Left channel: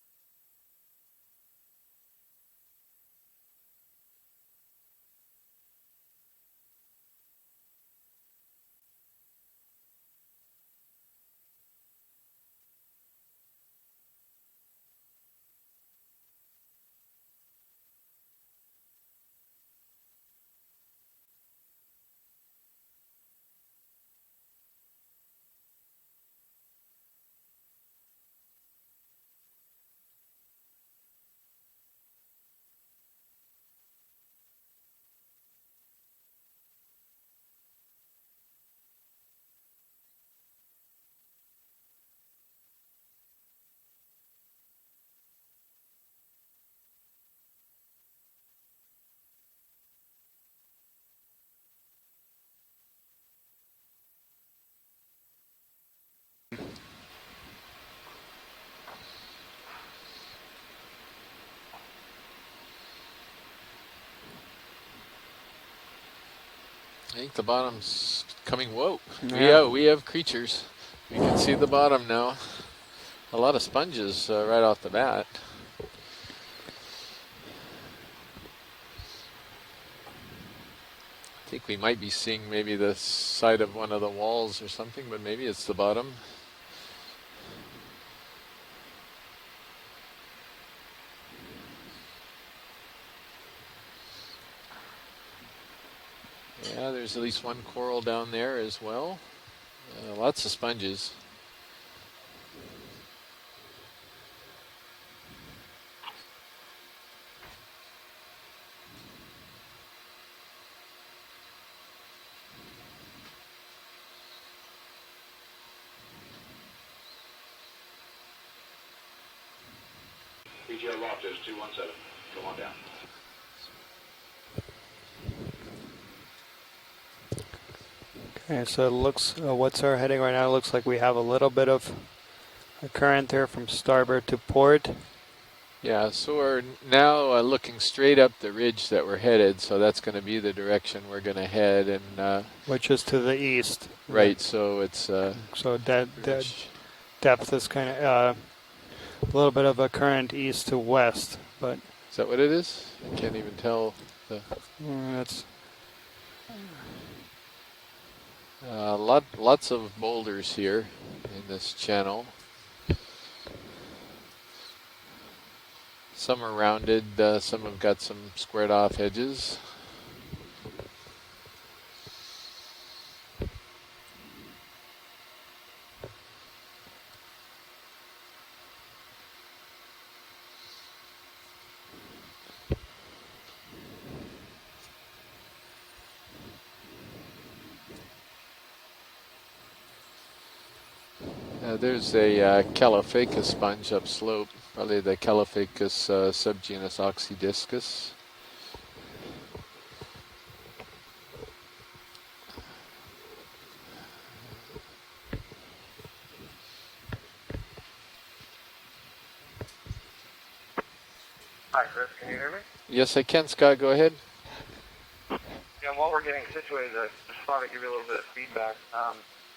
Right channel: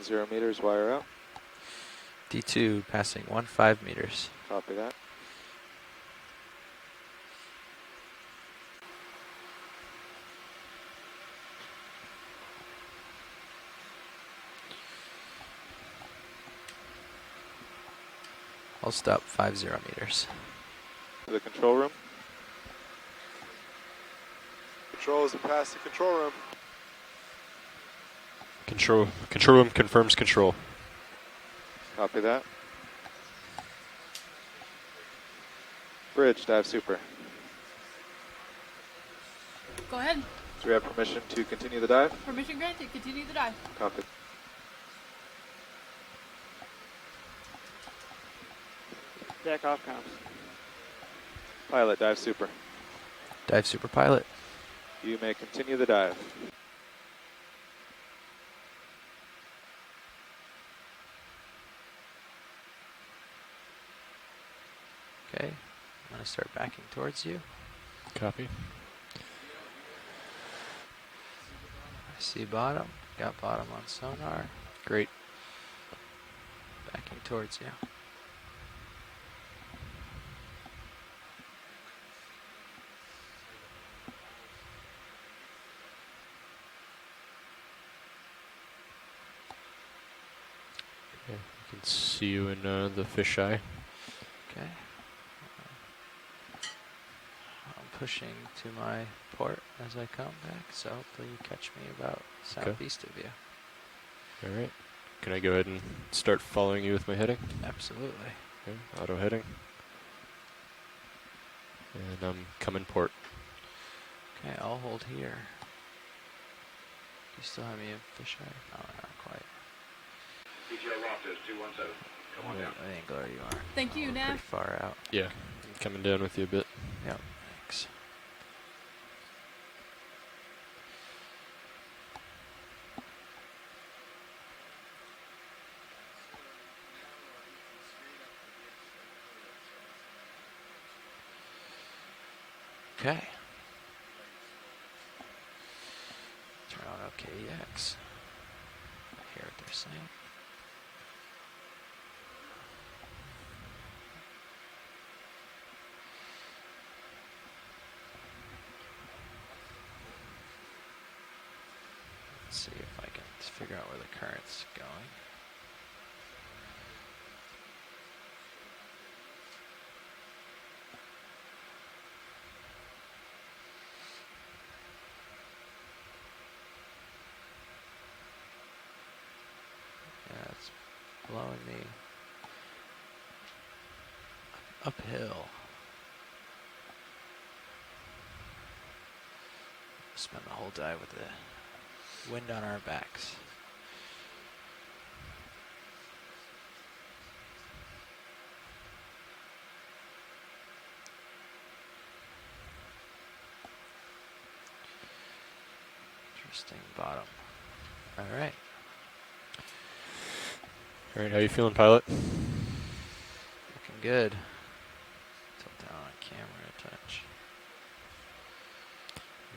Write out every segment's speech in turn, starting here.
110 meters, wire out. D2 passing 15 meters. Copy that. I'll stop 50 meters. To the control room. Control is past the control room. Control room confirms control. Copy that. Bridge, dive super. Go ahead. Do we have permission to continue the dive? Permission granted. Continue the dive. Copy. Jack off comms. Pilot, dive super. Dive super pilot. You may continue the dive. Okay. I'm going to start backing towards I think you. the bottom's Copy. coming. Whoa. Yeah. We have creatures. We can see the bottom now. See bottom. Got A lot of bottom. What's sponges going on? right off the Great. bat. Backing towards you. I think we might be seeing maybe the side of one of the walls or something, but maybe it's the bottom. Let's see you in the fisheye. Okay. Yeah, there's at least one coral down Pushing there to as my well. Port as I come Lots of in, sponges. So hopefully you catch me about southeast of you. All right. Can I go ahead and start following you with my heading? Absolutely. Okay. Auto heading. And I'm coming port. Okay, I'll hold here. You still have me in fisheye? Oh, not quite. PGL loft is 217. Come on down. What angle are you on? Thank you, Nav. Pretty far out. Yeah. Coming down with you a bit. Yep. Thanks. Okay, so it looks, what's our heading right now? It looks like we have a little bit of a current there from starboard to port. Yeah, so we're now looking straight up the ridge that we're headed, so that's going to be the direction we're going to head. And Which is to Okay. the east. right, so it's So that Turn on, okay, depth is kind of a little bit of a current east to west, but is that what it is? I can't even tell. that's Lots of boulders here in this channel. Let's see if I can figure out where the current's going. Some are rounded, some have got some squared off edges. Yeah, it's blowing me uphill. Spend the whole dive with it. There's a Calophacus sponge upslope, probably the Calophacus subgenus oxydiscus. Interesting bottom. All right. All right. How you feeling, pilot? Can you hear me? Yes, I can, Scott, go ahead. Good. Yeah, while we're getting situated, I just thought I'd give you a little bit of feedback.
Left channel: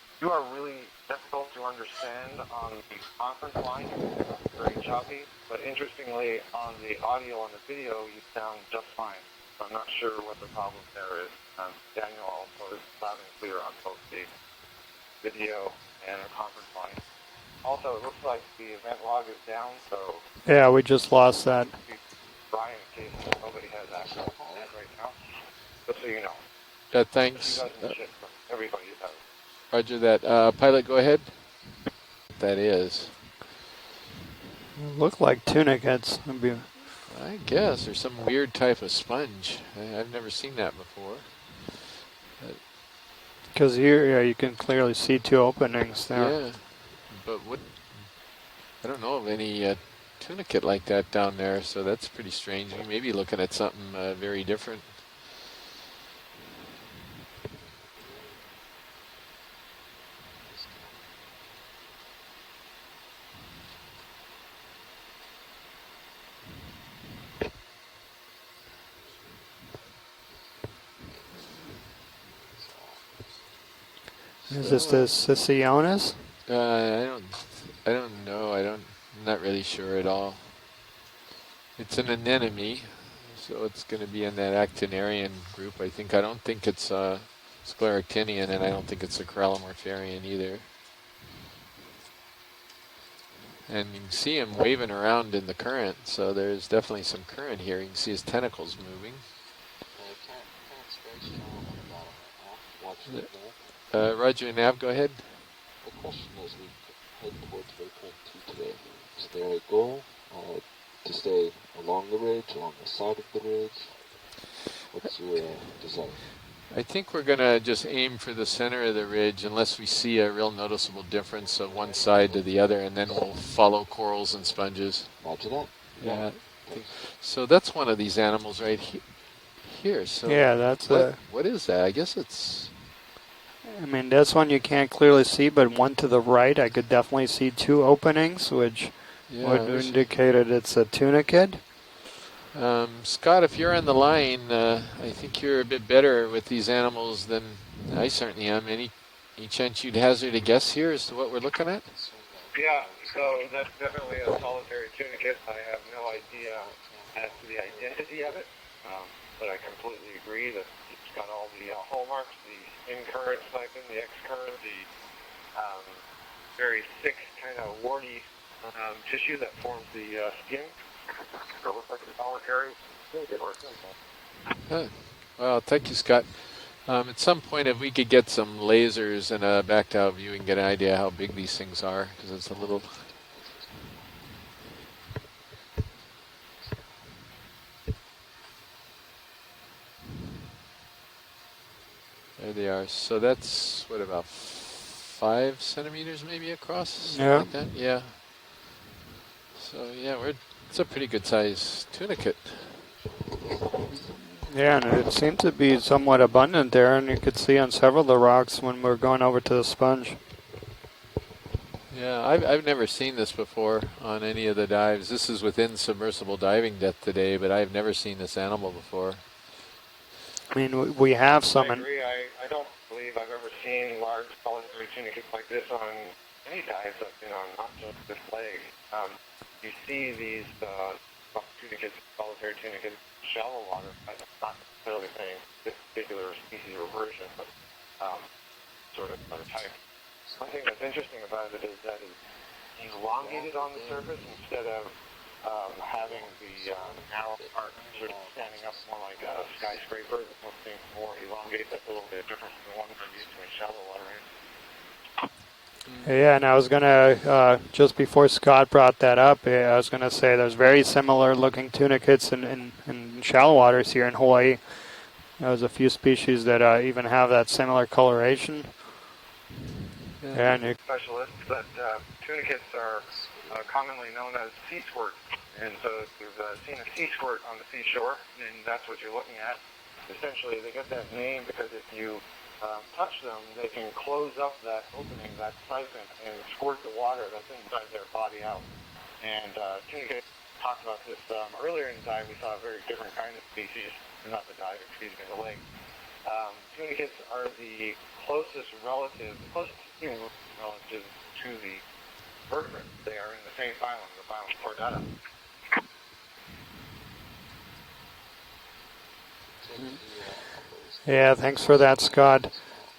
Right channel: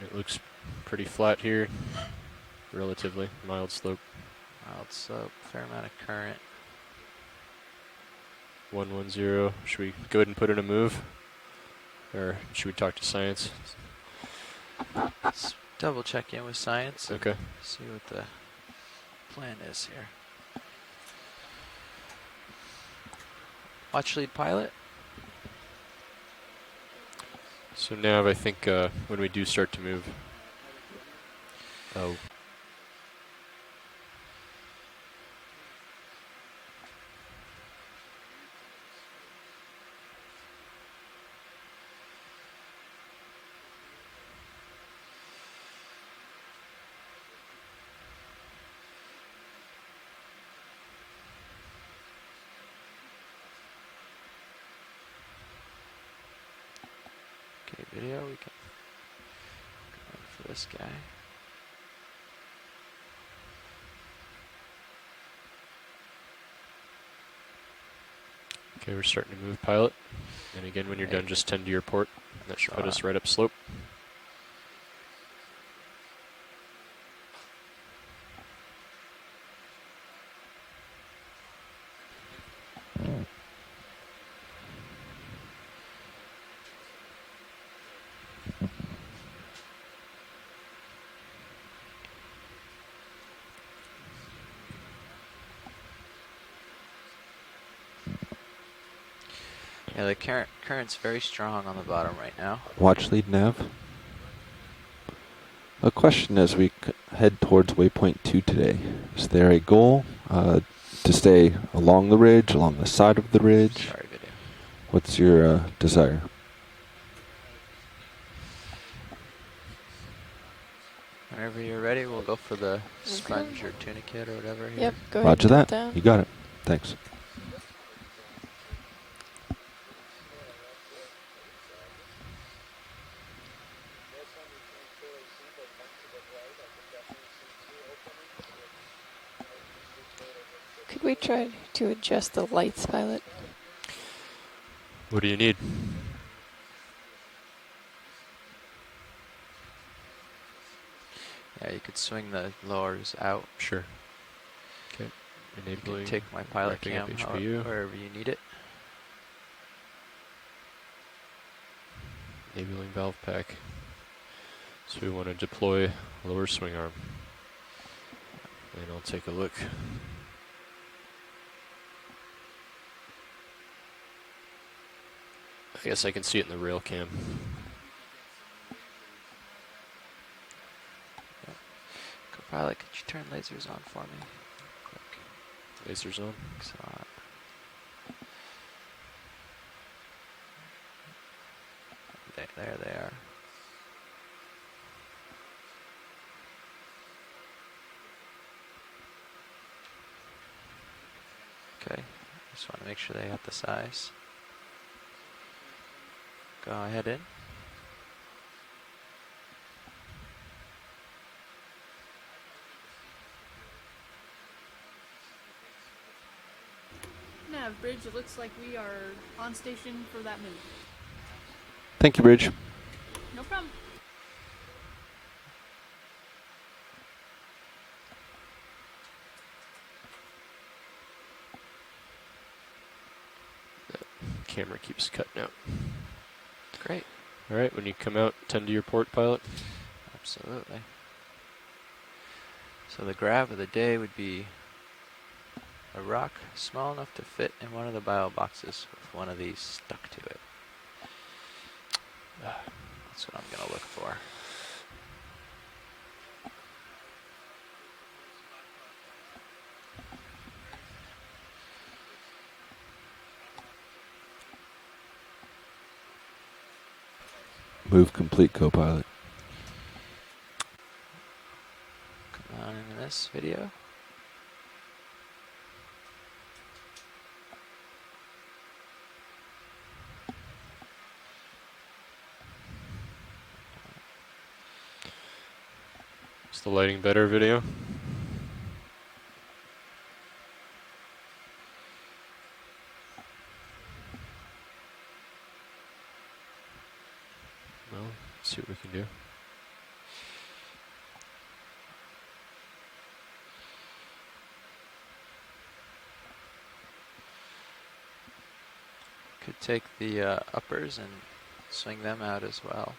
It You looks are really pretty difficult flat here. to understand on the Relatively conference mild line. slope. Very choppy, So, but fair interestingly, on the audio on the video, you sound just 110. fine. Should I'm we not sure go ahead and what put in a the move? problem there is. Daniel Or should we was talk to loud and science? clear on both the video Double and check the in with conference line. science. Okay. Also, See it what looks the like the event log is plan down, is so here. yeah, we just lost that. Brian's case, nobody has Watch lead pilot. right now. Just so you know. Thanks. So now I think when we do start to Roger move. that. Pilot, go ahead. Oh, That is. Look like tunic heads. It'd be- I guess there's some weird type of sponge. I've never seen that before. Because here, yeah, you can clearly see two openings there. Yeah, but what? I don't know of any tunicate like that down there, so that's pretty strange. We may be looking at something very different. Okay, video. We can look for this guy. okay. We're starting to move, pilot. And again, when you're done, just tend to your port. That should put us right up slope. Is this the Sisionis? I don't know. I'm not really sure at all. It's an anemone, so it's going to be in that actinarian group. I don't think it's scleractinian, and I don't think it's a corallimorpharian either. And you can see him waving around in the current, so there's definitely some current here. You can see his tentacles moving. Yeah, the current's very strong on the bottom right now. Watch lead nav. Roger, Nav, go ahead. A question as we head towards waypoint 2 today. Is there a goal to stay along the ridge, along the side of the ridge? Sorry, video. What's your desire? I think we're going to just aim for the center of the ridge unless we see a real noticeable difference Whenever of you're one ready, side we'll to go the for other, the and then we'll sponge follow tunicate corals or and whatever. sponges. Go ahead Roger and that. put down. You got Yeah. it. Thanks. So that's one of these animals right here. So Yeah, that's what is that? I guess it's... I mean, this one you can't clearly see, but one to the right, I could definitely see two openings, which would there's- indicate that it's a Can we try tunicate. to adjust the lights, Violet? Scott, if you're on the line, I What do think you you're a bit better with these animals than I certainly am. Any chance you'd hazard a guess here as to what we're looking Okay, you at? can swing the Yeah, lores so out. that's Sure. definitely a solitary tunicate. I And have then no we'll Take my idea pilot Picking up cam HPU. out wherever you identity need of it. But I completely agree that it's got all the hallmarks, the Maybe one in valve current crack. cycling, the X current, So we want to deploy lower swing very arm. thick, kind of warty And we'll take a tissue look. that forms the skin. So it looks like a solitary tunicate or simple. Well, thank you, Guess I can Scott. see it in the real cam. At some point, if we could get some lasers and a backed-out view, we can get an idea how big these things are. Because it's a Violet, little. could you turn lasers on for me? Lasers on. Thanks a lot. There they are. So that's what, about 5 centimeters maybe across? Something Yeah. like that? Yeah. So yeah, it's a pretty good size Okay. tunicate. Just want to make sure they have the size. Yeah, and it seemed to be somewhat abundant there, and you could see on several of the rocks when we're going over to the sponge. Yeah, I've never seen this before on any of the dives. This is within submersible diving depth today, but I've never seen this animal before. On station for that I movie. mean, we have some, I and agree. Thank you, I Bridge. don't believe I've ever seen large solitary tunicates like this on any dives I've been on, not just this leg. You see these tunicates, solitary tunicates, shallow water. That's not Camera necessarily keeps cutting saying out. this particular species or Great. version. But All right, when you come out, tend to your port, pilot. I think Absolutely. what's interesting about it is that it's So the grab of the elongated on day surface would be instead of, a having rock the, small enough to narrow fit part in one of the sort bio standing up boxes more with like one of a these hooked skyscraper. to it. Something more elongated, that's a little bit different than the one that That's you what I'm see gonna look for. yeah, and I was gonna just before Scott brought that up, I was gonna say there's very similar looking tunicates in shallow waters here in Hawaii. There's a few species that even have that similar Move complete, coloration. co-pilot. Yeah, and you, Specialists that tunicates are On this video, commonly known as sea squirt. And so if you've seen a sea squirt on the seashore, then that's what you're looking at. Essentially, they get that name because if you touch them, they can close up that opening, that siphon, and Is the squirt lighting water better, video? inside their body out. And tunicates talked about this earlier in the dive. We saw a very different kind of species, not the dive, excuse me, the lake. Tunicates are the closest closest human relative to the vertebrates. They are in the same phylum, the phylum Chordata. could take the uppers and yeah, thanks for that, swing them Scott. out as well.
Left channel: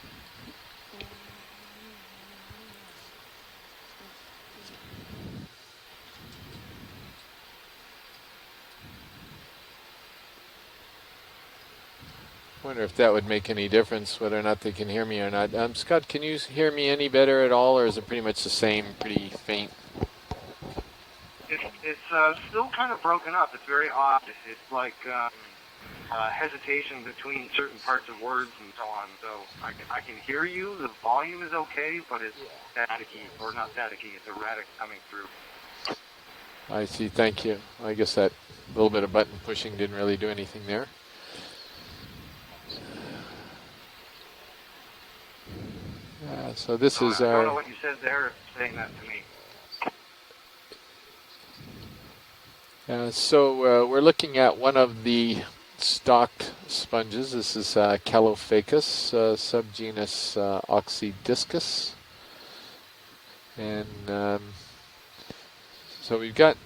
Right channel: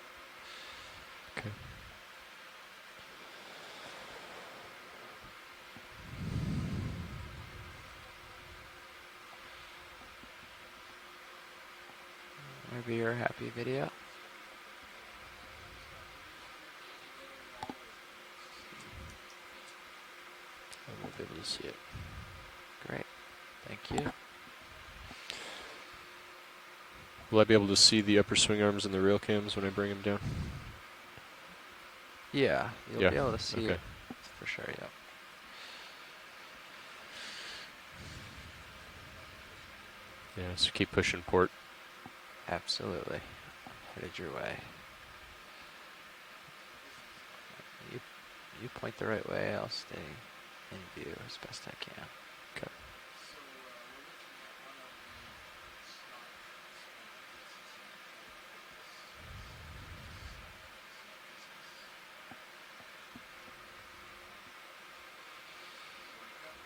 Wonder if We that are would make happy any video. difference, whether or not they can hear me or not. Scott, can you hear me any better at all, or is it pretty much the same, pretty faint? It's still kind of broken up. It's very odd. It's like hesitation between. Will I be able to certain see the parts upper of swing words arms in and the so real on. cams when I bring them I can down? hear you. The volume is okay, but it's Yeah, I'd Yeah. be able to or see not it. staticky. It's erratic Sure, yeah. coming through. I see, thank you. I guess that little bit of button pushing didn't really do Yeah, anything so there. keep pushing port. Absolutely. Headed your way. So this So is I don't know our, what you said there, saying that. Going the right way, I'll stay in view as best I can. so we're looking at one of the stocked sponges. This is Calophacus, subgenus Oxydiscus. And So we've got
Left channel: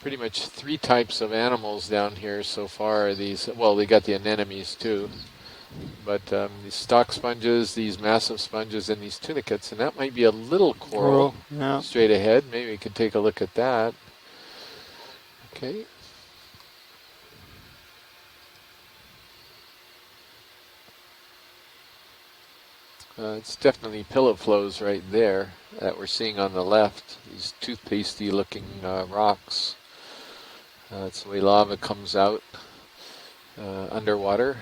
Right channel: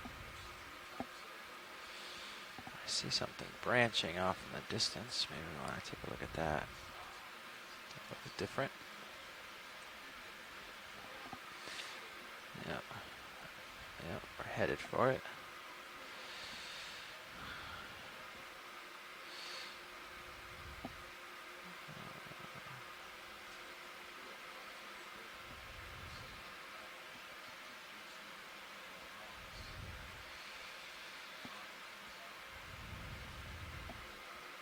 pretty much 3 types of animals down here so far. See These, something well, we got the branching off in the anemones too, distance. Maybe I wanna take a but look at that. these stock sponges, these massive Different. sponges, and these tunicates, and that might be a little coral Coral, yeah. straight ahead. Maybe we Yeah. could take a look at that. Yep, we're headed for it. Okay. It's definitely pillow flows right there that we're seeing on the left. These toothpastey looking rocks. That's the way lava comes out underwater.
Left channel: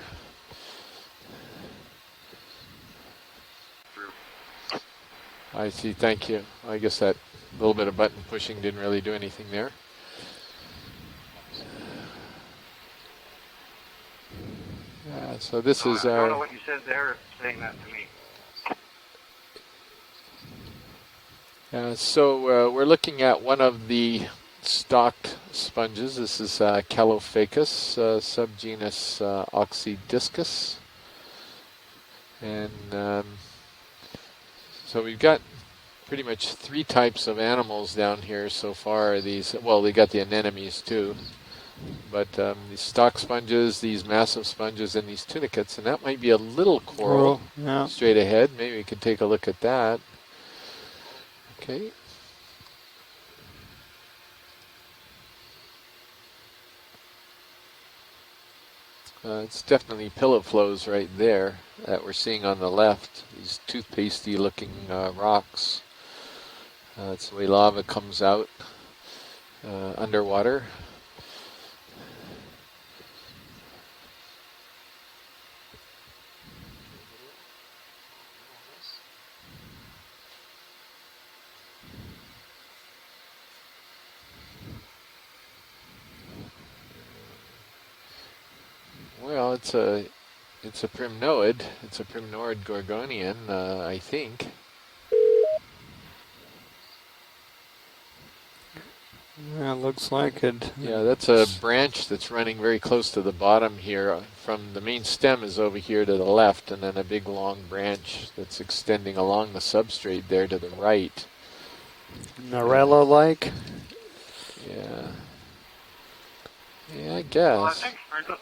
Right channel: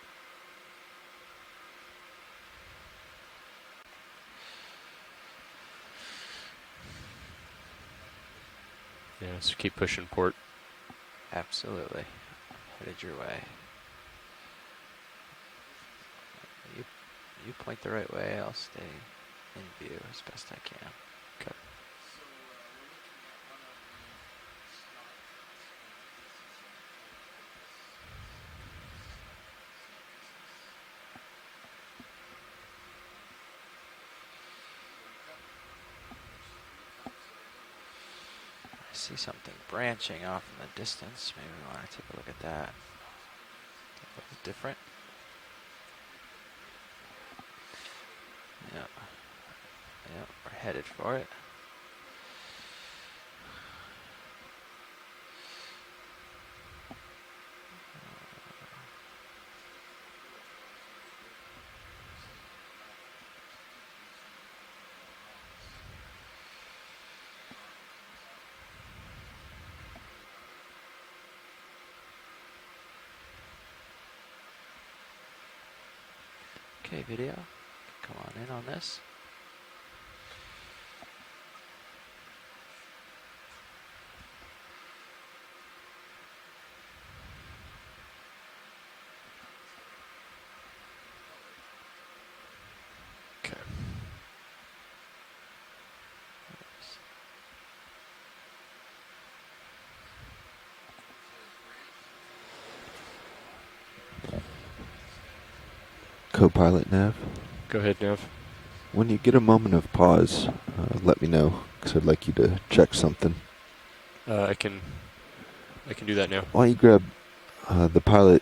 I see, thank you. I guess that little bit of button pushing didn't really do Yeah, anything just there. keep pushing port. Absolutely. Headed your way. So this So is I don't our... know what you said there, saying that Point the right way. I'll stay in view as best I can. So we're looking at one of the stocked sponges. This is Calophacus, subgenus Oxydiscus. And so we've got pretty much 3 types of animals down here so far. See These, something well, we got the branching off in the anemones too, distance. Maybe I wanna take a but look at that. these stock sponges, these massive Different. sponges, and these tunicates, and that might be a little coral Coral, yeah. straight ahead. Maybe we could take a look at that. Yep, we're headed for it. Okay. It's definitely pillow flows right there that we're seeing on the left. These toothpastey looking rocks. That's the way lava comes out underwater. Okay, video. Come on in on this. Well, it's a primnoid. It's a primnoid gorgonian, I think. Yeah, looks like it. Yeah, that's a branch that's running very close to the bottom here. From the main stem is over here to the left, and Co-pilot then a nav. big long Go ahead, branch Nav. that's When extending you get a along the moment of substrate pause, there to the right. let me know, because I'd like you to check something. Narella-like. I can do that now. Why don't you grab Yeah, I guess. the pilot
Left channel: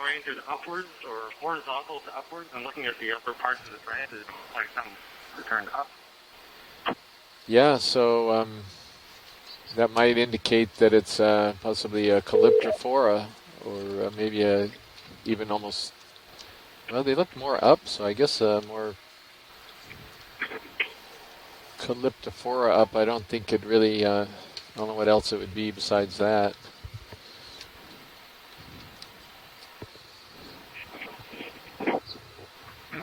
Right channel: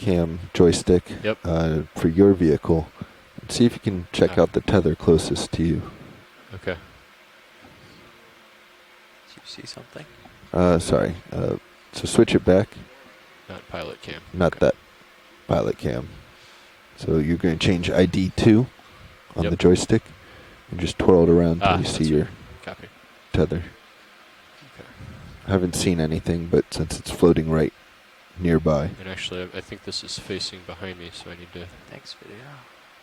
cam joystick Yep. for your vehicle. See if you can check out the tether closest to you. Okay. Yeah, so See that something. might indicate that sorry, it's possibly so a switch it back. Calyptrophora, Not or pilot cam. maybe Not a that even pilot almost. cam. Well, So they look you're gonna more change up, so I ID guess, 2 more on Yep. the joystick and just twirl it around Ah. to see your. Calyptrophora up. I don't think tether. it really. I don't know what else it would be Haven't seen besides anything, that. but since it's floating right nearby. And actually, I think this is facing behind me, so I need to Thanks, video.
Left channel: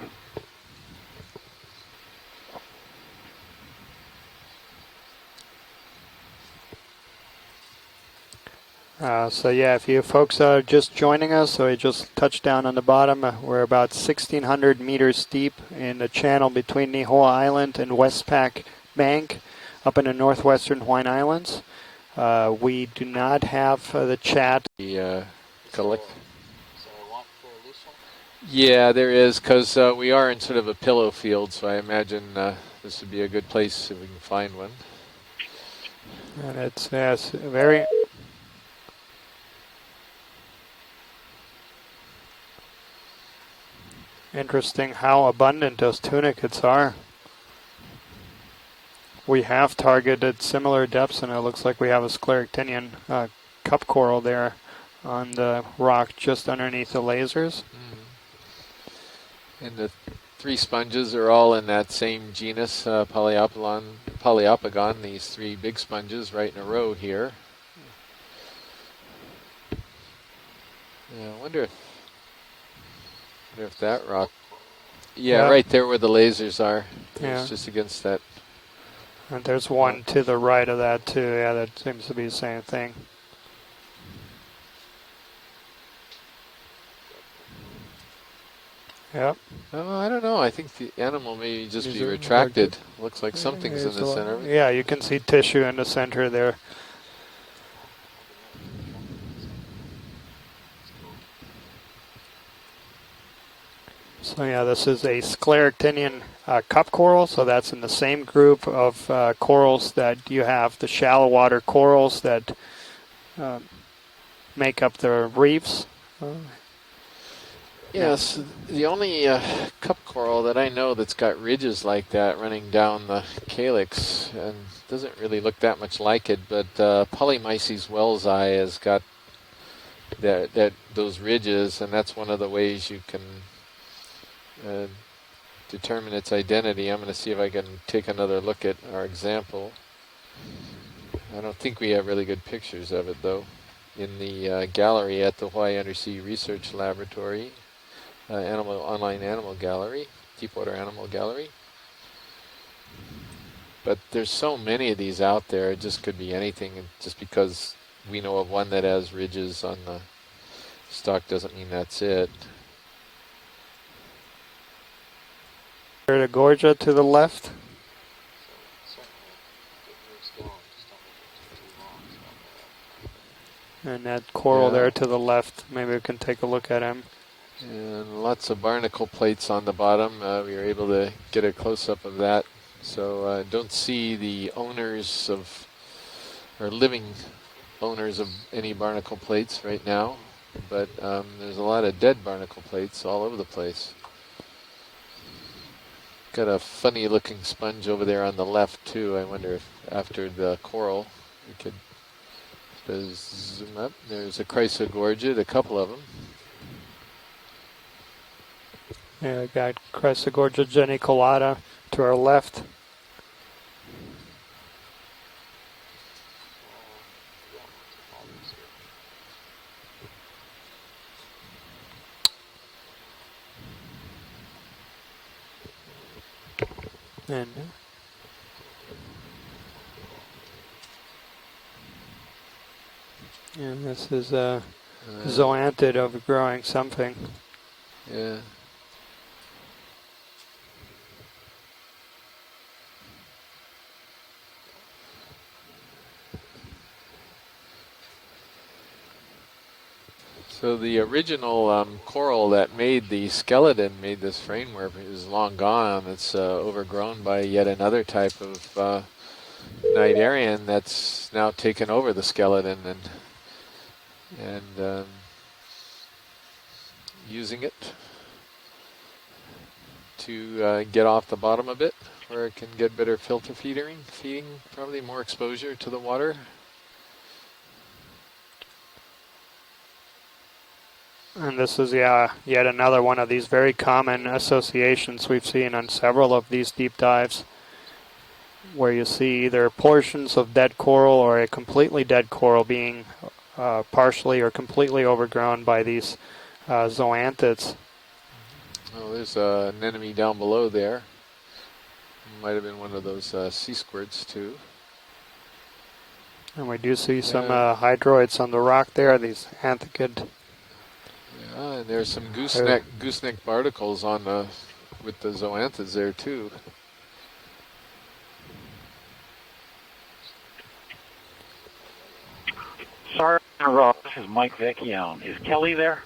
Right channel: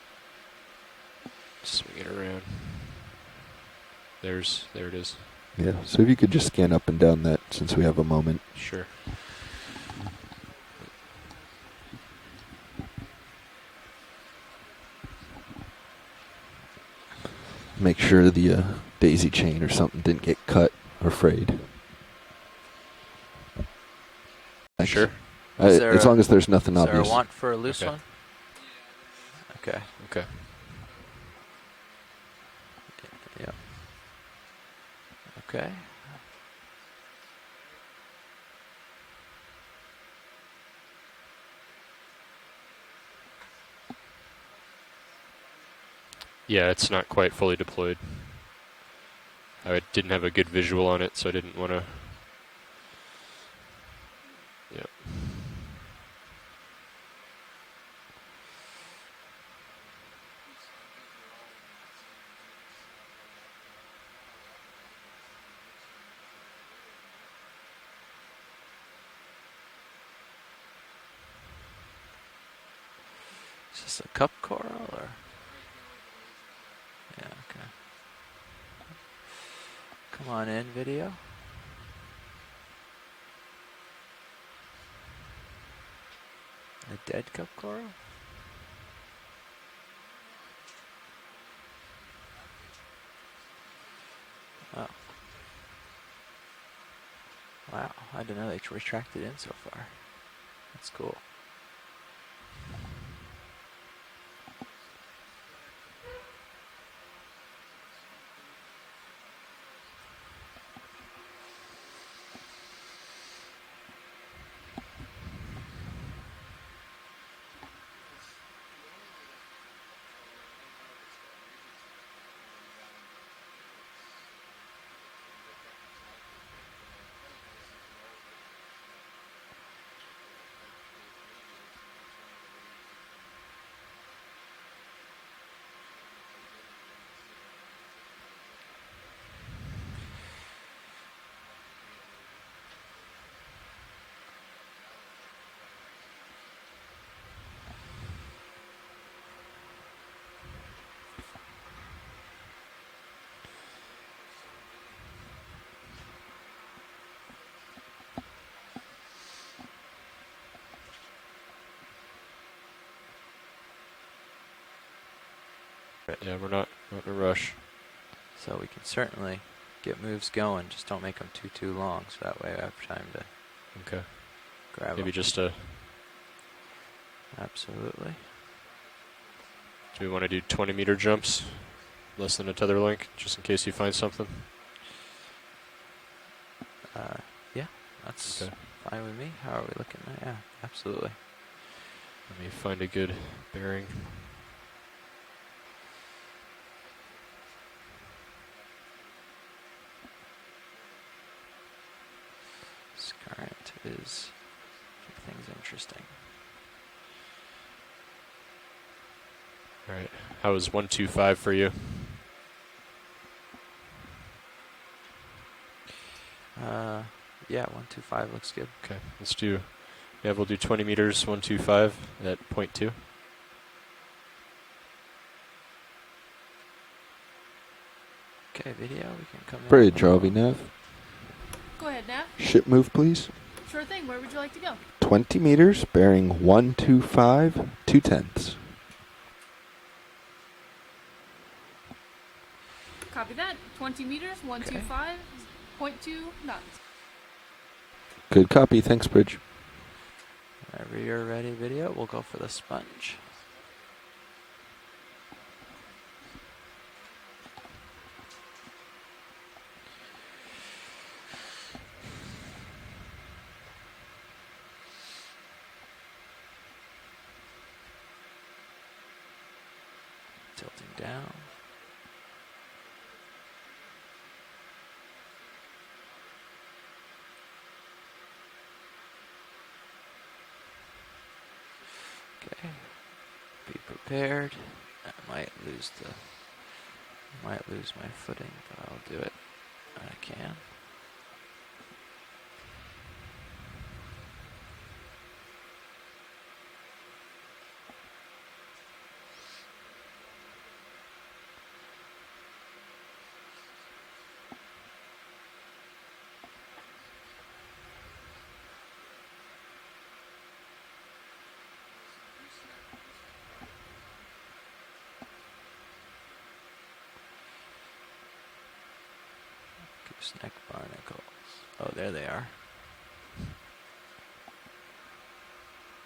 swing it around. There it is. Yeah. So if you could just scan up and down that, since we have a moment. Sure. So yeah, if you folks are just joining us, so we just touched down on the bottom. We're about 1,600 meters deep in the channel between Nihoa Island and Make sure Westpac the daisy Bank chain or something up in the didn't get northwestern cut Hawaiian or frayed. Islands. We do not have the chat. Sure. Is there As a- long as there's nothing Is there a obvious. want for a loose Okay. one? Yeah, there is, because Okay. we are in sort of a pillow field, so I imagine this would be a good Yeah. place if we can find one. Okay. And it's yes, very interesting how abundant those tunicates Yeah, are. it's not quite fully deployed. We have I didn't have a targeted good similar visual on it, depths, so I and it didn't looks like wanna- we have a scleractinian cup coral there on the rock just underneath the lasers. And the 3 sponges are all in that same genus, Poliopogon, these 3 big sponges right in a row here. Yeah, I wonder if that rock... Cup coral? Or? Yeah, Yeah. right there where the lasers are. Yeah. It's just against that. And there's one to the on right that of that video? too. Yeah, that seems to be the same thing. A dead cup coral? Yep. Oh, I don't know. I think the animal may just Is be it retracted. Looks like something's in There's the a- center of it. Yeah, you can see tissue in the center there. Wow, I didn't know they retracted in so far. That's cool. So yeah, this is a scleractinian cup coral, so that's in the same group of corals that you have the shallow water corals that make up the reefs. Yes, the only cup coral that I know that's got ridges like that running down the calyx, and doesn't really look that much like it, but Polymyces wellsii has got those ridges, and that's one of the ways you can determine its identity. I'm going to see if I can take another look at our example. I don't think we have really good pictures of it, though, in the gallery at the Hawaii Undersea Research Laboratory, online animal gallery, Deepwater Animal Gallery. But there's so many of these out there, it just could be anything. And just because we know of one that has ridges on the stalk doesn't mean that's it. Here to Gorgia to the left. Rush. So we can certainly get moves going. Just don't make them too long, so that way I have time to. And that coral Yeah, there to we the just, left. Maybe we can take a look at him. Absolutely. Lots of barnacle plates on the bottom. want to do We were 20 able meter to jumps? get a close-up of Less that. than a tether link, So just in case don't you find see something. the owners of, or living Yeah. owners of Okay. any barnacle Me, plates how we're right looking. now. Yeah, But absolutely. there's a lot of dead barnacle find a plates good all over the bearing. place. Got a funny looking sponge over there on the left too. I wonder if after the coral we could zoom up. There's a Chrysogorgid, a couple of them. Yeah, we got All right. Chrysogorgia That was 125 for geniculata you. to our left. Yeah, 125 looks good. Okay, let's do. Yeah, we'll do 20 meters, 125 at 0.2. And Okay, video. We can come in. Bridge, RV nav. Go ahead, Nav. Ship move, please. yeah, Sure thing. this Where would is you like to go? 20 Zoantid meters, bearing overgrowing something. 125, 2/10. Copy that. 20 meters, 125.2 knots. Good copy. Thanks, Bridge. So the You're ready, original video. We'll go for coral the that made sponge. the skeleton, made this framework, is long gone. It's overgrown by yet another type of cnidarian that's now taken over the skeleton and using it to get off the bottom a bit, where it can get better filter feeding, probably more exposure to the water. And this is yet another one of these very common There. associations we've Might seen on lose- several of these deep dives, Might lose my footing. where you see either portions of Yeah. dead coral or a completely dead coral being partially or completely overgrown by these zoanthids. Oh, there's an enemy down below there. Might have been one of those sea squirts too. And we do see some Yeah. hydroids on the rock there, these anthicid. Yeah, and there's some gooseneck barnacles on the with the zoanthids there too. Gooseneck barnacles. Oh, there they are. Sorry to interrupt. This is Mike Vecchione. Is Kelly there?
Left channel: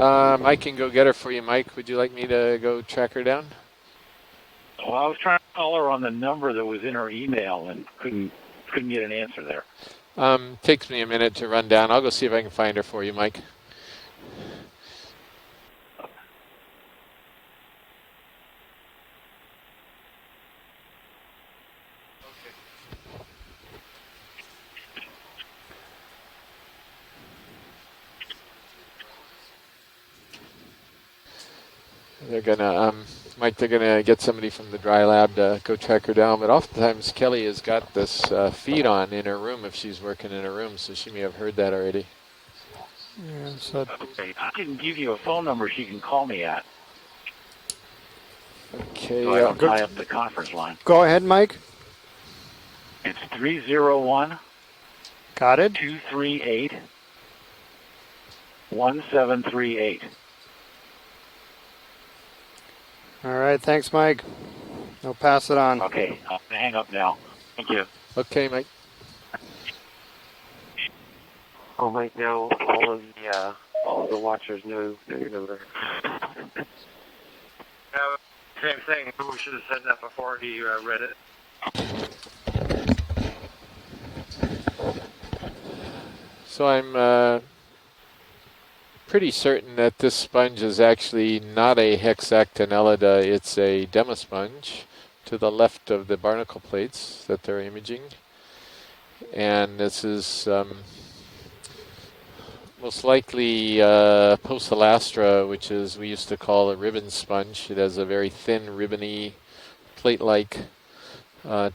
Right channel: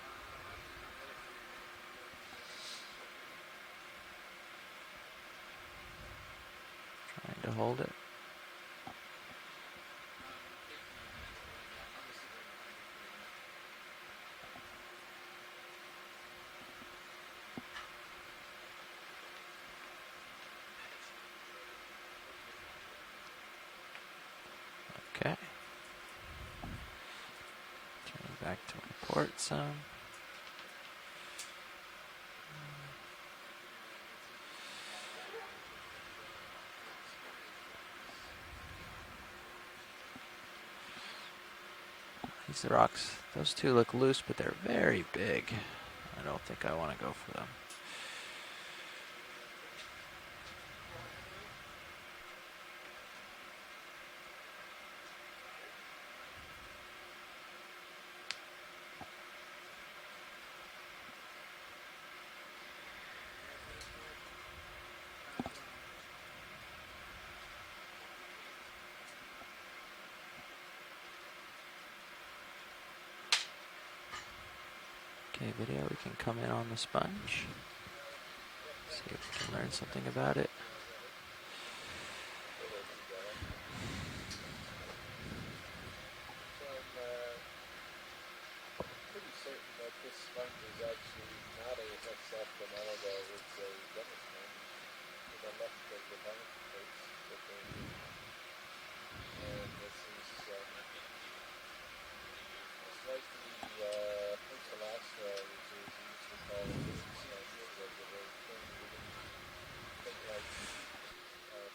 I can go get her for you, Mike. Would you like me to go track her down? Well, I was trying to call her on the number that was in her email and couldn't get an answer there. Takes me a minute to run down. I'll go see if I can find her for you, Mike. Okay. Turn back to report some. They're gonna, Mike, they're gonna get somebody from the dry lab to go track her down. But oftentimes Kelly has got this feed on in her room if she's working in her room, so she may have heard that already. These rocks. Those two so- look loose, Okay, but I they're can very give you a big. phone number she can call me I at think I want to go for them. Okay. so I don't tie up the conference line. Go ahead, Mike. It's 301 Got it? 238 1738. All right, thanks, Mike. I'll pass it on. Okay, I'll hang up now. Thank you. Okay, Mike. Oh, right now, all of the all the watchers know. Okay, video can come in on the sponge. Same thing. We should have said that Something before about it. he read it. So I'm pretty certain that this sponge is actually not a hexactinellida, it's a demosponge to the left of the barnacle plates that they're imaging. And this is most likely Poecilastra, which is we used to call a ribbon sponge. It has a very thin, ribbony, plate-like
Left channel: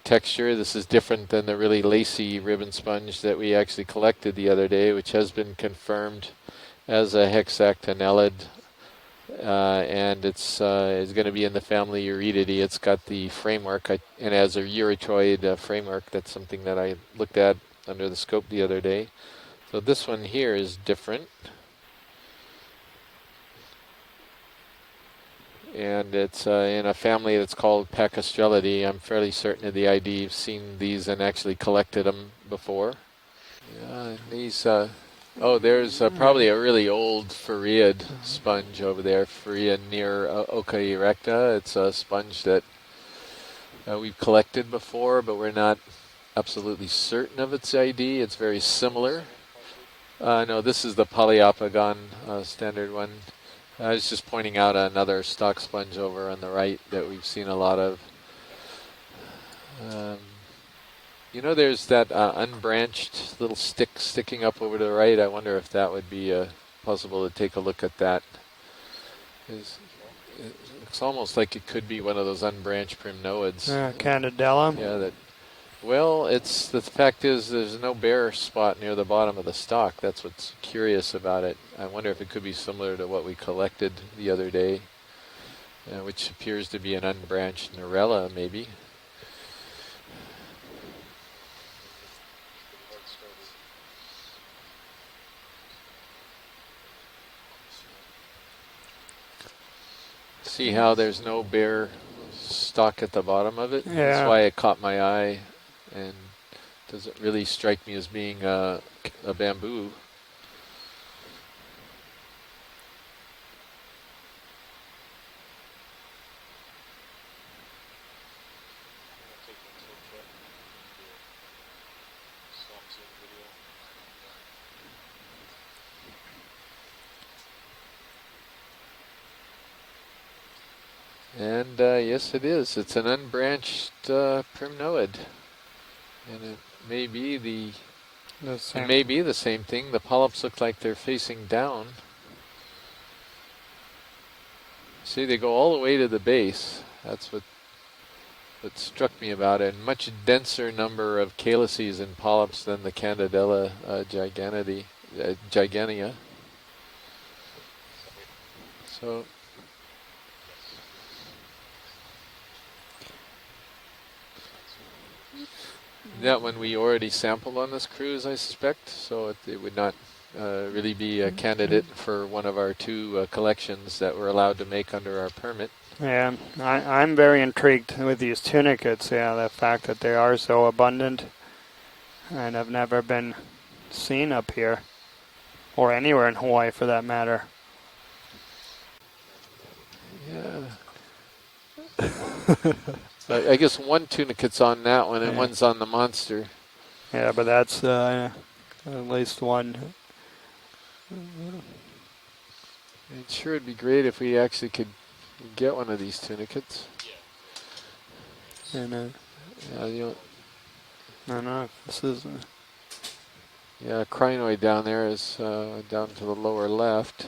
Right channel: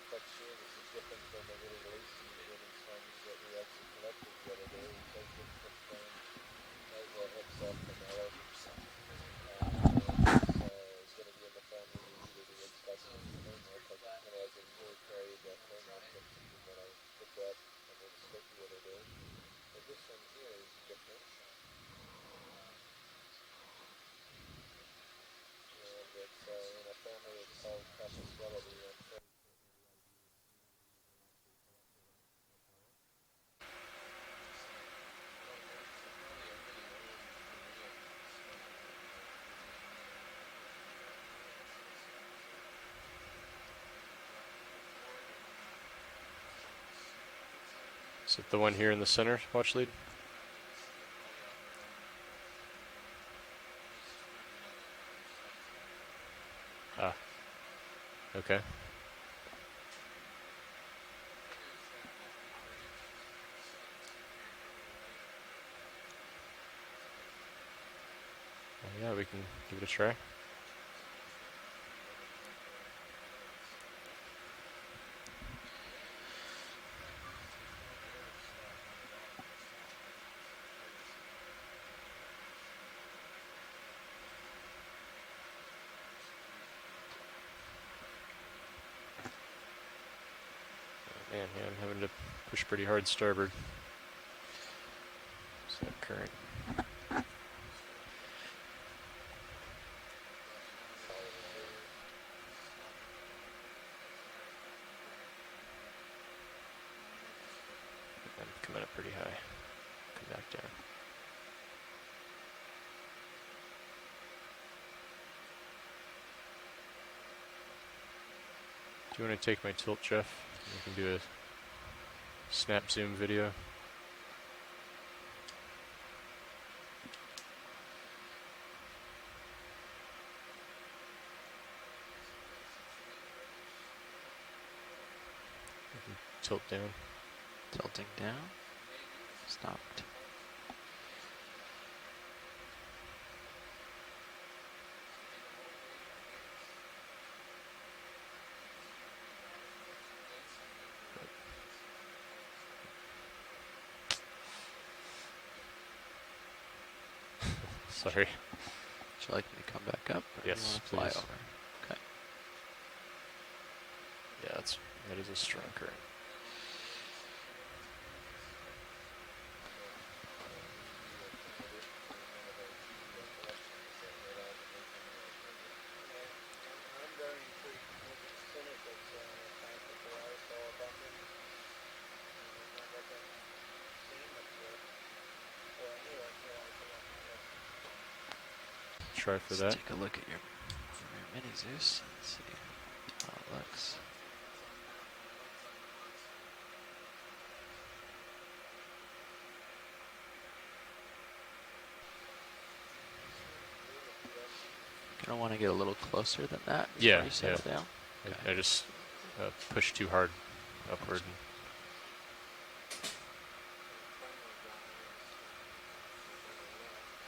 texture. This is different than the really lacy ribbon sponge that we actually collected the other day, which has been confirmed as a hexactinellid, and it's going to be in the family Eurydidae. It's got the framework, and as a eurytoid framework. That's something that I looked at under the scope the other day. So this one here is different. And it's in a family that's called Pacastrellidae. I'm fairly certain of the ID. You've seen these and actually collected them before. These, oh, there's probably a really old Phareid sponge over there, Phareid near Oka erecta. It's a sponge that we've collected before, but we're not absolutely certain of its ID. It's very The one similar. here in the center, watch lead? No, this is the Polyopogon standard one. I was just pointing out another stock sponge over on the right that we've seen a lot of. Okay. You know, there's that unbranched little stick sticking up over to the right. I wonder if that would be possible to take a look at that. Yeah, we can give it a try. It's almost like it could be one of those unbranched primnoids. Candidella. Yeah, that. Well, the fact is there's no bare spot near the bottom of the stalk. That's what's curious about it. I wonder if it could be similar to what we collected the other day, which appears to be an unbranched Norella, maybe. Man, yeah, I'm having to push pretty hard starboard. Is that current? See how there's no bare stalk at the bottom of it? Yeah. That's why it caught my eye, and doesn't really strike me as being a bamboo. Do you want to take my tilt, Jeff? We can do a snap zoom video. And yes, it is. It's an unbranched primnoid. And Tilt it down. may be Tilting down. it may be the same thing. The polyps look like they're facing down. See, they go all the way to the base. That's what struck me about it. Much denser number of calyces and polyps than the Candidella gigania. Sorry. So Would you like me to come back up? Or Yes, do you wanna please. fly over? Okay. Yeah, that is a strong current. that one we already sampled on this cruise, I suspect. So it would not really be a candidate for one of our two collections that we're allowed to make under our permit. Yeah, I'm very intrigued with these tunicates. Yeah, the fact that they are so abundant and have never been seen up here or anywhere in Hawaii for that matter. Try for Let's that. take a look at Mini Zeus. I guess one tunicate's on that one and Yeah. one's on the monster. Yeah, but that's at least one. It sure would be great if we actually could I don't want to get go one a of little these closer to tunicates. that Yeah, before you set yeah. it down. I just And, pushed too yeah. hard upward. no, this is. Yeah, crinoid down there is down to the lower left.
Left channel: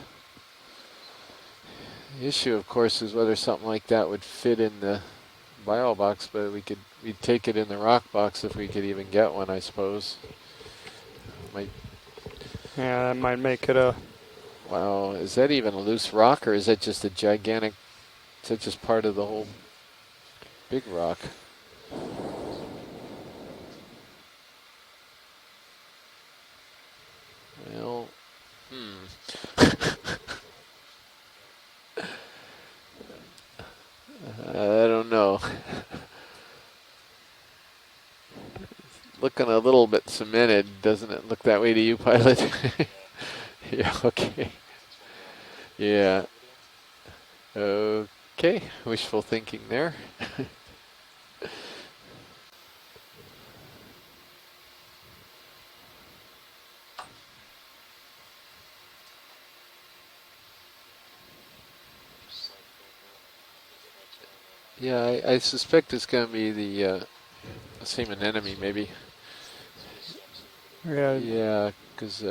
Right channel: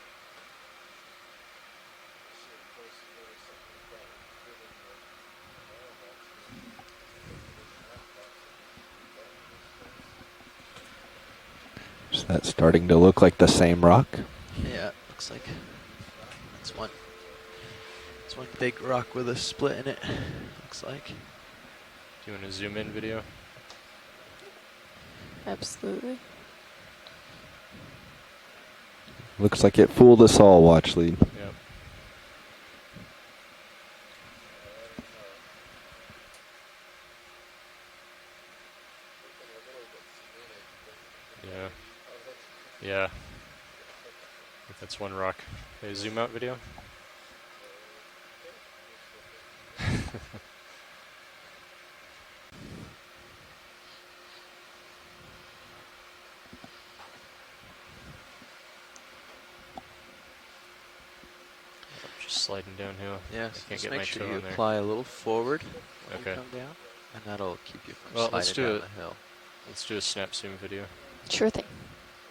The issue, of course, is whether something like that would fit in the bio box, but we'd take it in the rock box if we could even get one, I suppose. Might, Is that starting Yeah, to that look like might the make it same a- rock? wow, looks is that even a loose rock, or is that one- just a gigantic It's one So it's big just part rock of the with a whole split in it. big Looks like. rock? Do you want to zoom in video? Absolutely. Well, Looks like it fooled us all, watch lead. Yep. I don't know. Looking a little bit cemented, doesn't it look that way to you, pilot? Yeah. Yeah, okay. If That's one rock. Zoom Yeah. out video. Okay. Wishful thinking there. Just sliding downhill. Yes, I can't just get make my sure toe you in there. apply a Yeah, little I forward, suspect it's going to Okay. be the and that'll keep same you Well, anemone let's do sliding it. maybe. down the hill. Let's do a snap zoom video. Yeah, Sure Yeah, because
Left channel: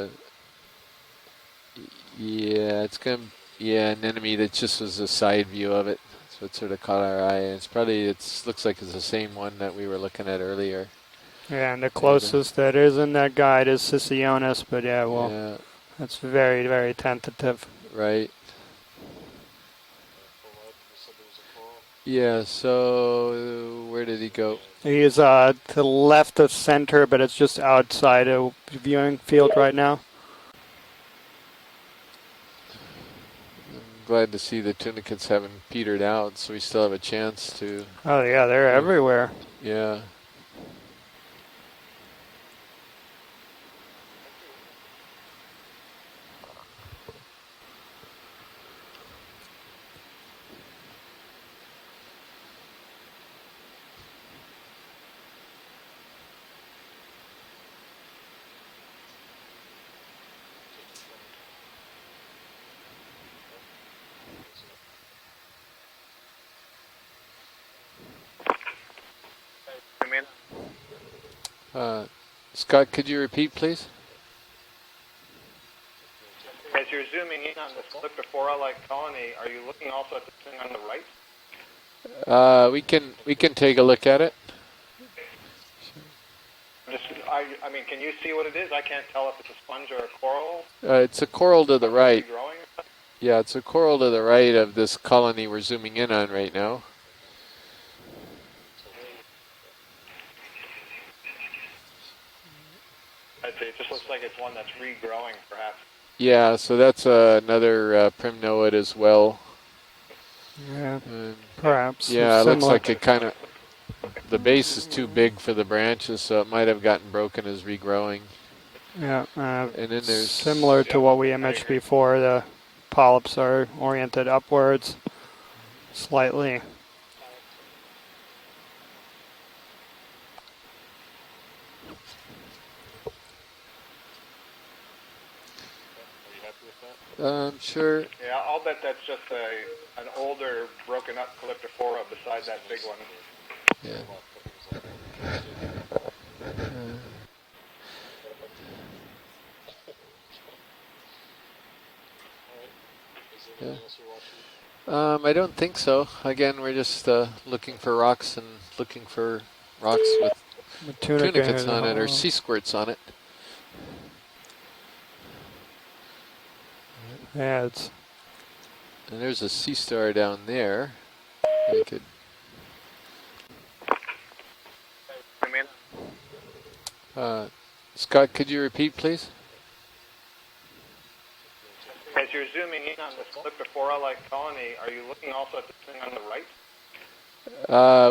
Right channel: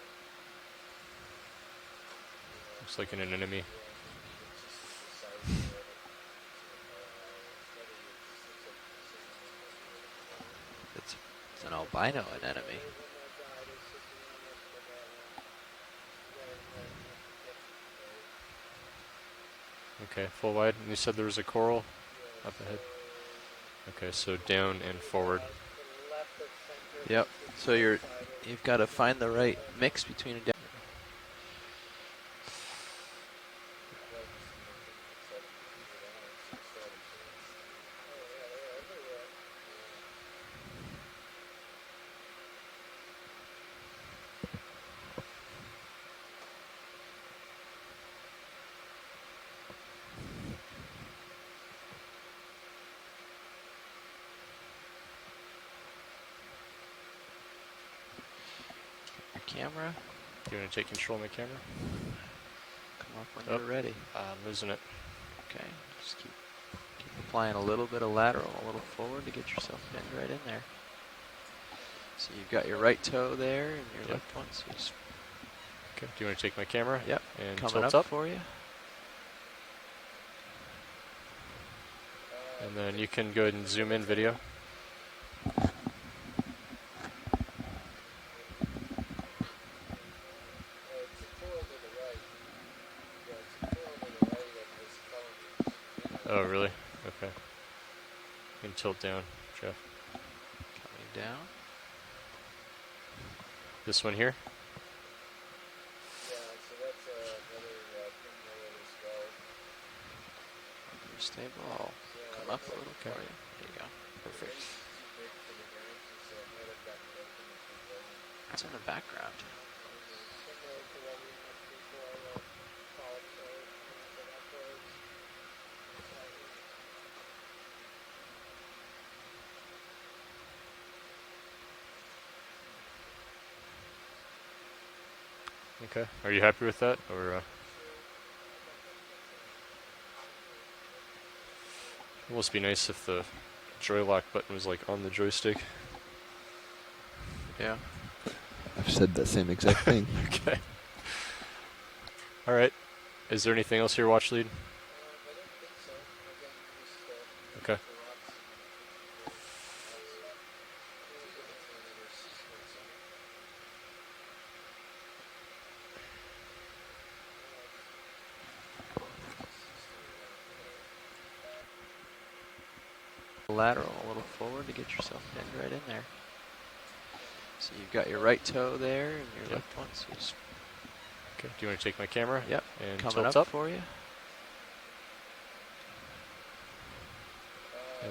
yeah, It's it's like gonna an anemone. yeah an enemy that just was a side view of it, so it sort of caught our eye. And it's probably looks like it's the same one that we were looking at earlier. It's yeah, and the albino closest that anemone. is in that guide is Sicionis, but yeah, well, Yeah, that's very, very tentative. right. Okay, full wide. And you said there was a coral. Yeah. So where Okay, did he so go? Down and He's forward. to the left of center, but Yep, it's just so you're- outside of You've got to viewing find the field right, right now. mix between a I'm glad to see the tunicates haven't petered out, so we still have a chance to. Oh yeah, they're Yeah. everywhere. Yeah. camera. You want to take control of my camera? Come up when Oh. you're ready. I'm losing it. Okay, just keep applying a little bit of lateral, a little forward to get yourself bent right in there. So you've got Scott, your right could you toe repeat, there please? and your left one, so just Okay. Do you want to take my As camera? you're Yep, zooming in and on coming the up tilt up. for you. Flora-like colony, are you looking also at the thing on the right? We And can you we go can ahead and take a zoom look in at video. it. I mean, can you see what it is? I can't tell if it's a sponge or a coral. It's a coral to the right. Growing. Yeah, it's a coral to the right of this colony we're zooming in on Oh, right really? now. Okay. You can tilt down, Jeff. down. I'd say it just This looks one like here? it's one that's regrowing, perhaps. Yeah, so that's another primnoid as well. Yeah, Stay perhaps. Yeah, it It's looks similar. like it kind of, There you go. the base is too big for the branches, so it might have gotten broken as regrowing. It's on the back. Yeah, And then there's similar to what we imaged before. The polyps are oriented upwards slightly. Okay. Are you happy with that? Or, sure. Yeah, I'll bet that's just an older, broken up calyptophora it besides must that be big nice one. if the joy lock button was like on the joystick. Yeah. I've said that same exact thing. Okay. All right. Is there anything else here, watch lead? I don't think so. Again, we're just looking Okay. for rocks and looking for rocks with The tunica tunicates here, on it or oh. sea squirts on it. Yeah, it's And there's a sea star down there. We could, Lateral, a little forward to get yourself bent right in there. So you've got Scott, your right could you toe repeat, there please? and your left one, so just Okay. Do you want to take my As camera? you're zooming in And on coming the tilt up up. for you. calyptophora-like colony, are you looking also at the thing on the right?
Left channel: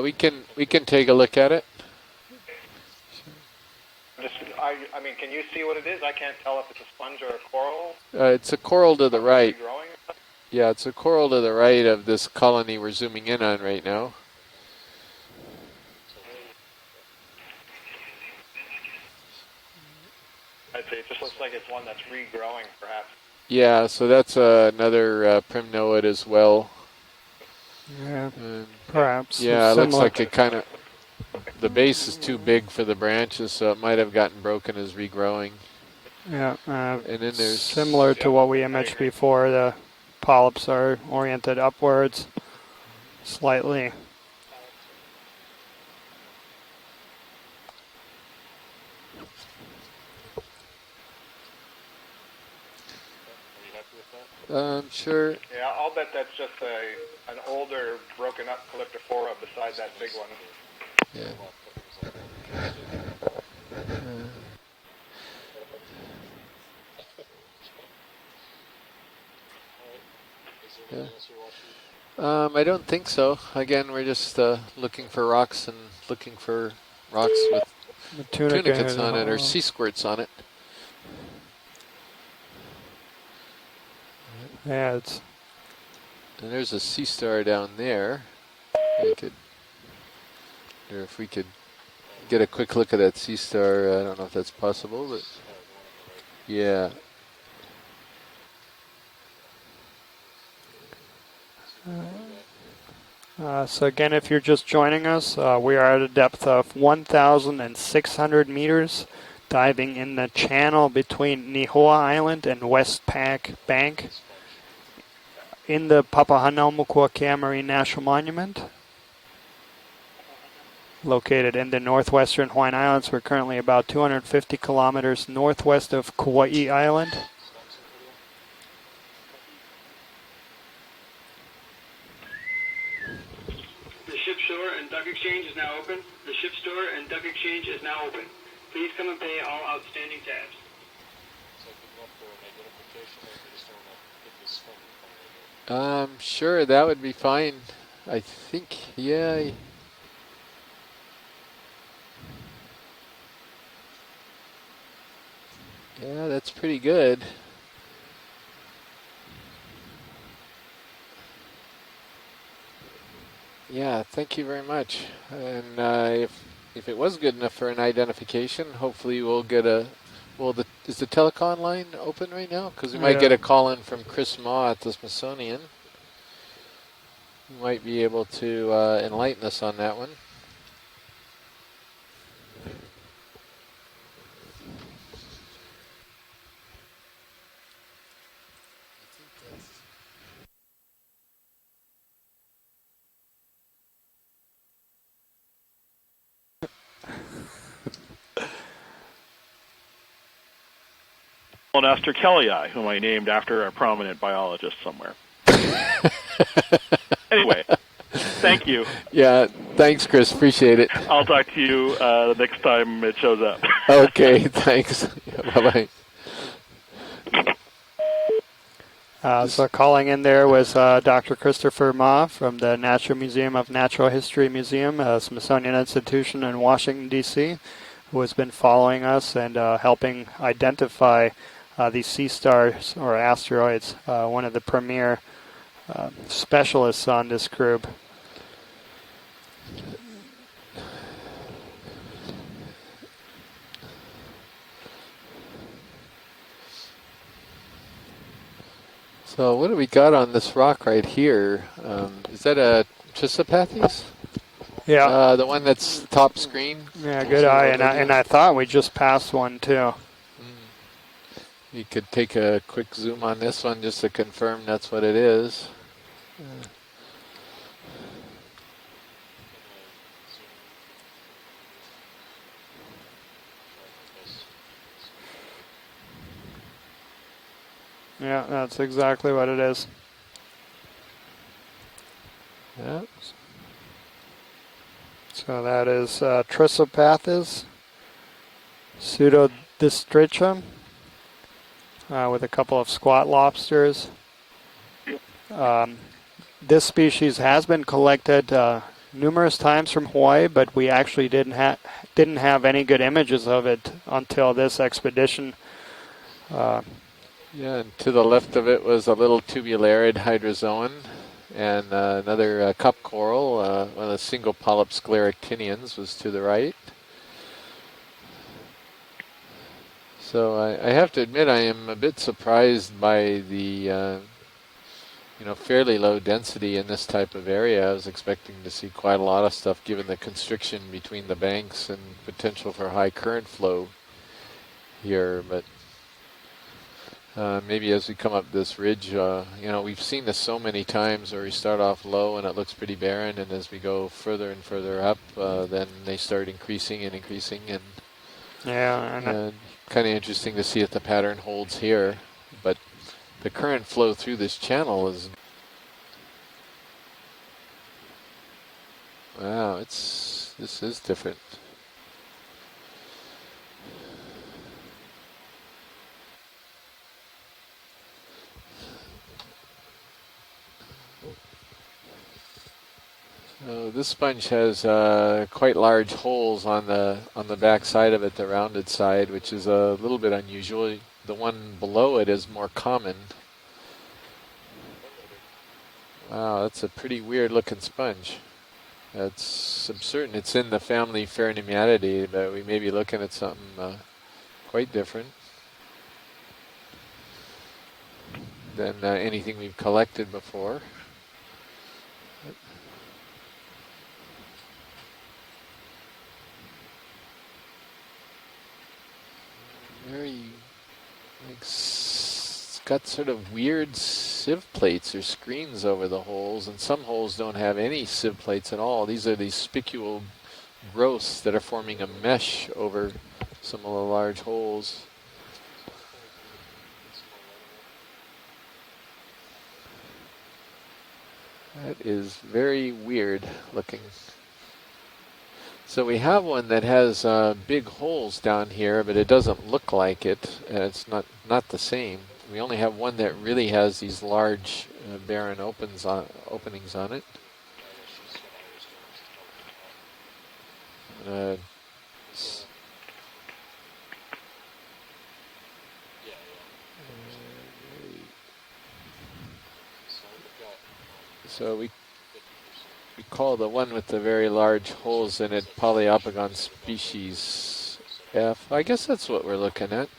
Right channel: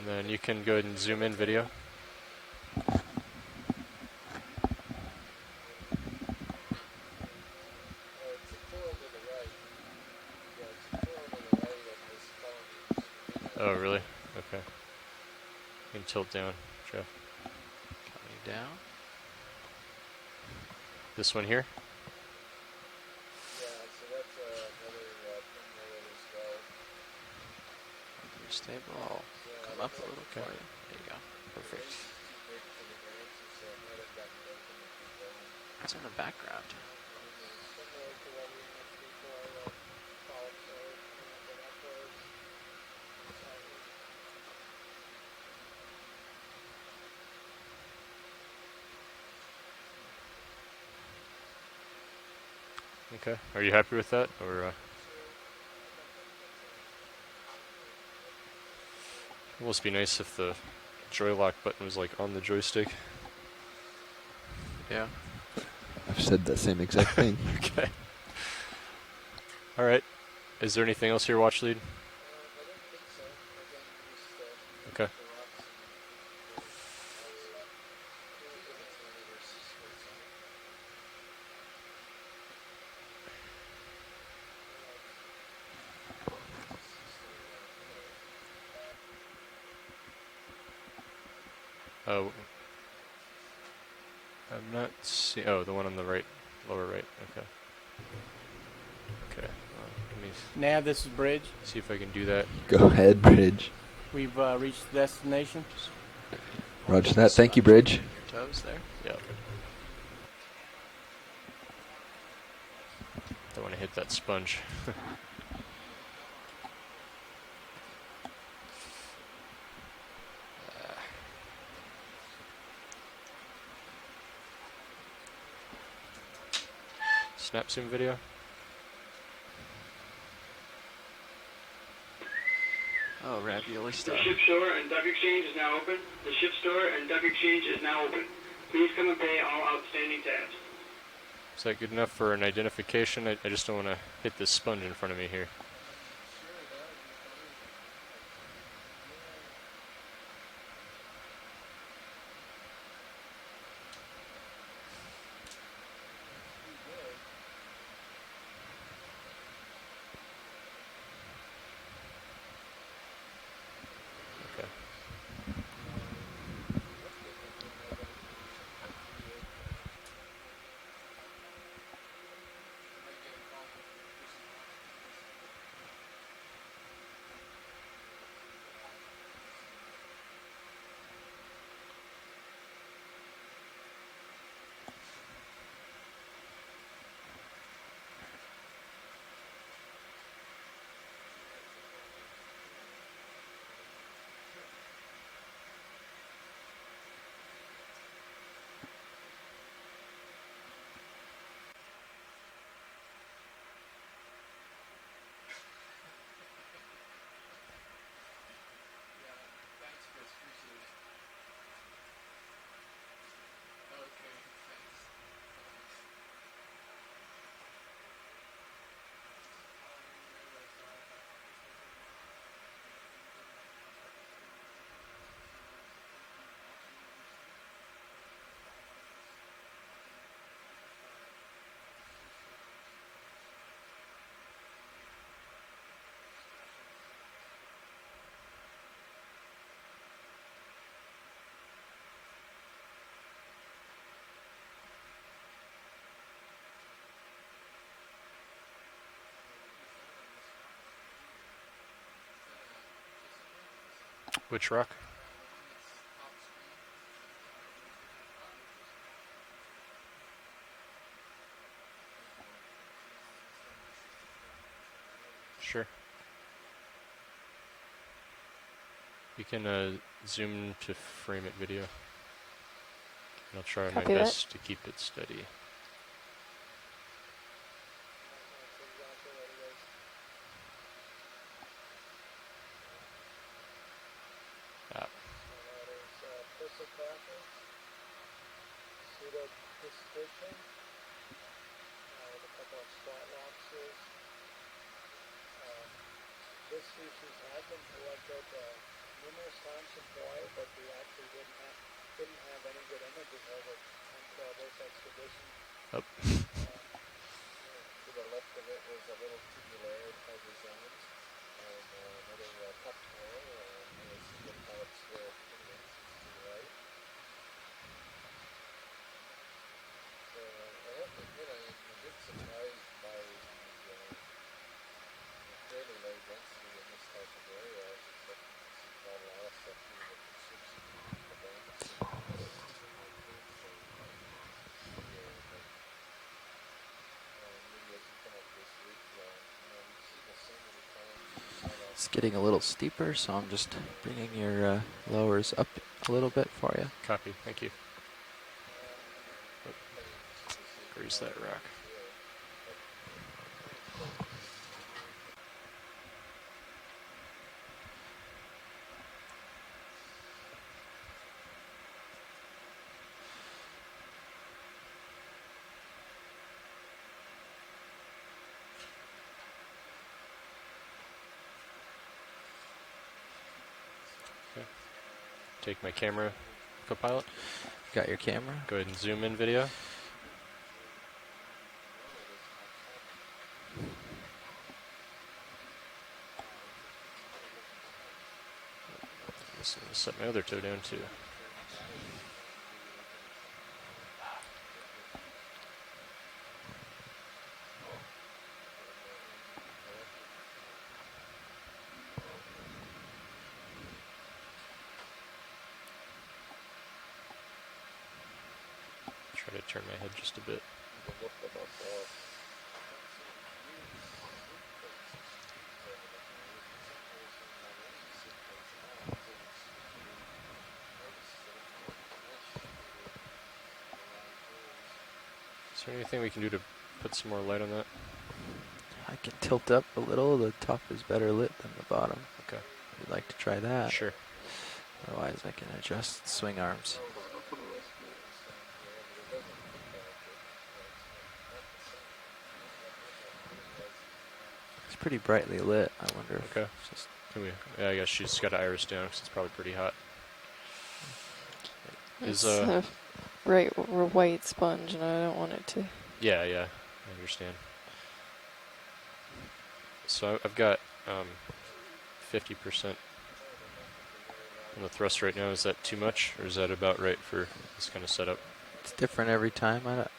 we And can you we go can ahead and take a zoom look in at video. it. I mean, can you see what it is? I can't tell if it's a sponge or a coral. It's a coral to the right. Regrowing. Yeah, it's a coral to the right of this colony we're zooming in on Oh, right really? now. Okay. You can tilt down, Jeff. down. I'd say it just This looks one like here? it's one that's regrowing, perhaps. Yeah, so that's another primnoid as well. yeah, Stay perhaps. Yeah, it It's looks similar. like it kind of, the base is too big for the branches, so it might have gotten broken as regrowing. It's on the back. Yeah, And then there's similar to what we imaged before. The polyps are oriented upwards slightly. Okay. Are you happy with that? Or, sure. Yeah, I'll bet that's just an older, broken up calyptophora it besides must that be big nice one. if the joy lock button was like on the joystick. Yeah. I've said that same exact thing. Okay. All right. Is there anything else here, watch lead? I don't think so. Again, we're just looking Okay. for rocks and looking for rocks with The tunica tunicates here, on it or oh. sea squirts on it. Yeah, it's And there's a sea star down there. We could, or if we could get a quick look at that sea star, I don't know if that's possible. But Oh, the one on the right. yeah. Right. Okay. Okay. Let me Nav, this is Bridge. see if I can do that. Go ahead, Bridge. so again, if We've, you're just reached joining us, destination. we are at a depth of Roger that. Thank you, Bridge. 1,600 meters, Yeah. diving in the channel between Nihoa Island and Westpac Don't wanna hit Bank that sponge. in the Papahanaumokuakea Marine National Monument. Located in the northwestern Hawaiian Islands, we're currently about 250 kilometers northwest of Kauai Island. Snap zoom video. Oh, ravioli stuff. The ship store and duck exchange is now open. The ship store and duck exchange is now open. Please come and pay all outstanding tabs. Is that good enough for an identification? I just don't want to hit this sponge in front of me here. Sure, that would be fine. I think, yeah. Yeah, that's pretty good. Yeah, thank you very much. And if it was good enough for an identification, hopefully we'll get a. Well, is the telecom line open right now? Because we might get a call in from Chris Ma at the Smithsonian. He might be able to enlighten us on that one. Esther Kelly, whom I named after a prominent biologist somewhere. Anyway, thank you. Yeah, thanks, Chris. Appreciate it. I'll talk to you the next time it shows up. Okay, thanks. Bye-bye. So calling in there was Dr. Christopher Ma from the Natural Museum of Natural History Museum, Smithsonian Institution in Washington, D.C., who has been following us and helping identify these sea stars or asteroids, one of the premier specialists on this group. So what do we got on this rock right here? Is that a Chrysopathes? Which rock? Yeah. The one that's top screen? Yeah, good eye. And I thought we just passed one too. You could take a quick zoom on this one just to confirm that's what it is. Sure. You can zoom to frame it video. I'll try Copy my that. best to keep it steady. Yeah, that's exactly what it is. Yeah. So that is Chrysopathes pseudodistrichum with a couple of squat lobsters. This species has been collected numerous times from Hawaii, but we actually didn't have any good images of it until this expedition. Yeah, and to the left of it was a little tubularid hydrozoan and another cup coral. One of the single polyp scleractinians was to the right. So I have to admit I am a bit surprised by the fairly low density in this type of area. I was expecting to see quite a lot of stuff given the constriction between the banks and potential for high current flow here, but maybe as we come up this ridge, we've seen this so many times where we start off low and it looks pretty barren, and as we go further and further up, then they start increasing and increasing. And yeah, and kind of interesting to see if the pattern holds here, but the current flow through this channel is, wow, this is different. This sponge has quite large holes on the back side of it, the rounded side, which is a little bit unusual. The one below it is more common. Wow, that's a pretty weird looking sponge. That's, I'm certain it's in the family Pheronematidae, but we may be looking at something quite different than anything we've collected before. Try to turn my head just a bit. It's got sort of weird sieve plates or screens over the holes, and some holes don't have any sieve plates at all. These are these spicule growths that are forming a mesh over some of the large holes. Is there anything we can do to put some more light on that? I can tilt up a little. The top is better lit than the That bottom. is very weird. Try that. Sure. Otherwise, I can adjust. So we the have swing one arms. that has big holes down here, but it doesn't look like it. It's not the same. We only have one that really has these large, pretty barren brightly lit. openings on it. Yeah, I guess she's got to iris down because it's probably pretty hot. It's a white sponge, and I don't want it to. Yeah, I understand. So I've got so we 50%. We call the one with the very large holes in it Polyopogon is that about right for species this kind of setup? F. I guess that's what we're looking at.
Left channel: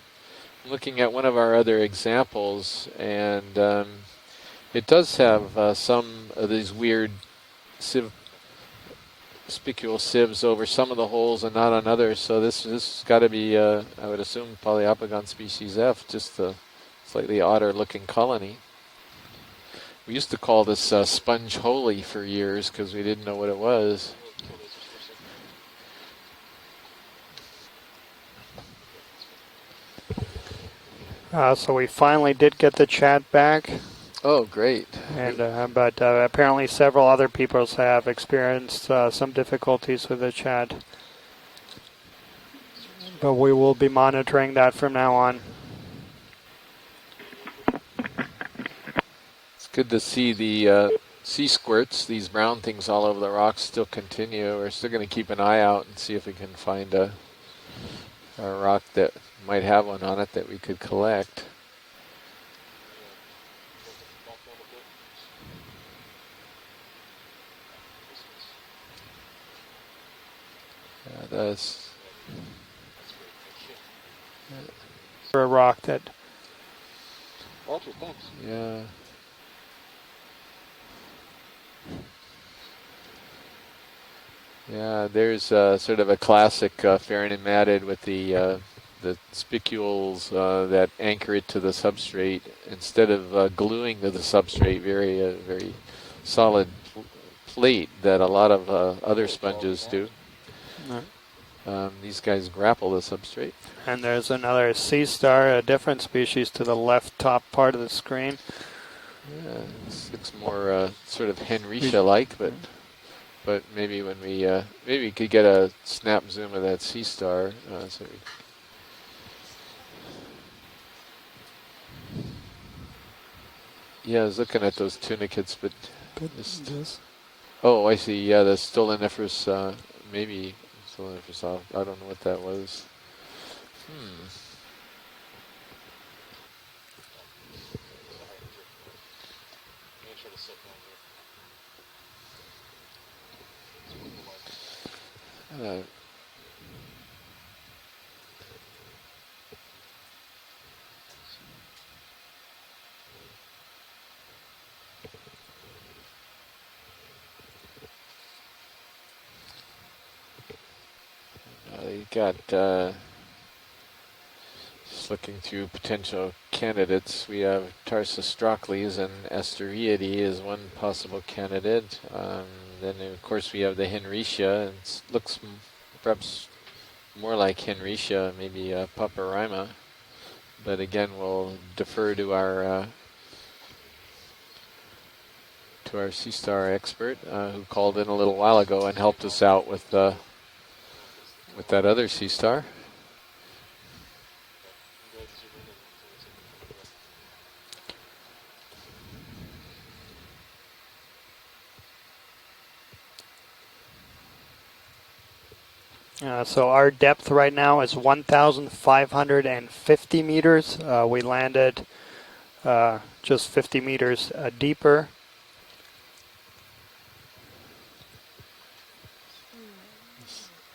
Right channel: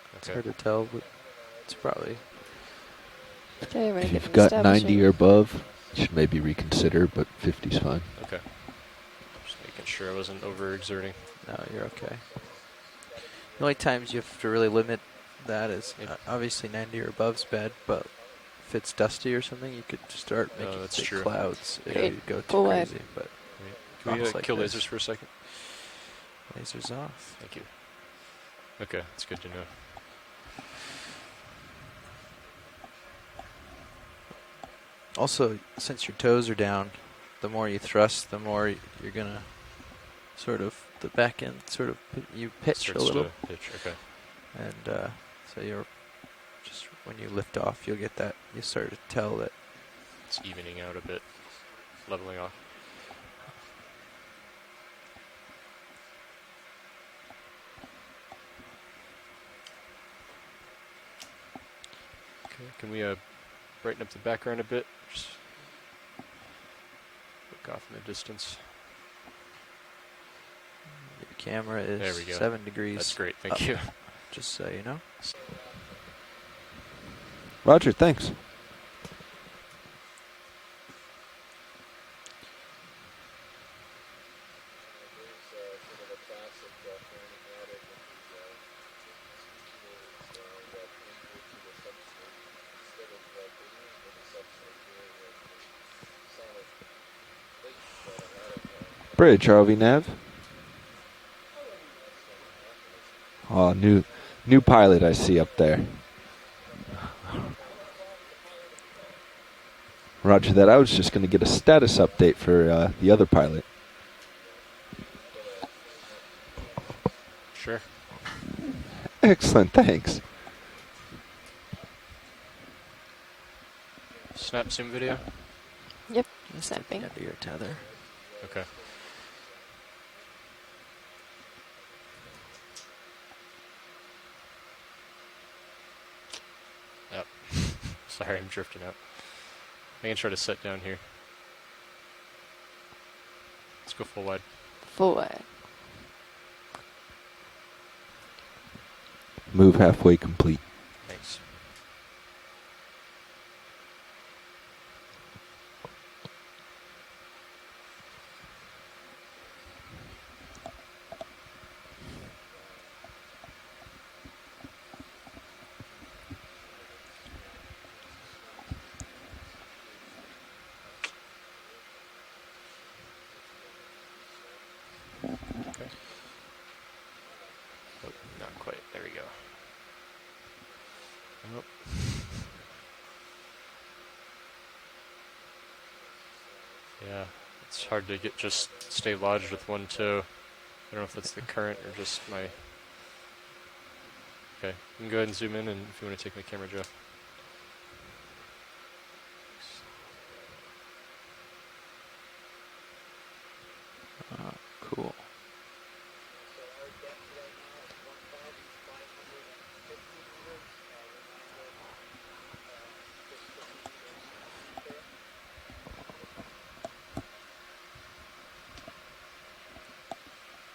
Looking at one of our other examples, and if you've got 90 it does or above, have some maybe of these reconsider, weird but 50's fine. spicule sieves over some of the holes and not on others. So this has got to be I times would you have assume to really look at Polyopogon species that F, is just obviously 90 or above. slightly odder looking colony. If it's dusty or something, you could. We used to call this sponge holy for years because we didn't know what it was. Can we kill lasers for a second? Lasers off. Thank you. Okay, it's good to know. So we finally did get the chat back. Oh, great. Also, but since your toes are apparently down, several other the people more you have thrust, the more experienced you're some gonna difficulties with the chat. Sort of the back end sort of you pitch a little. So we will be monitoring that from now on. So you're just when you lift off, you'll get that. You start to tell that. It's good to see the sea squirts, these brown things all over the rocks, still continue. We're still going to keep an eye out and see if we can find a rock that might have one on it that we could collect. Okay, can we brighten up the background a bit? Just look off in the distance. The camera is there we go. 7 degrees. That's great, thank you. Just so you know. For a rock that. Roger, thanks. Yeah. Yeah, there's sort of a classic Pheronematid with the spicules that anchor it to the substrate instead of gluing to the substrate. Very solid plate that a lot of other Bridge, sponges RV do. These guys grapple the substrate. Oh, And there's another sea star, a different species to the left top part of the screen. Yeah, Roger that. I was just going to get a status update for the other pilot. But maybe when maybe we could get a snap zoom of that sea star. Sure. Excellent, thanks. Yeah, I was looking at those tunicates, but yep, snapping. Oh, I see. Yeah, the stoloniferous, maybe stoloniferous. I don't know what that was. Yep. Sorry, I'm drifting out. I can try to set down here. Let's go full wide. Full wide. Move halfway complete. Thanks. You got just looking through potential candidates. We have Tarsostrocles and Asteriidae as one possible candidate. Then of course we have the Henricia, and it looks perhaps more like Henricia, maybe Paparima. But again, we'll defer to our sea star expert who called in a little while ago and helped us out with I don't know if that's the current that other sea star. Okay, you can go ahead and zoom in, and if you want to take my camera, Joe. Cool. So our depth right now is 1,550 meters. We landed just 50 meters deeper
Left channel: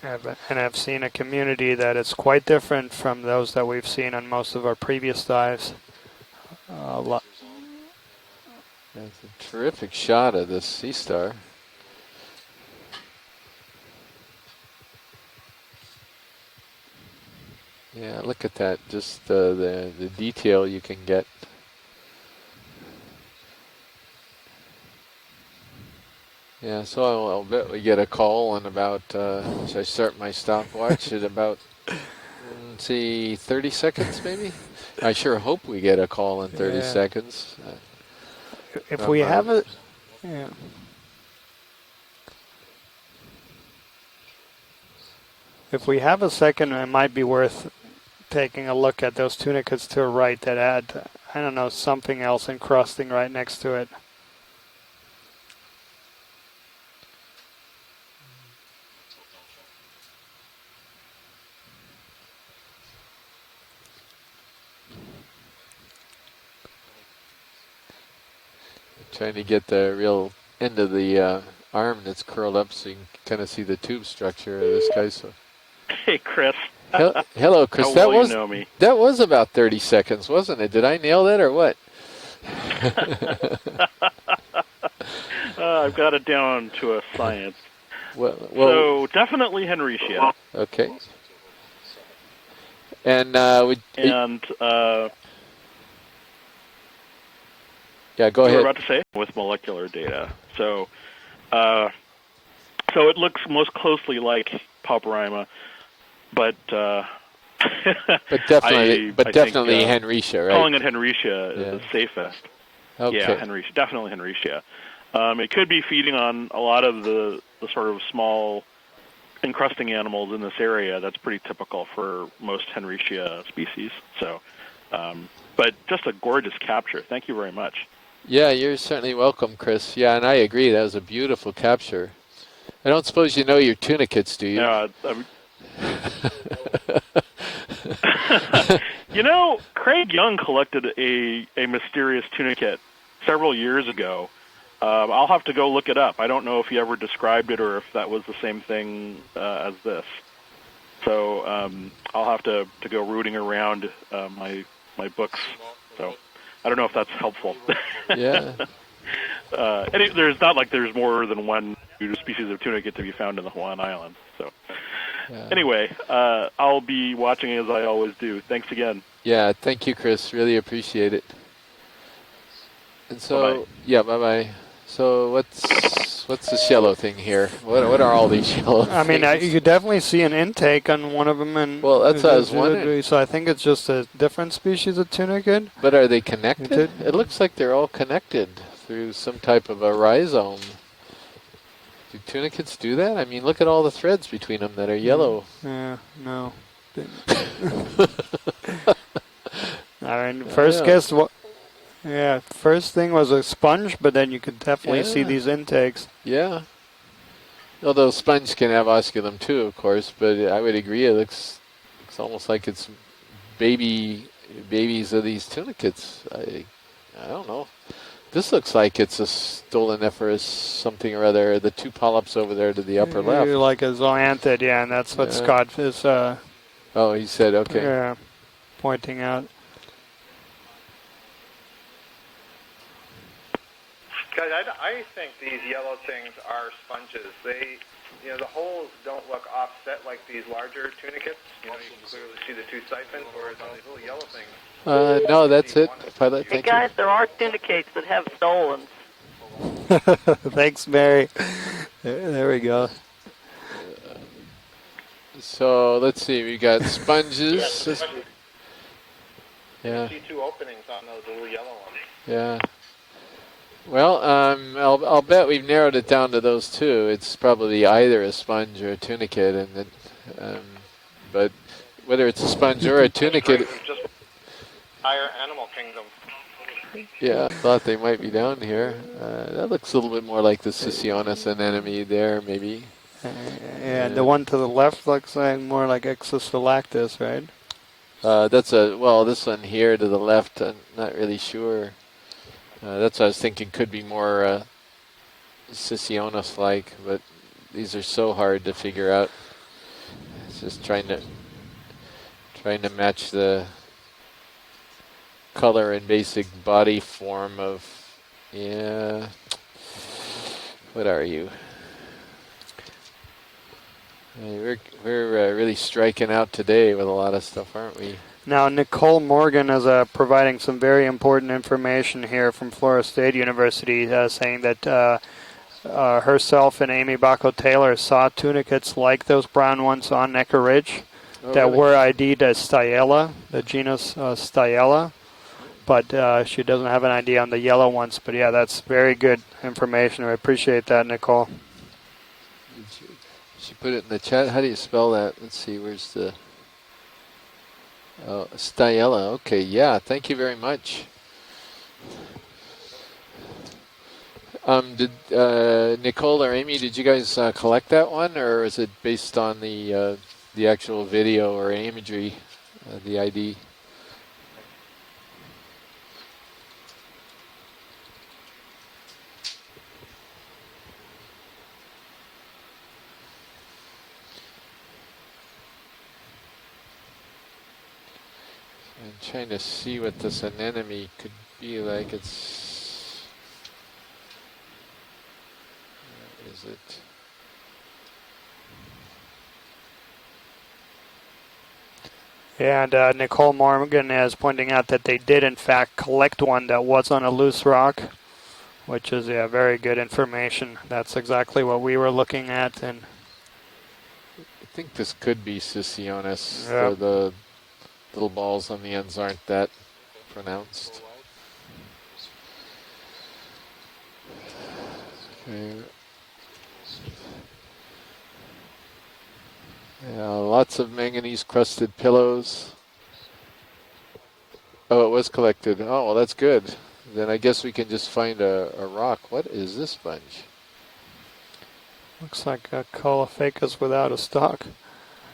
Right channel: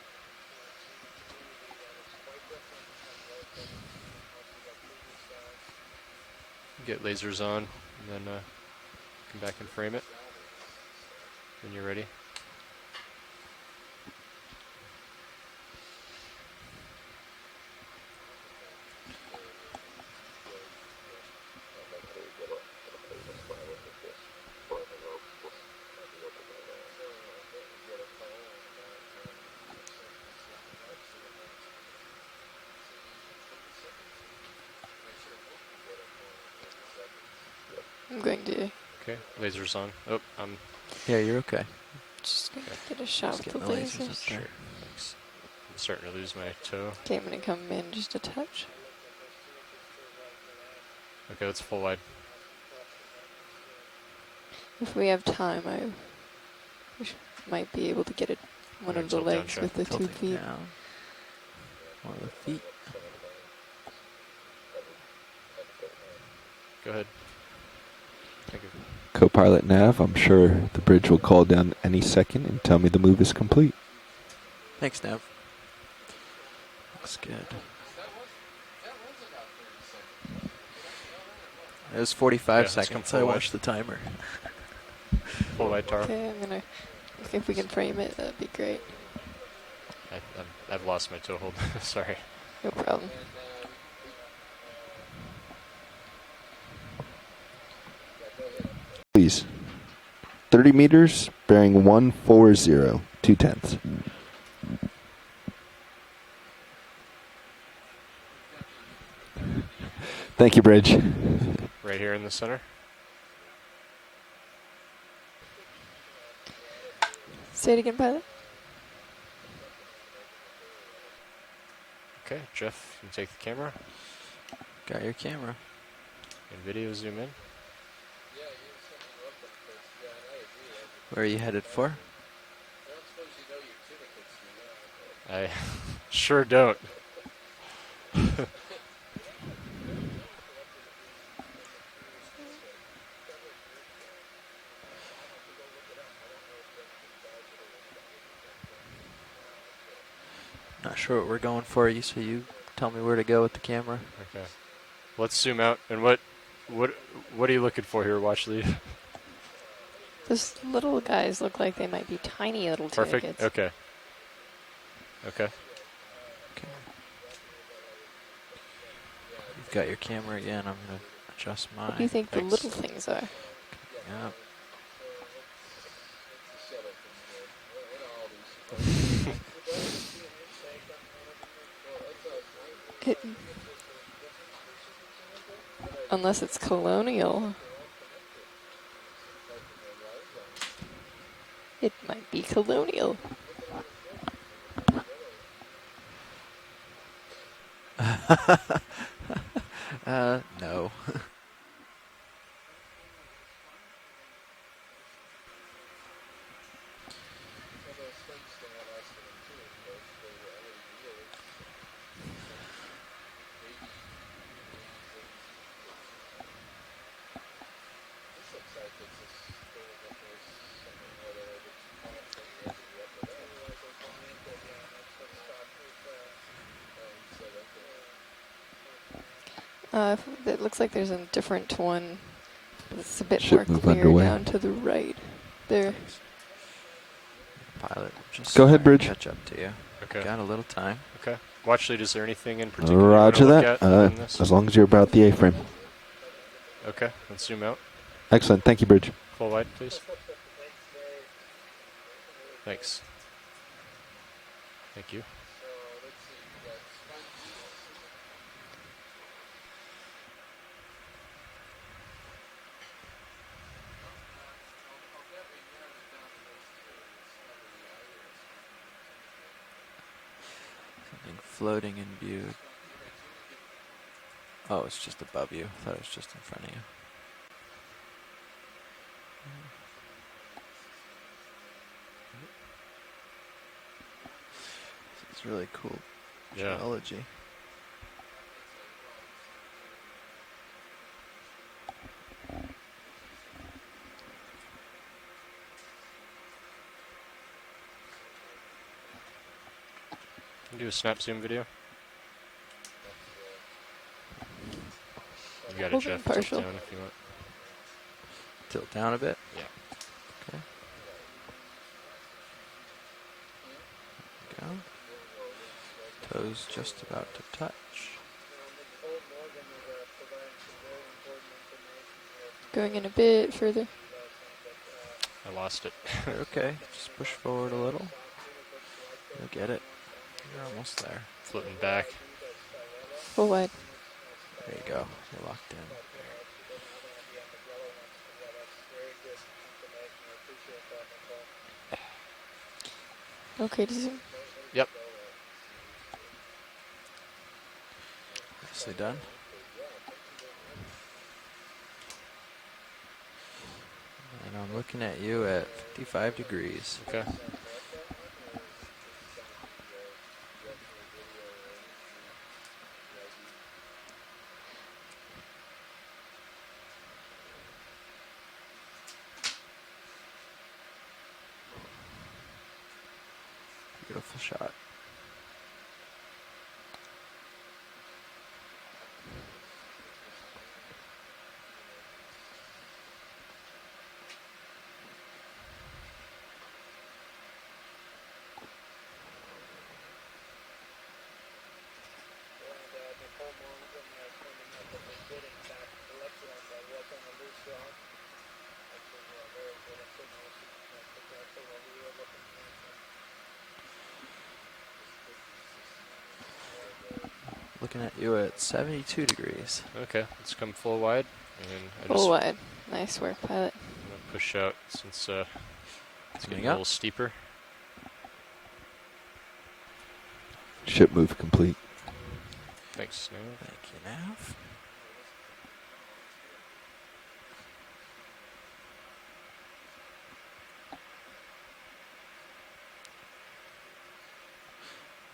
And I've seen a community that is quite different from those that we've seen on most of our previous dives. Get lasers on, and then come back and Terrific frame it shot of this sea star. when you're ready. Yeah, look at that. Just the detail you can get. Yeah, so I'll bet we get a call in about, should I start my stopwatch at about, let's see, 30 seconds maybe? I sure hope we get a call in 30 Yeah. seconds. I'm going to If we have it, Lasers on. Oh, yeah. Yeah, you're okay. just gonna get a shot Just with the getting the lasers up lasers. there. if we have a second, it might be Getting to worth come in just a touch. taking a look at those tunicates to the right that add, I don't That's know, full line. something else encrusting right next to it. If we have time, might be able to get it one of the Tilt down legs check. with the 2 Tilting feet. down. One of the feet. go ahead. Thank you. Trying to Co-pilot get the nav, real I'm sure end the of bridge will call the down arm any that's second curled and up tell so me you the move can is kinda see complete. the tube structure of this Thanks, guy. Nav. So. Hey, Chris. Hello, Chris. How That well was you know me. that was about 30 seconds, wasn't it? Did I nail that or what? It was 45 seconds. I watched the timer. I've got it down to a If we science. can frame it, Well, that'd be well- great. So definitely Henricia. Okay. I've lost my toe hold. Sorry. No problem. And And yeah, go you were ahead. about to say Please. with molecular data. 30 So, meters, bearing 140. So it looks 210. most closely like Paparima, but But definitely, I think, Henricia. Thank Right? you, calling it Bridge. Henricia Yeah. is Right here in the safer. center. Okay. Yeah, Henricia, definitely Henricia. It could be feeding on a lot of the Say it sort again, of Pilot. small encrusting animals in this area. That's pretty typical for Okay, most Jeff, Henricia take camera. species. So, Got your camera. but just a gorgeous Video capture. zoom Thank in. you very much. Yeah, you're certainly welcome, Chris. Yeah, and I agree. That was a Where are you beautiful headed capture. I don't suppose you know your tunicates, do you? Yeah, I sure don't. you know, Craig Young collected a mysterious tunicate several years ago. I'll have to go look it up. I don't know if he ever described it or if that was the same thing as this. Not sure So what we're going for. East I'll have to tell me go where to rooting go with the around camera. my Let's books. zoom out. And what? I don't know if that's helpful. What are you looking for here, Yeah. Washley? There's Those not like there's little more guys than look one like they might new be species of tiny tunicates little found on Okay. one island. So Okay. anyway, I'll be watching as I always do. Thanks again. Yeah, Got thank you, your Chris. camera Really again. I'm gonna appreciate it. Adjust What do you mine. think the little things are? So yeah, bye-bye. So what's this yellow thing here? What are all these yellow I mean, things? you could definitely see an intake on one of them, and Well, that's what I was wondering. So I think it's just a different species of tunicate. But are they Unless it's connected? It looks colonial. like they're all connected through some type of a rhizome. It Do might be tunicates do colonial. that? I mean, look at all the threads between them that are yellow. Yeah, no. Uh, First yeah. guess what? Yeah, first thing was a sponge, but then you could definitely see Yeah. these intakes. Yeah. Although sponge can have osculum too, of course, but I would agree it looks almost like it's babies of these tunicates. I don't know. This looks like it's a stoloniferous something or other. The two polyps over there to the upper left. Like a zoanthid, yeah, and that's what Yeah. Scott is Oh, he said okay. yeah, pointing out. It looks like there's a different one. It's a bit Ship more move clear underway. down Guys, to the I right. think these There. yellow things are sponges. They, Pilot, you know, just the Go ahead, whole Bridge. don't Catch up to look you. offset like Okay. Got a these little larger time. tunicates. Watchley, is there anything in Roger that. As long as you're about the No, A-frame. that's it. Pilot, Hey thank you. guys, there are Let's zoom out. syndicates that have Excellent. Thank you, Bridge. Full wide, please. Thanks, Mary. There we go. Thanks. Thank you. So let's see. We got sponges. Yeah. You see two openings on those little yellow ones. Yeah. Well, I'll bet we've narrowed it down to those two. It's probably either a sponge or a tunicate, and then, but floating in whether it's a view. sponge or a tunicate, Just Oh, it's just higher above animal you. I thought kingdom. it was just in front of you. yeah, I thought they might be down here. That looks a little bit more like the Sicionis anemone there, maybe. Yeah, the one to the left looks like more like Exosolactus, right? That's this one here to the left, I'm not really sure. That's what I was thinking, could be more Sicionis-like, but these are so hard to figure out. Just Do a trying snap to zoom video. match the color Yeah, and sure. basic Partial. body form of. Tilt down a Yeah. bit. What are you? We're really striking out today with a lot of stuff, aren't we? Now, Nicole Morgan is providing some very important information here from They're Florida gonna State be University, saying that I lost it. herself and Amy Bacco Taylor forward. saw tunicates like those brown ones on Necker Ridge Oh, that really? were ID'd as Stiella, Full the wide. genus Stiella, but she doesn't have an idea on the yellow ones. But yeah, that's very good information. I appreciate that, Nicole. Okay. Put it in the chat. How do you spell that? Let's see. Where's the? Oh, Stiella. Okay. Yeah. Thank you very much. Nicole or Amy, did you guys collect that one, or is it based on the actual video or imagery, the ID? Beautiful shot. I'm trying to see what this anemone could be like. It's. What is it? And Nicole Morgan is pointing out that they did, in fact, collect one that was on a loose rock, which is very good information. That's exactly what we were looking at. And I think this could be Sicionis. Yeah. The Looking at little you balls at on the ends 72 aren't degrees. that Okay, let's come pronounced. full wide. And I Full just wide. Nice work, pilot. push out since it's getting a up. little steeper. Yeah, lots of Ship move manganese complete. crusted pillows. Thanks. Oh, it was collected. Oh, well, that's good. Then I guess we can just find a rock. What is this bunch? looks like a Caulophacus without a stalk.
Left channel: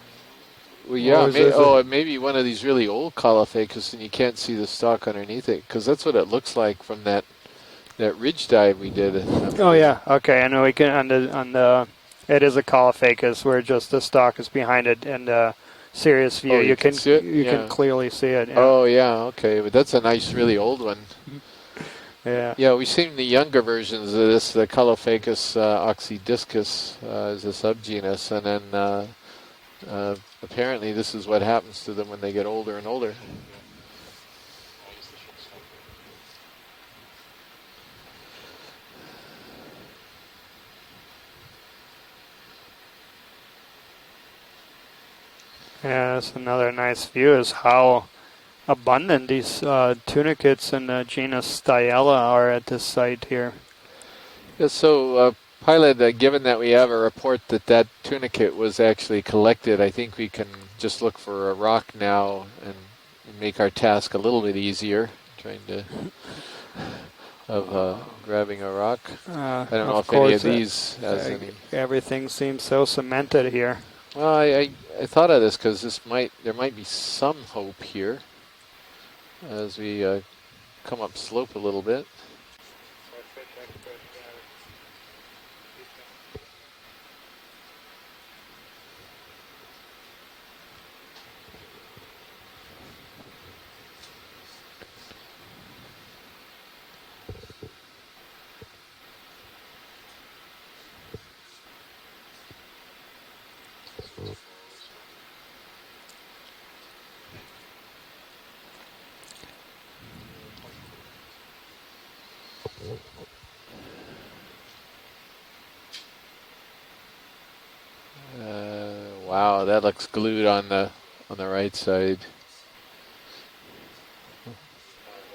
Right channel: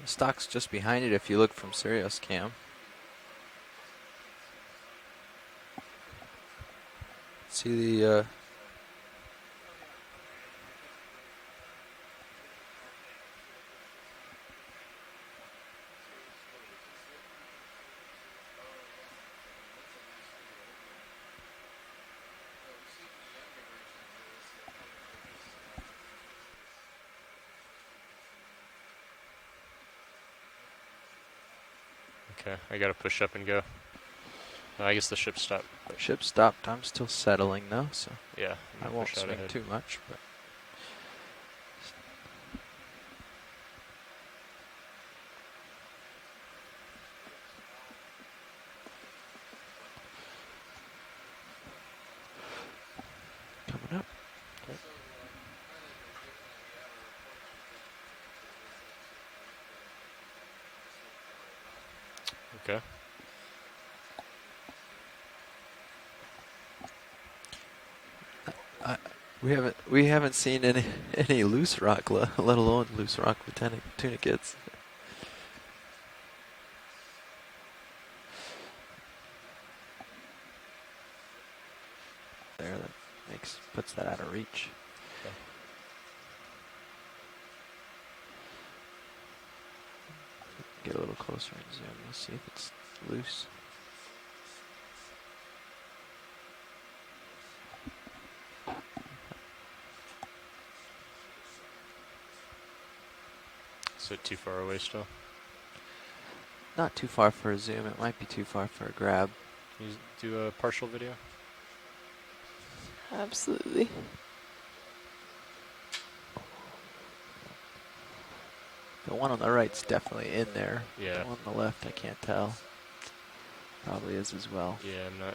Stock's just behind Yeah, you. it may be one of these really old Caulophacus, and you can't see the stalk underneath it, because that's what it looks like from that See that the ridge dive we did. Oh yeah, okay. I know we can on the it is a Caulophacus where just the stalk is behind it, and serious view Oh, you can see it? you Yeah. can clearly see it. Yeah. Oh yeah, okay, but that's a nice, really old one. Yeah. Yeah, we've seen the younger versions of this. The Caulophacus oxydiscus is a subgenus, and then apparently this is what happens to them when they get older we and gotta older. push up and go. I guess the ship stopped. ship stopped. I'm still settling though, so Yeah. I won't push out swing ahead. too much. But Yeah, that's another nice view is how abundant these tunicates in the genus Stiella are at this site here. Yeah, so pilot, given that we have a report that that tunicate was actually collected, I think we can just look for a rock now and make our task a little bit easier, trying to of grabbing a rock. I don't know we if haven't any of seen these. any loose rock, Everything let seems alone so loose cemented rock here. tunicates. Well, I thought of this because there might be some hope here as we come up slope a little bit. There, that puts that out of reach. Get a little closer and zoom and see if it's loose. So too far away still. Not too far for a zoom. It might be too far for a grab. Can you do a partial video? Absolutely. One on the Wow, right's that looks definitely glued in on there. the Yeah. on the On right left, you can't side. tell. Probably is as well. Yeah, I'm not.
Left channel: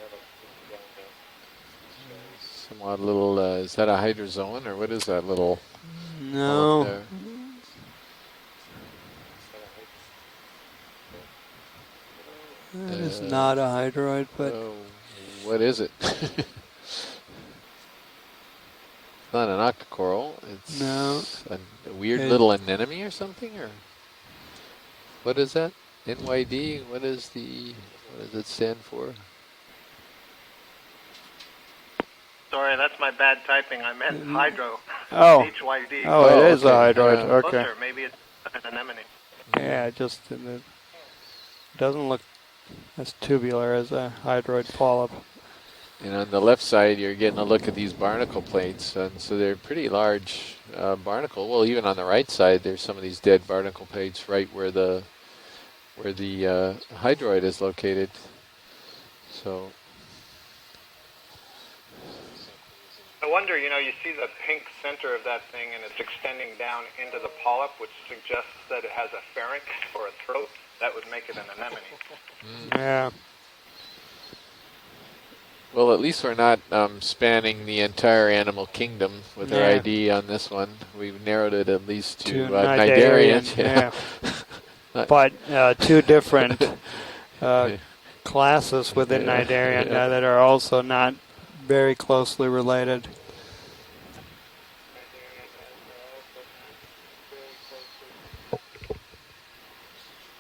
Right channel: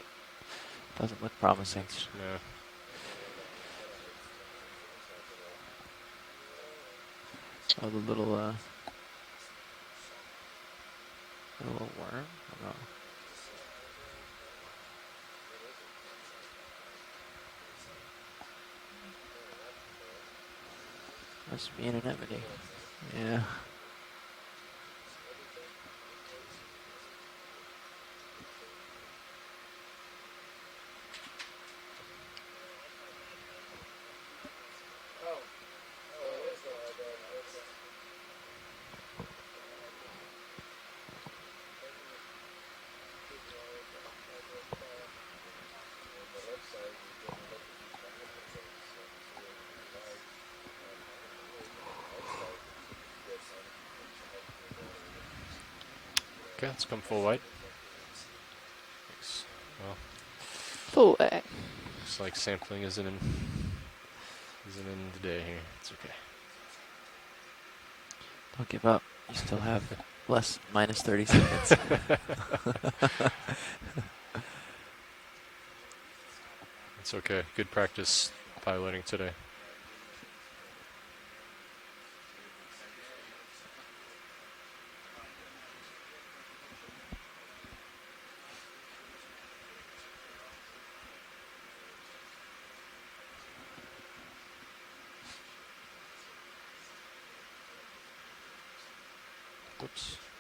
Doesn't look promising. Yeah. Some odd little. Is that a hydrozoan or what is that little? No. There? Oh, the little worm. That is not a hydroid, but What is it? Not an octocoral. It's No. a weird little anemone or something. Or what is that? NYD. What does it stand for? Sorry, that's my bad typing. I meant hydro. Oh. HYD. Oh, it is a hydroid. Yeah. Okay. Maybe it's an anemone. Yeah, it doesn't look as tubular as a hydroid polyp. And on the left side, you're getting a look at these barnacle plates, and so they're pretty large barnacle. Well, even on the right side, there's some of these dead barnacle plates right where the hydroid is located. So, Full way. It's like sampling isn't in. I wonder, you see the pink center of that thing, and it's extending down into the polyp, which suggests that it has a pharynx or a throat. Minus 30 seconds. Yeah. well, at least we're not spanning good the practice entire animal piloting kingdom today. with our ID on this one. We've narrowed it at least to Cnidarian, Cnidarian. yeah. But two different classes within Cnidarian that are also not very closely related.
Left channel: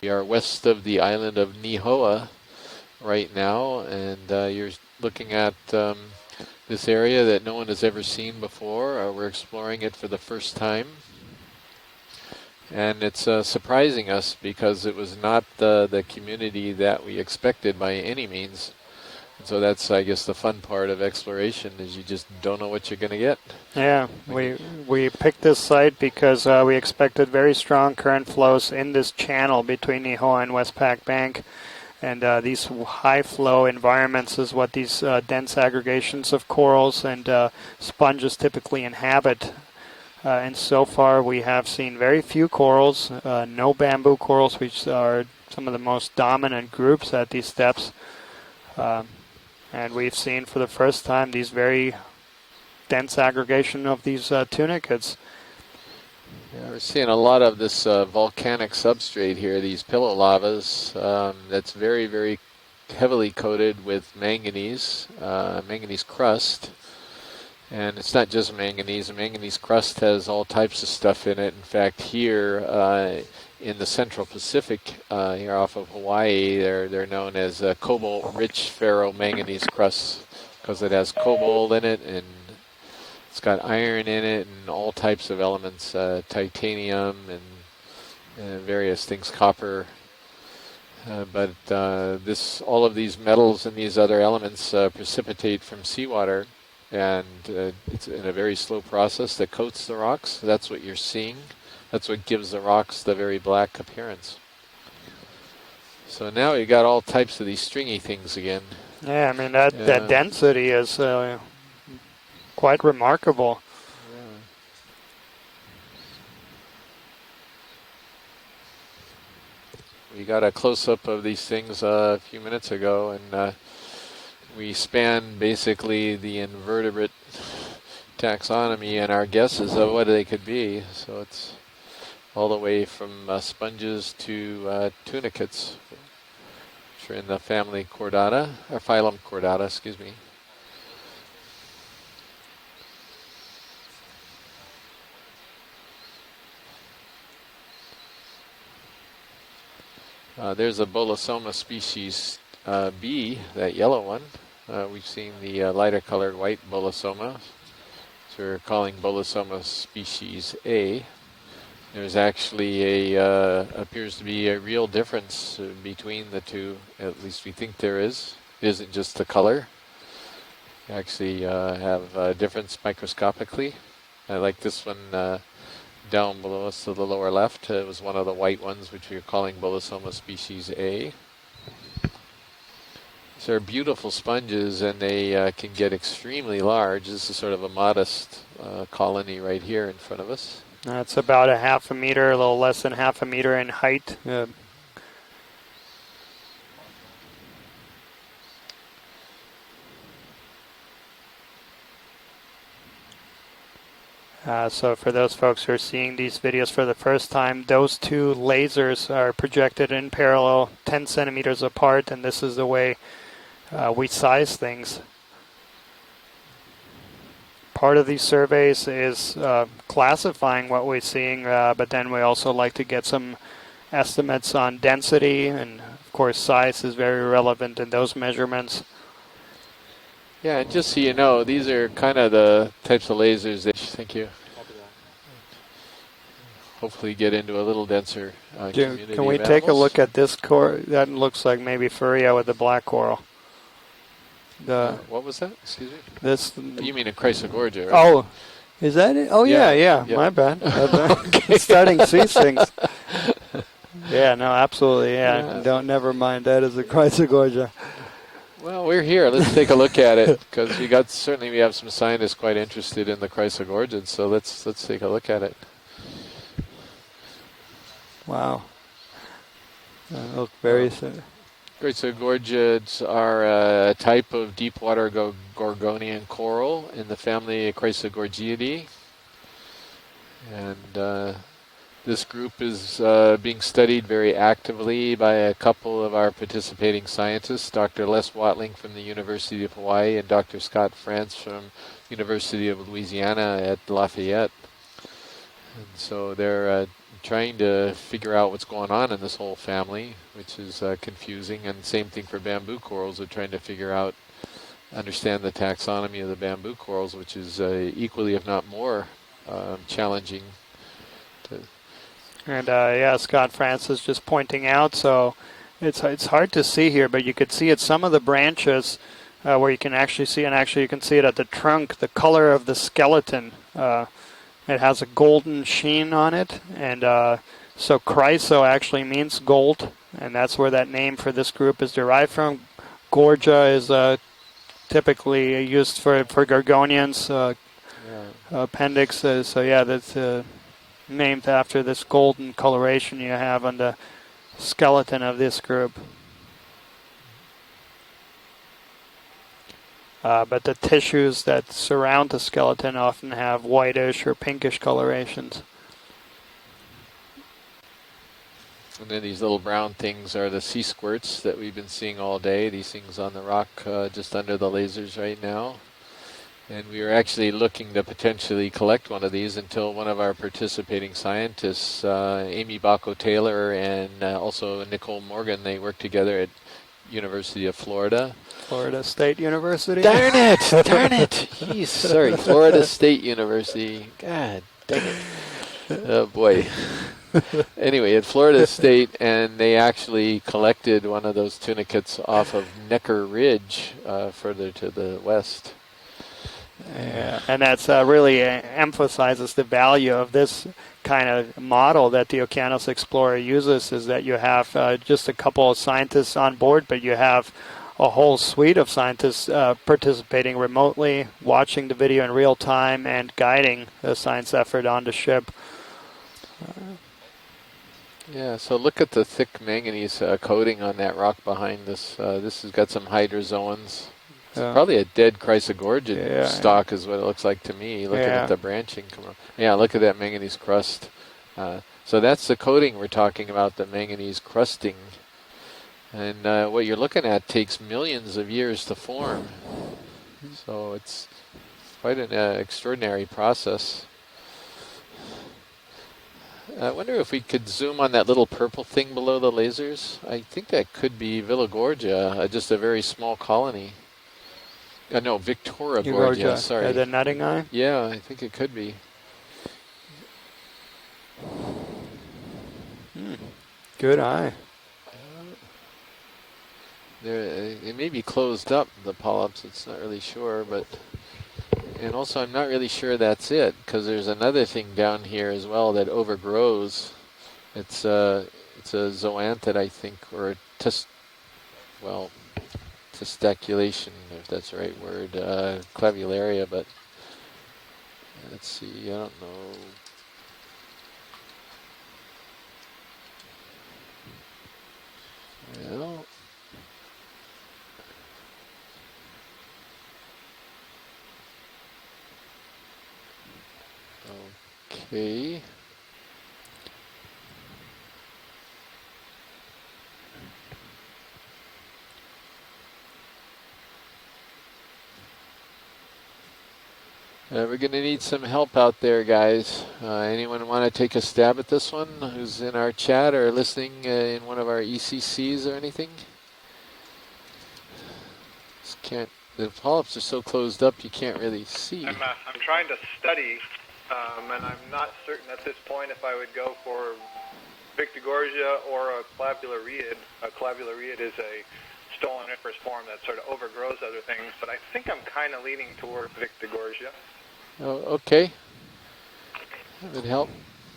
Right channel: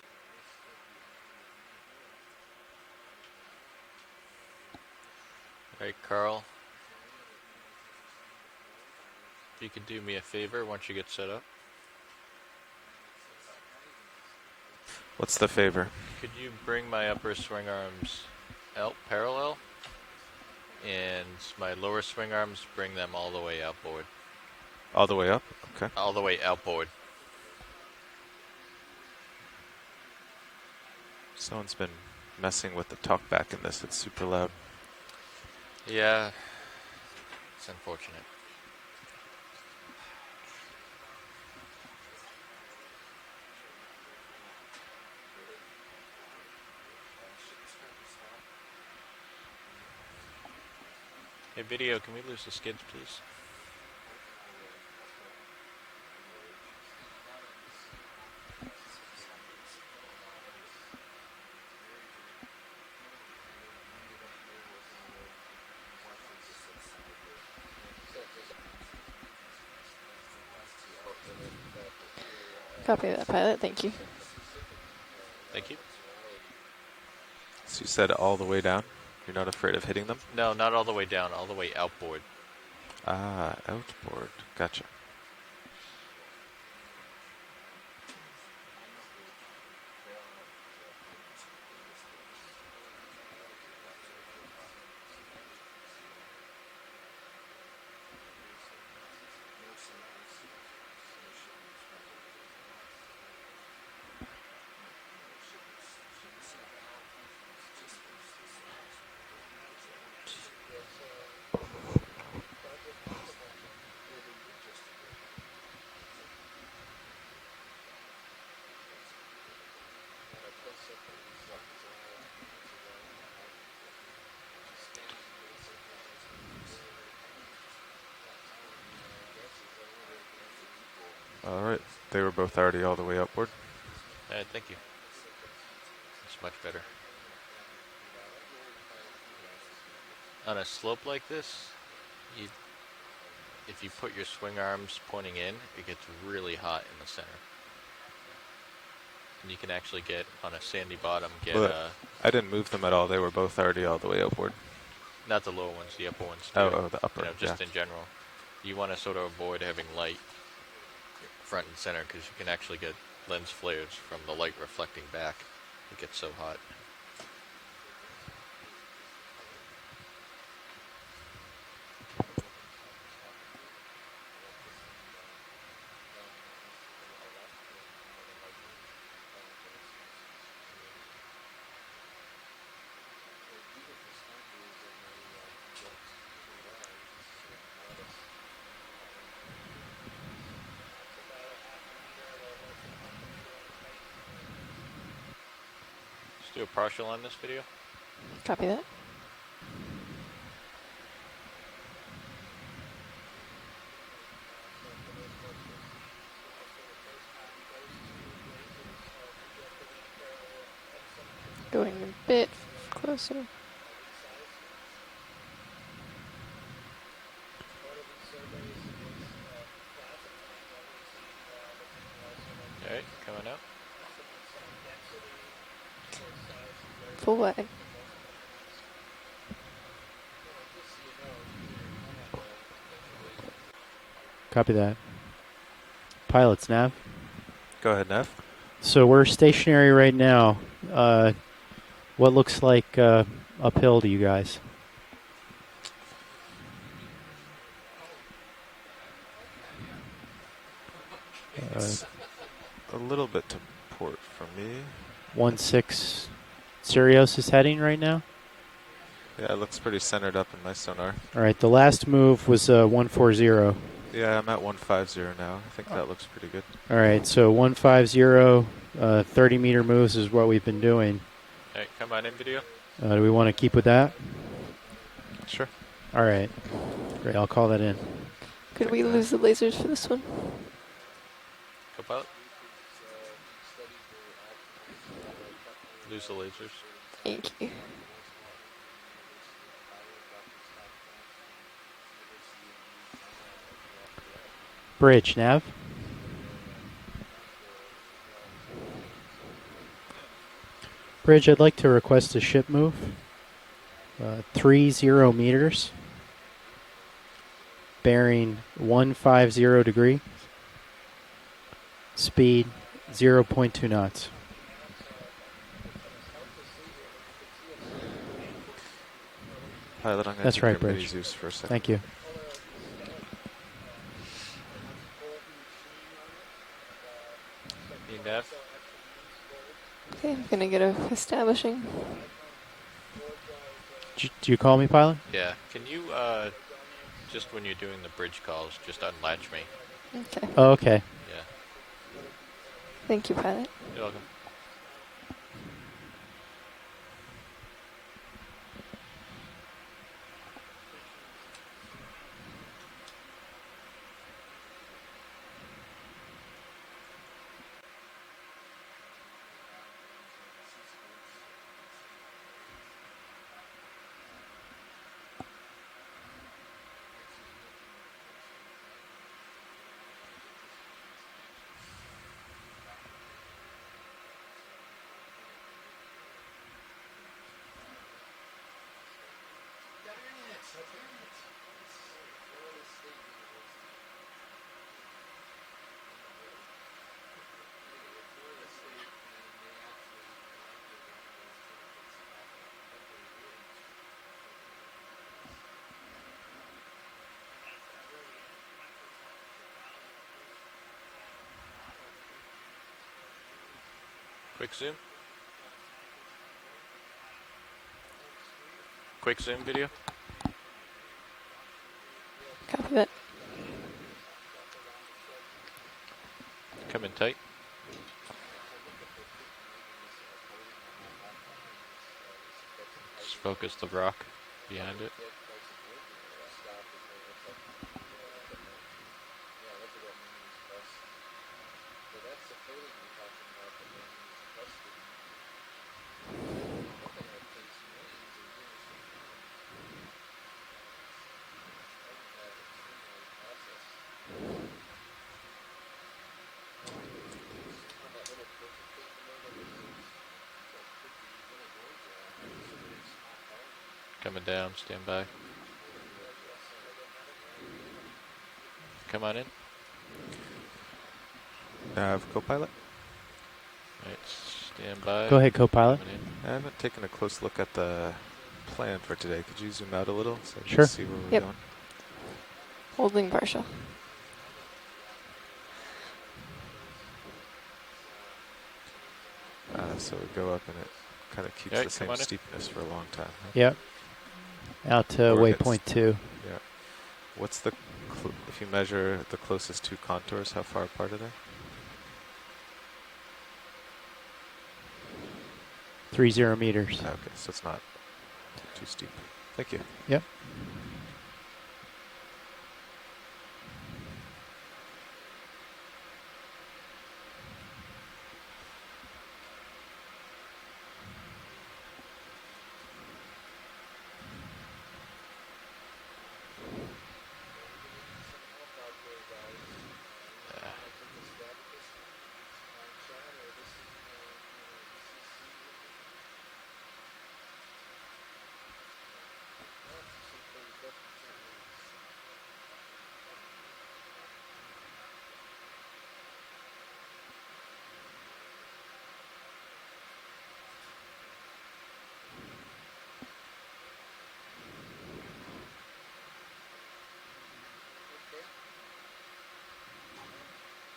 We are west of the island of Nihoa right now, and you're looking at this area that no one has ever seen before. We're exploring it for the first time. And it's surprising us because it was not the community that we expected by any means. So that's, I guess, the fun part of exploration is you just don't know what you're going to get. Yeah, we picked this site because we expected very strong current flows in this channel between Nihoa and Westpac Bank. And these high flow environments is what these dense aggregations of corals and sponges typically inhabit. And so far we have seen very few corals, no bamboo corals, which are some of the most dominant groups at these depths. And we've seen for the first time these very dense aggregation of these tunicates. Yeah, we're seeing a lot of this volcanic substrate here, these pillow lavas, that's very, very heavily coated with manganese, manganese crust. And it's not just manganese. The manganese crust has all types of stuff in it. In fact, here in the Central Pacific, here off of Hawaii, they're known as cobalt-rich ferromanganese crust. No, not all because the it way has down. cobalt in it, and it's got iron in it, and all types of elements, titanium and various things, copper. But all of these metals and these other elements precipitate from seawater. And it's in a very slow process that coats the rocks. That's what you're seeing. That's what gives the rocks the very black appearance. So now you got all types of these stringy things again. Yeah, I mean, that density is quite remarkable. We got a close-up of these things a few minutes ago, and we span basically the invertebrate taxonomy and our guesses of what they could be. So it's all right. They were all both the way all the from way upward. sponges to tunicates. It's much better. Which are in the family Chordata, or phylum Chordata, excuse me. On a slope like this, if you put your swing arms pointing in, it gets really hot in the center. And you can actually get there's a Bolosoma species. I didn't move them at all. They were both yellow all the way upward. We've seen the lighter colored white Bolosoma. Just in general. So we're calling Bolosoma species A. Front and center. There's actually appears to be a real difference between the two. At least we think there is. It isn't just the color. You actually have a difference microscopically. I like this one down below us to the lower left. It was one of the white ones, which we're calling Bolosoma species A. These are beautiful sponges, and they can get extremely large. This is sort of a modest colony right here in front of us. It's about a half a meter, a little less than half a meter in height. Let's do a partial on this video. Copy that. So for those folks who are seeing these videos for the first time, those two lasers are projected in parallel 10 centimeters apart, and this is the way we size things. Part of these surveys is classifying what we're seeing, but then we also like to get some estimates on density, and of course size is very relevant in those measurements. Yeah, and just so you know, these are kind of the types of lasers that, thank you. Copy that. pilots now. hopefully get into a little Go ahead, denser. Jim, So we're can we take a stationary look right at this now. that looks like maybe What Furia with the looks black like coral. uphill to you guys? What was that? Excuse me? This. You mean a Chrysogorgia, right? Oh, is that it? Oh yeah, Yeah. yeah. My bad. Okay. Starting to see things. A little bit. Yeah, no, absolutely. Yeah, don't never mind. That is a Chrysogorgia. heading right now. Well, we're here. Let's take a look at it because we got certainly Right, we have the some last scientists move quite was, interested 140. in the Chrysogorgids. So Yeah, let's I'm at take a look at it. now. I think that looks pretty good. All right, so 150, 30-meter moves is what we've been doing. Chrysogorgids we are wanna keep with a that? type of deep water Gorgonian All right. coral in the Then I'll family call that in. Chrysogorgiidae. Could we lose the lasers for this one? And this group is being studied very actively by a couple of our participating scientists, Dr. Les Watling from the University of Hawaii and Dr. Scott France from University of Louisiana at Lafayette. Bridge, Nav. So they're trying to figure out what's going on in this whole family, which is confusing. Bridge, I'd like and to same request thing a for ship bamboo move. corals. They're trying to figure out 30 understand meters. the taxonomy of the bamboo corals, which is equally, Bearing if not more, 150 degree. challenging. Speed. And yeah, 0.2 Scott Francis knots. just pointing out. So it's hard to see here, but you could see at some of the branches where you can actually see, and That's right, actually you can Bridge. see it at the Thank trunk, you. the color of the skeleton. It has a golden sheen on it, and so chryso actually means gold, and that's where that name for this group is derived from. Gorgia is Do you call me, pilot? typically used for Gorgonians. Appendix, so yeah, that's okay. named after this golden coloration Thank you you, have Brian. on the skeleton of this group. But the tissues that surround the skeleton often have whitish or pinkish colorations. And then these little brown things are the sea squirts that we've been seeing all day. These things on the rock just under the lasers right now. And we were actually looking to potentially collect one of these until one of our participating scientists, Amy Bacco-Taylor and also Nicole Morgan, they work together at University of Florida. Florida State University? Darn it! Darn it! Jeez, sorry, Florida State University. God dang it. Oh boy. Anyway, at Florida State, and they actually collected one of those tunicates off of Necker Ridge further to the west. Yeah, and that's really emphasizes the value of this kind of model that the Okeanos Explorer uses, is that you have just a couple of scientists on board, but you have a whole suite of scientists participating remotely, watching the video in real time, and guiding the science effort on the ship. Coming tight. Yeah, so look at the thick manganese coating on that rock behind this. This has got some hydrozoans. It's probably a dead Chrysogorgid stock is what it looks like to me, looking at the branching. Yeah, look at that manganese crust. So that's the coating we're talking about, the manganese crusting. And what you're looking at takes millions of years to form. So it's quite an extraordinary process. I wonder if we could zoom on that little purple thing below the lasers. I think that could be Villagorgia, just a very small colony. Coming down, stand by. No, Victoragorgia, sorry. The nutting eye? Yeah, I think it could be. Come on in. Co-pilot? Good eye. Stand by. Go ahead, co-pilot. I haven't taken a close look at the. It may be closed up, the polyps. Zoom Not out a really little. sure. Sure. But See where we're Yep. going. and also, I'm not really sure Holding that's partial. it, because there's another thing down here as well that overgrows. It's a zoanthid, I Yeah, think, so we grow or up and it kind of keeps the same well, steepness for a long time. testiculation, if that's the right Out word. to or, waypoint 2. Clavularia, but What's the, if you Let's measure see, I don't the closest two contours, how far apart are they? 30 meters. Okay, so it's not too steep. Thank you. Yep. okay. We're going to need some help out there, guys. Anyone want to take a stab at this one who's in our chat or listening in one of our ECCs or anything? Just can't. The polyps are so closed up you can't really see. I'm trying to study and I'm not certain at this point if I would go for Victigorgia or a clavulariid. A clavulariid is a stolen empress form that sort of overgrows other things, but I think I'm kind of leaning toward Victigorgia. Oh, okay. That would help.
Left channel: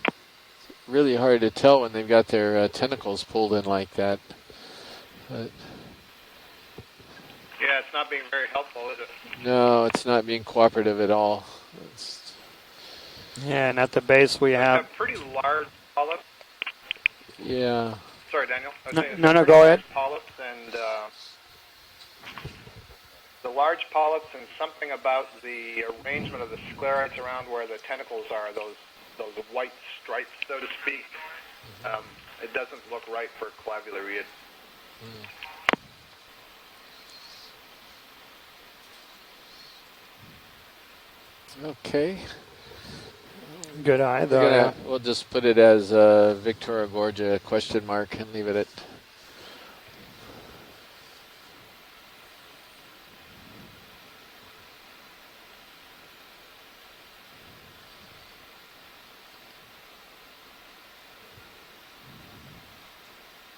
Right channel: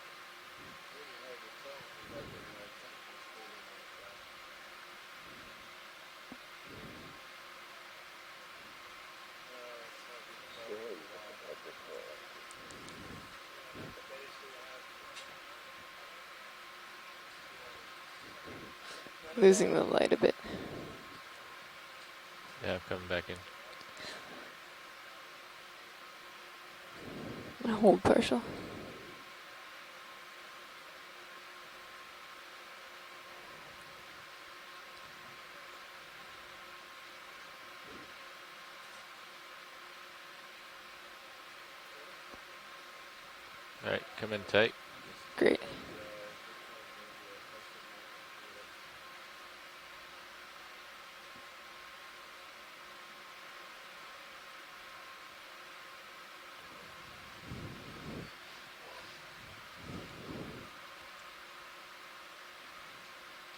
It's really hard to tell when they've got their tentacles pulled in like that. But Yeah, it's not being very helpful, is it? no, it's not being cooperative at all. It's Yeah, and at the base we have. A pretty large polyp. yeah. Sorry, Daniel. I was No, saying no, it's go ahead. polyps and Yeah, I'm coming back in. the large polyps and something about the arrangement of the sclerites around where the tentacles are, those white stripes, so to speak. It doesn't look right for clavulariid. Okay. Good eye, though. We'll just put it as Victoria Gorgia question mark and leave it at.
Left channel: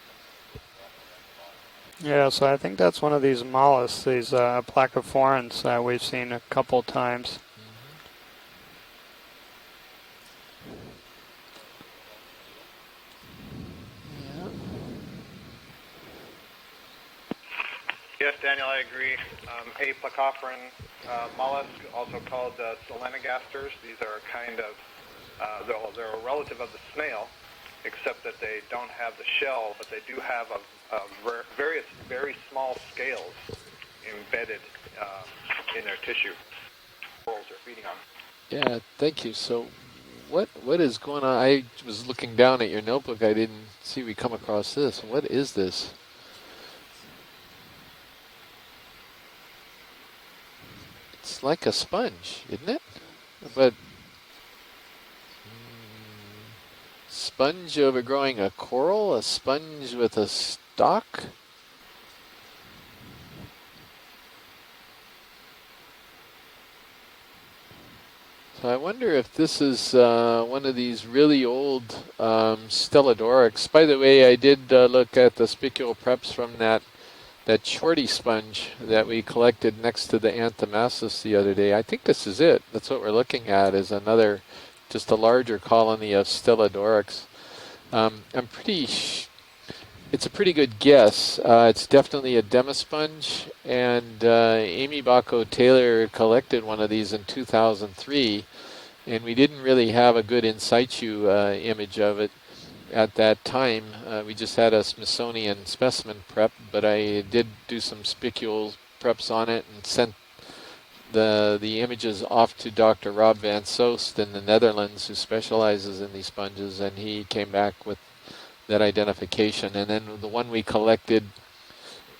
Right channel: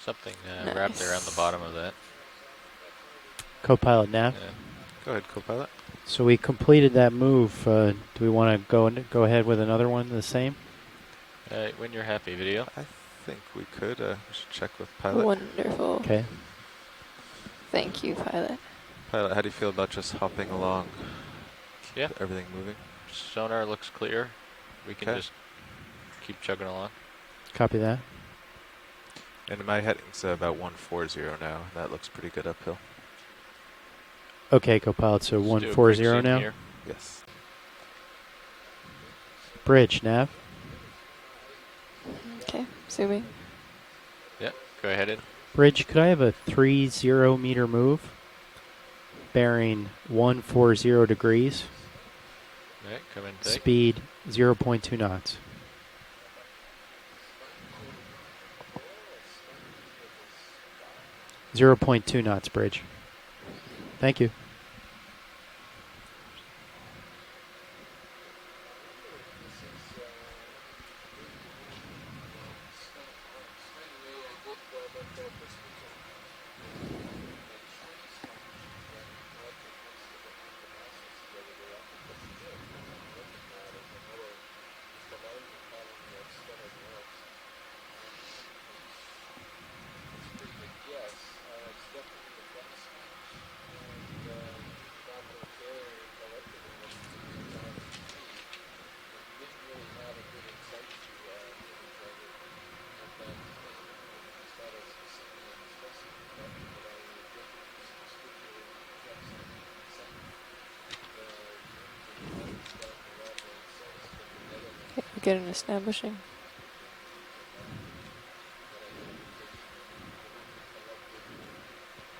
Something wrapped around the bottom of that. Yeah, so I think that's one of these mollusks, Co-pilot, these yeah. placophorans that we've seen So we a couple completed that times. move. Do we want to go ahead with another one the same? When you're happy, video. I think we could check with pilot. Wonderful. Okay. Thank you. Yes, Daniel, I agree. Pilot, how do you feel about just hopping along? Mollusk, Yeah, also called Solenogasters. sonar looks clear. Kind of, We can just they're a relative of the snail. Copy that. Except that they don't have the shell. In my head, they it's do have about 140 now. Very, That looks very pretty good small uphill. scales embedded. Okay, co-pilot. So 140 now. Yes. Yeah, thank you. So Bridge nav. What is going on? I was looking down at your See notebook. me? I didn't see we come across go this. ahead. What is this? Bridge. Could I have a 30 meter move? Bearing 140 degrees. It's like a sponge, isn't it? Yeah, come in tight. Speed 0.2 knots. Sponge overgrowing a coral? A sponge with a stalk? 0.2 knots, Bridge. Thank you. So I wonder if this is one of these really old Stellodorics. By the way, I did look at the spicule preps from that shorty sponge that we collected next to the Anthomassus the other day. I think this is it. That's what we're looking at, is another, just a larger colony of Stellodorics. It's a pretty good guess. It's definitely a demisponge, and Amy Bacco-Taylor collected one of these in 2003, and we didn't really have a good in situ image of it at that time. We just had a Smithsonian specimen prep, but I did do some spicule preps on it and sent the images off to Dr. Rob van Soest in the Netherlands, who specializes in these sponges, and he came back with that identification. And then the one we collected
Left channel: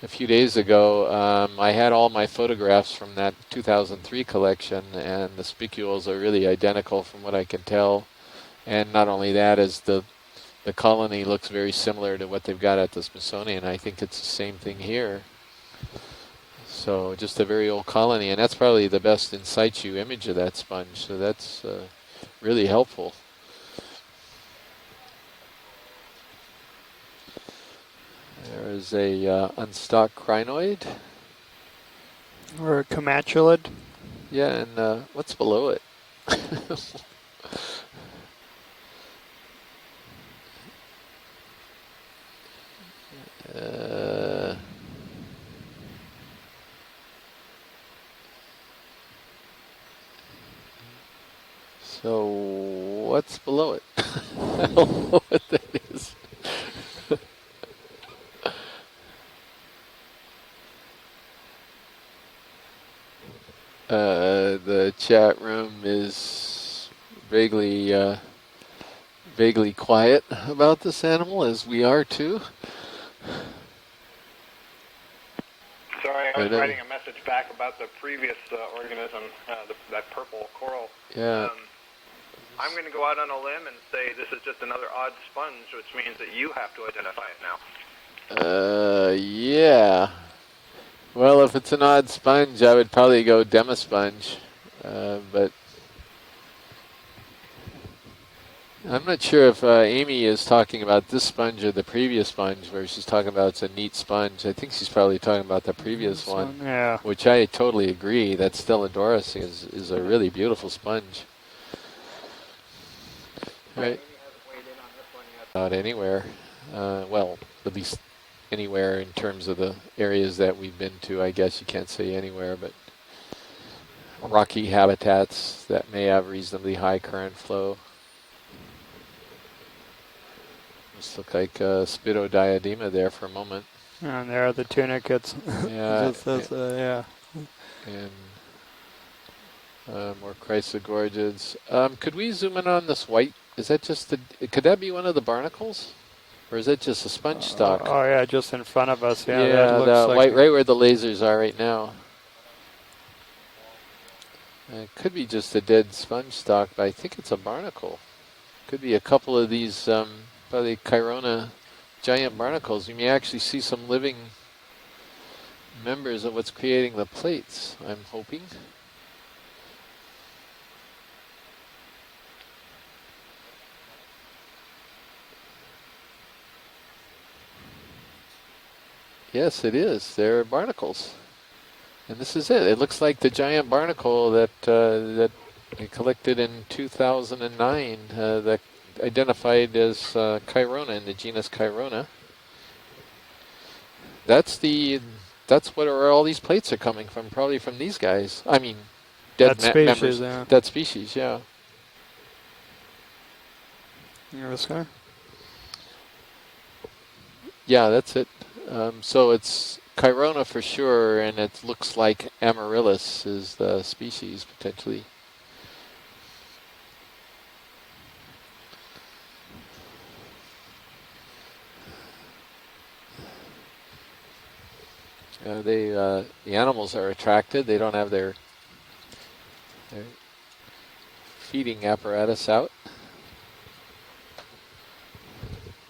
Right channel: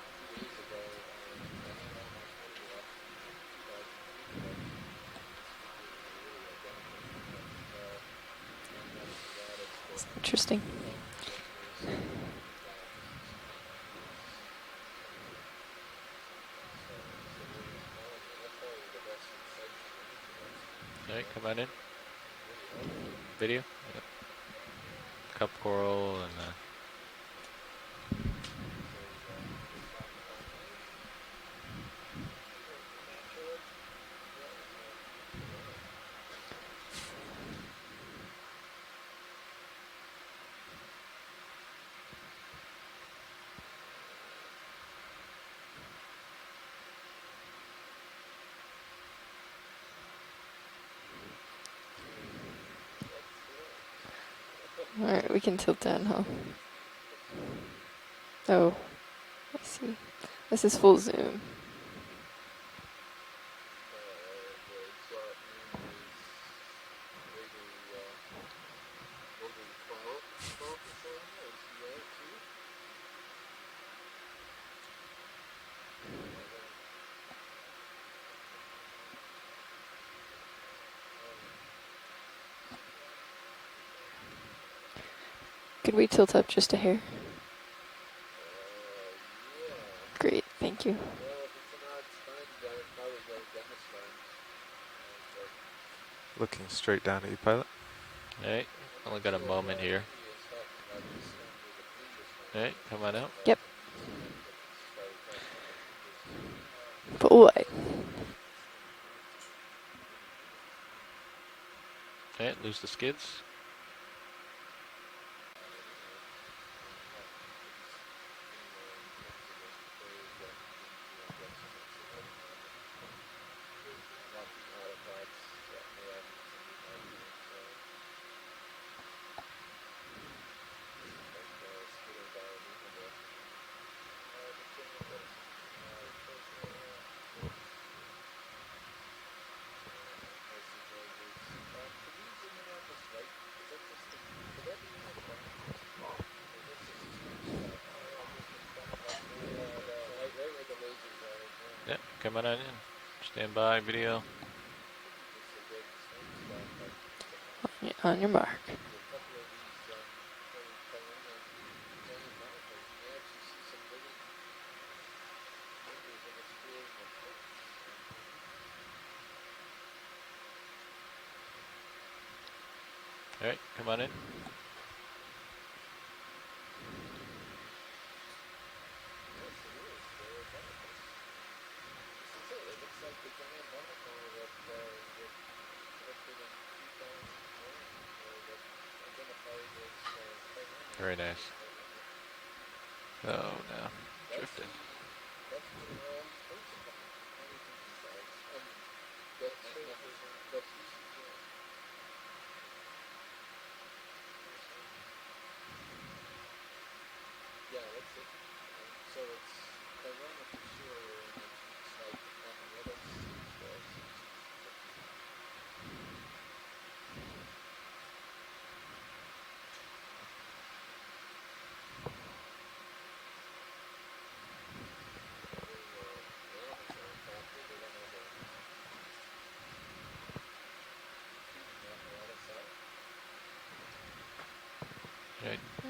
a few days ago, I had all my photographs from that 2003 collection, and the spicules are really identical from what I can tell. And not only that, is the colony looks very similar to what they've got at the Smithsonian. I think it's the same thing here. So just a very old colony, and that's probably the best in situ image of that sponge. So that's really helpful. Video. Cup coral and. There's a unstocked crinoid. Or a comatulid. Yeah, and what's below it? So what's below it? Alright, we can tilt down, huh? Oh, let's see. This is full zoom. The chat room is vaguely quiet about this animal, as we are too. Sorry, I was writing a message back about the previous organism, that purple coral. Yeah. I'm going to go out on a limb and say this is just another odd sponge, which Could we means tilt that up you just have a to hair? identify it now. Yeah. Great, thank you. Well, if it's an odd sponge, I would probably go demisponge, but looking straight down at you, pilot. Hey, I'm not sure if Amy is talking about this sponge or the previous sponge, where she's talking about it's a neat sponge. I think she's probably talking about the previous one, yeah. which I totally agree. That Stellandoris is a really beautiful sponge. Okay, lose the skids. Right. Not anywhere. Well, at least anywhere in terms of the areas that we've been to. I guess you can't say anywhere, but rocky habitats that may have reasonably high current flow. Just look like spidodiadema there for a moment. And there are the tunicates. Yeah. Yeah. And more chrysogorgids. Could we zoom in on this white? Is that just the? Could that be one of the barnacles, or is that just a sponge stock? Oh yeah, just in front of us. Yeah, Yeah, that looks the like white, right where the lasers are right now. Yeah, coming on in. Stand by, video. It could be just a dead sponge stock, but I think it's a barnacle. On your mark. Could be a couple of these, probably Chirona giant barnacles. You may actually see some living members of what's creating the plates, I'm hoping. All right, come on in. Yes, it is. They're barnacles. And this is it. It looks like the giant barnacle that that I collected in 2009, that identified as Chirona in the genus Chirona. Oh, no. That's where all these plates are coming from, probably from these guys. I mean, dead that species, members. yeah. Dead species, yeah. This guy? Yeah, that's it. So it's Chirona for sure, and it looks like Amaryllis is the species, potentially. The animals are attracted. They don't have their feeding apparatus out.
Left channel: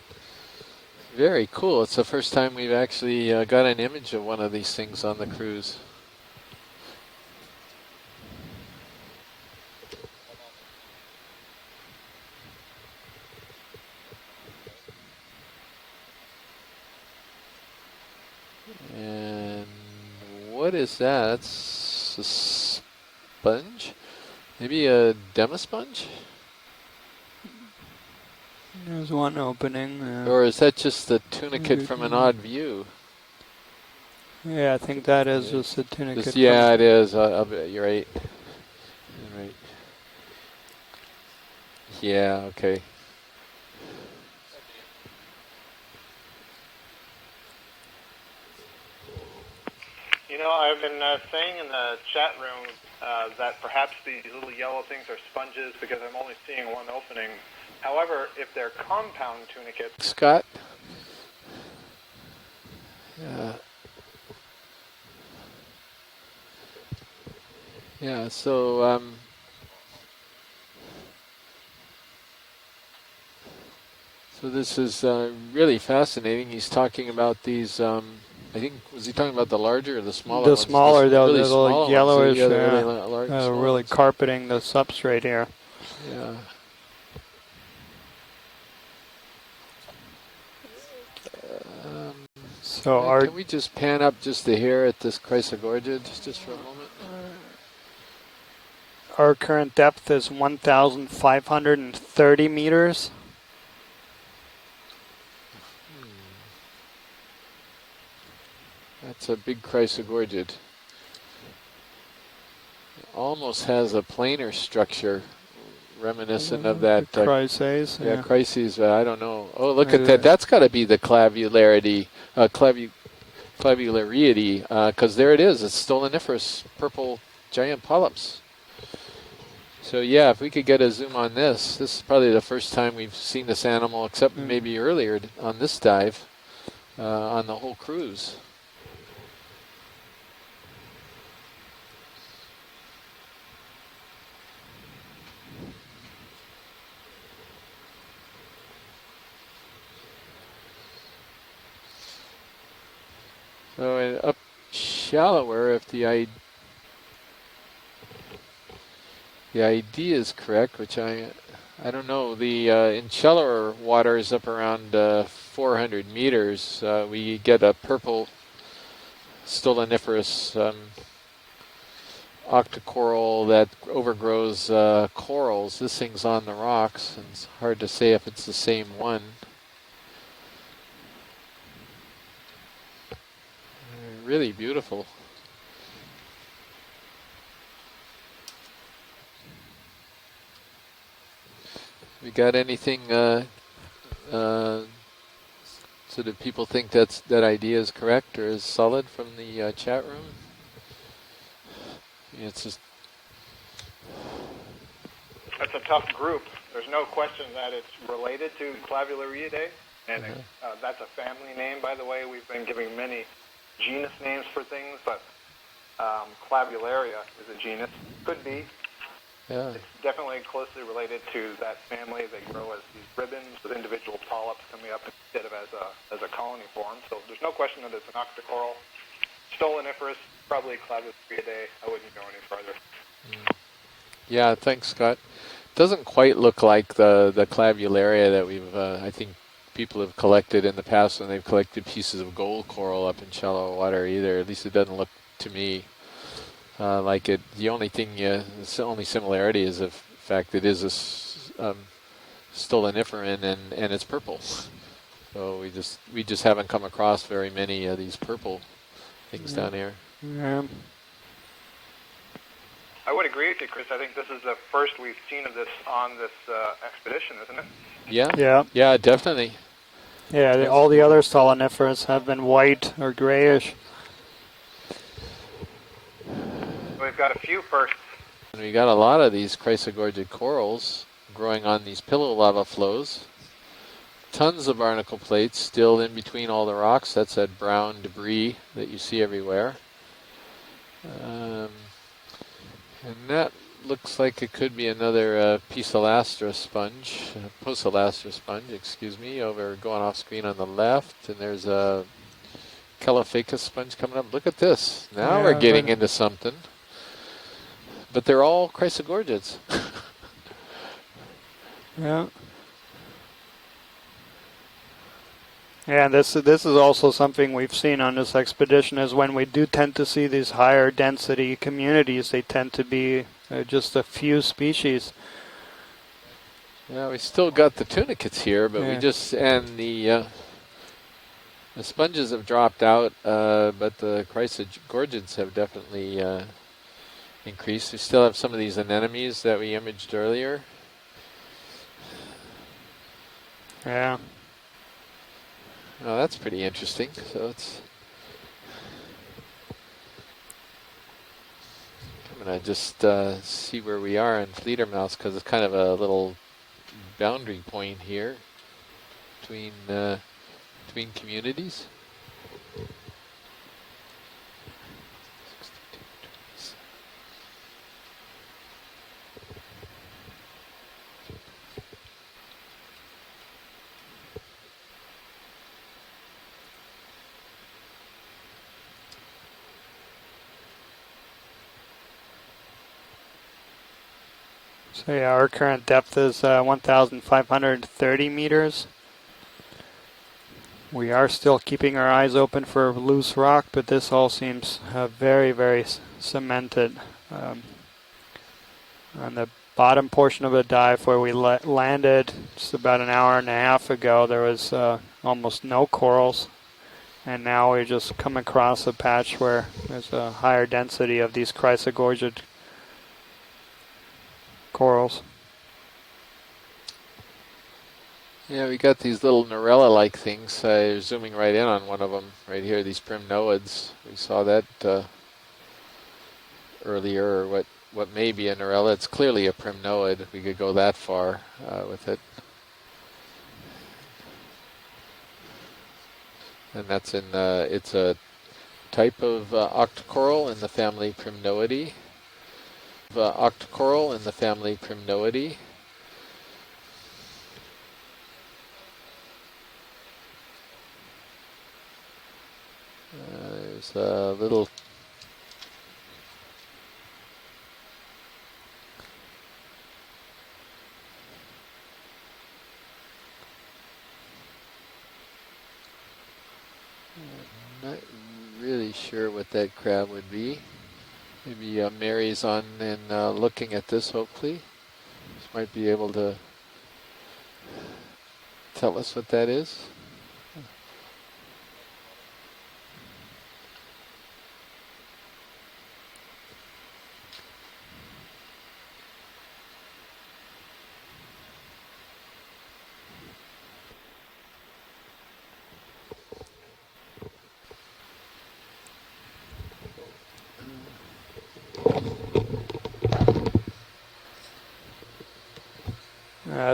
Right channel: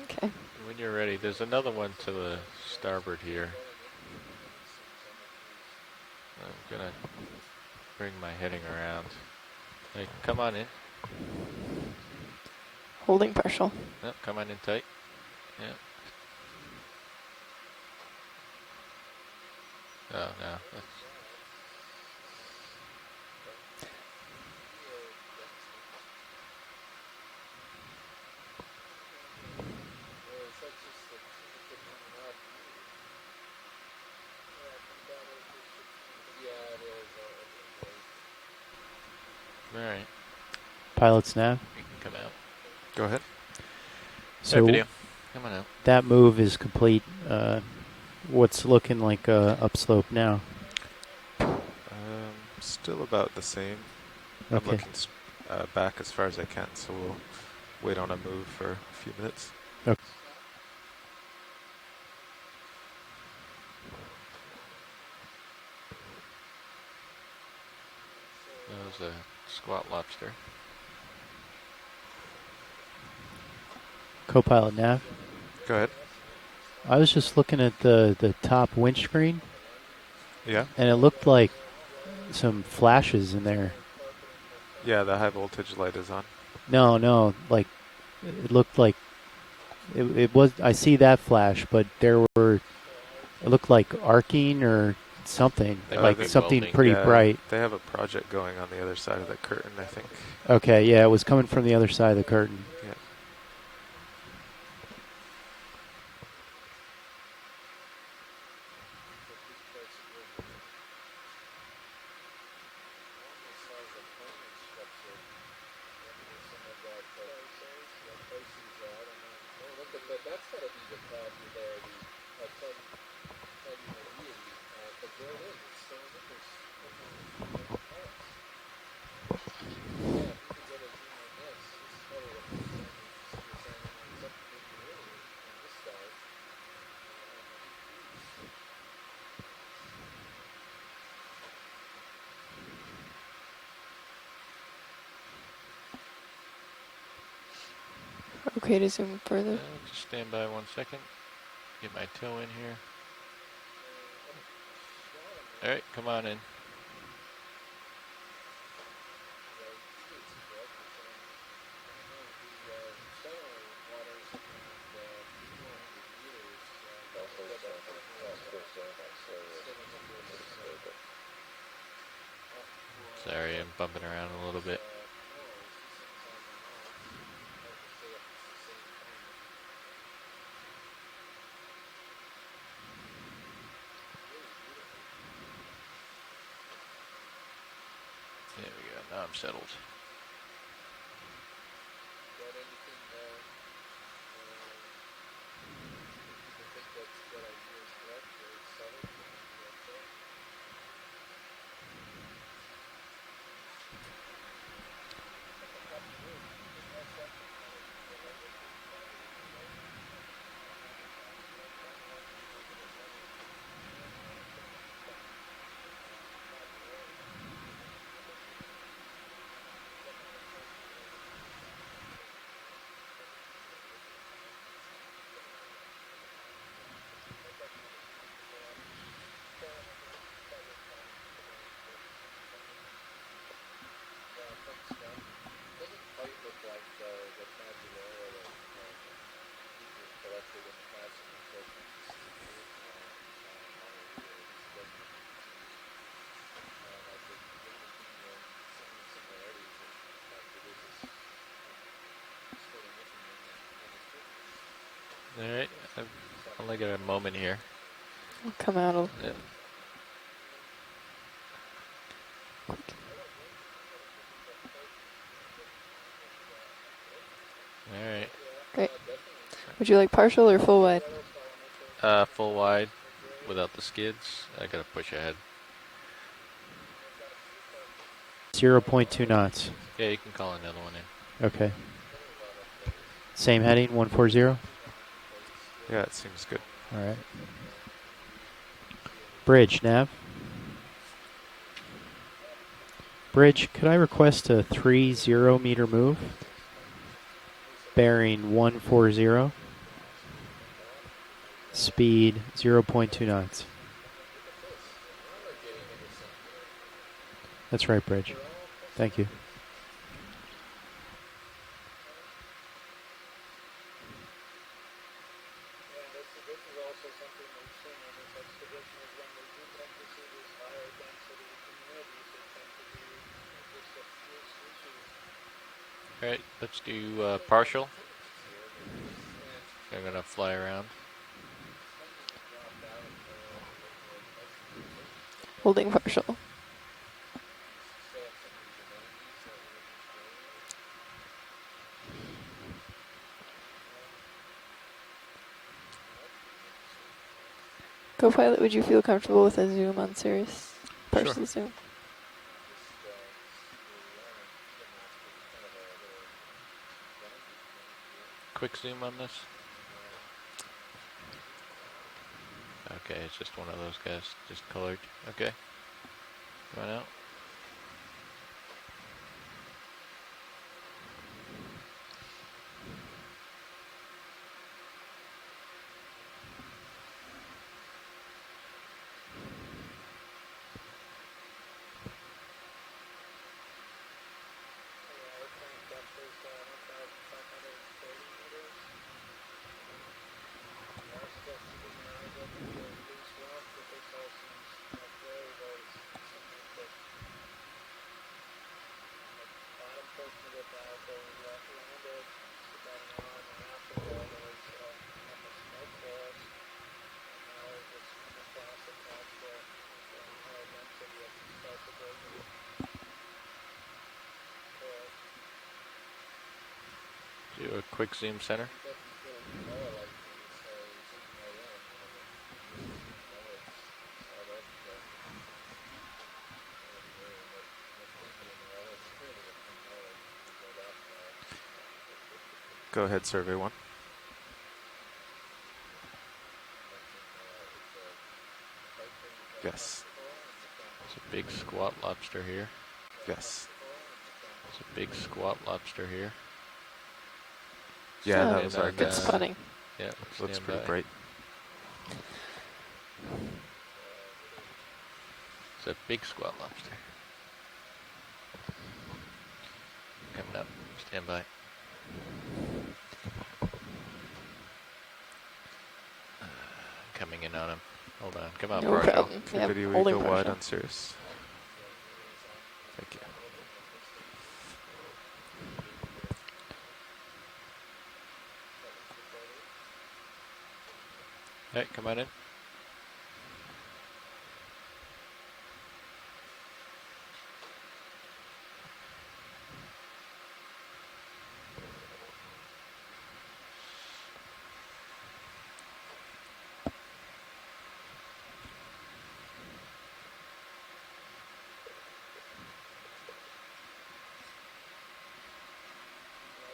Okay. When you're ready. Very cool. It's the first time we've actually got an image of one of these things on the cruise. I'm gonna bring my heading around. Hey, come on in. Holding partial. Yep, come on in tight. Yeah. And no. What is that? That's a sponge? Maybe a demasponge? There's one opening. Or is that just the tunicate from an odd view? Yeah, I think that is just a tunicate. Yeah, it is. You're right. You're right. All right. Pilots nav. Yeah, okay. Go ahead. So video. Come on out. that move is complete. What's looking like upslope now? You know, I've been saying in the chat room Still about the that same. perhaps the little yellow things are sponges back because as I'm far only as I seeing can, one so we'll opening. wait on However, the move if they're for a few compound minutes. tunicates, Okay. Scott? Yeah, so squat lobster. Co-pilot so this nav. is really fascinating. He's talking about I was just looking these, at the top is he windscreen. talking about the larger or the smaller? The smaller, the like little yellowish flashes. really carpeting the substrate Yeah, the high here. voltage light is on. No, like it looked like it was. I see that flash, but there were. So it looked like arcing or something, like something pretty bright. They have a project going on the other side. Our of the current curtain, I depth think. is Okay, yeah, it was coming from the other side of the 1,530 curtain. meters. That's a big chrysogorgid. Almost has a planar structure reminiscent of that. Chryses. Yeah, crises. I don't know. Oh, look at that. That's got to be the clavularity, clavulariety, because there it is. It's stoloniferous purple giant polyps. So yeah, if we could get a zoom on this, this is probably the first time we've seen this animal, except maybe earlier on this dive, on the whole cruise. Okay to zoom further. Just stand by 1 second. Get my toe in here. So and up shallower, Okay, if the come on eye. in. The idea is correct, which I don't know. The in shallower waters up around 400 meters, we get a purple stoloniferous octocoral that overgrows corals. This thing's on the rocks. And it's hard to say if it's the same one. Really beautiful. There we go. Now I'm settled. We got anything? So do people think that idea is correct or is solid from the chat room? It's just. That's a tough group. There's no question that it's related to Clavulariidae, and that's a family name, by the way. We've been giving many genus names for things, but Clavularia is a genus. Could be. Yeah. It's definitely closely related to that family. They grow as these ribbons with individual polyps coming up instead of as a colony form. So there's no question that it's an octocoral, stoloniferous, probably Clavulariidae. I wouldn't go any further. Yeah, thanks, Scott. Doesn't quite look like the Clavularia that we've I think people have collected in the past when they've collected pieces of gold coral up in shallow water either. At least it doesn't look to me like it. The only thing, the only similarity is the fact it is a stoloniferan and it's purple. So we just haven't come across very many of these purple things down here. Yeah. I would agree with you, Chris. I think this is the first we've seen of this on this expedition, isn't it? Yeah. Yeah, definitely. Would you like partial or full? All the other stoloniferous have been white or grayish. The skids. I gotta push ahead. We've got a few firsts. We've got a lot of these chrysogorgid corals growing on these pillow lava flows. Same heading, 140. Tons of barnacle plates still in between all the rocks. That's that brown debris that you see everywhere. Bridge, Nav. Bridge, could I request like a 30 meter Pocelastra sponge, bearing 140 over going off screen on the left, and there's a speed 0.2 Caliphacus knots. sponge coming up. Look at this. Now we're getting into something. That's right, Bridge. But they're all chrysogorgids. Yeah. Yeah, this is also something we've seen on this expedition is when we do tend to see these higher density communities, they tend to be just a few species. Right, let's do we still got the tunicates here, but we just, and fly around. The sponges have dropped out, but the chrysogorgids have definitely increased. We still have some of these anemones that we imaged earlier. Yeah. Oh, that's pretty interesting. So it's. Go Pilot, would you feel comfortable with a zoom on Sirius? Partial zoom. I'm gonna just see where we are in Fledermaus because it's kind of a little boundary point here. Quick zoom on this between communities. Okay, it's just one of those guys, just colored. Okay. Sign out. So yeah, our current depth is 1,530 meters. We are still keeping our eyes open for loose rock, but this all seems very, very cemented. On the bottom portion of the dive where we landed just about an hour and a half ago, there was almost no corals. And now we just come across a patch where there's a higher density of these chrysogorgid corals. Do a quick zoom set. Yeah, we got these little Norella-like things. Zooming right in on one of them right here, these primnoids. We saw that earlier, or what may be a Norella. It's clearly a primnoid. We could go that far with it. Go ahead, survey one. And that's in, it's a type of octocoral in the family Primnoidae. Big lobster here. Octocoral in the family Primnoidae. Big lobster here. Yeah, that was our guess. It's funny. Yeah, looks pretty bright. There's a little. It's a big squat lobster. Coming up. Stand by. Coming in on him. Hold on. Come Really on, sure Barnacle. what that Video graph of the would wide be. on Cirrus. Maybe Mary's on and looking at this, hopefully. This might be able to tell us what that is. Hey, come on in.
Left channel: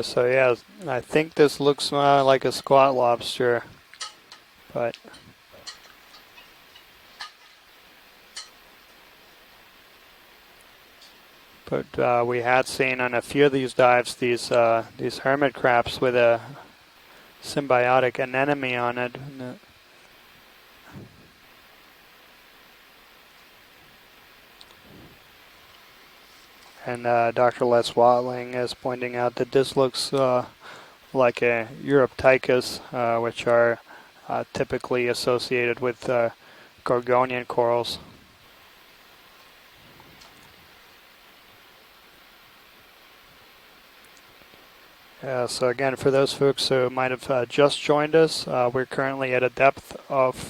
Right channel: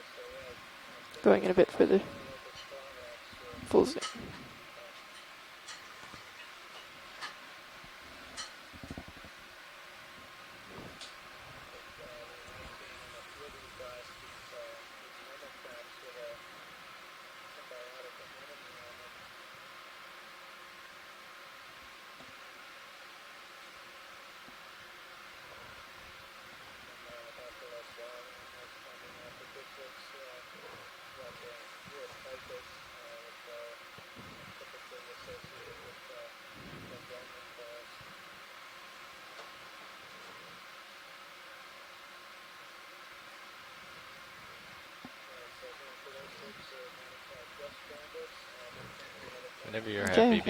So yeah, I think Going a this bit looks further. like a squat lobster, Full zoom. but we had seen on a few of these dives these hermit crabs with a symbiotic anemone on it. And Dr. Les Watling is pointing out that this looks like a Europtychus, which are typically associated with Gorgonian corals. So again, for those folks who might have just joined us, we're currently at a depth of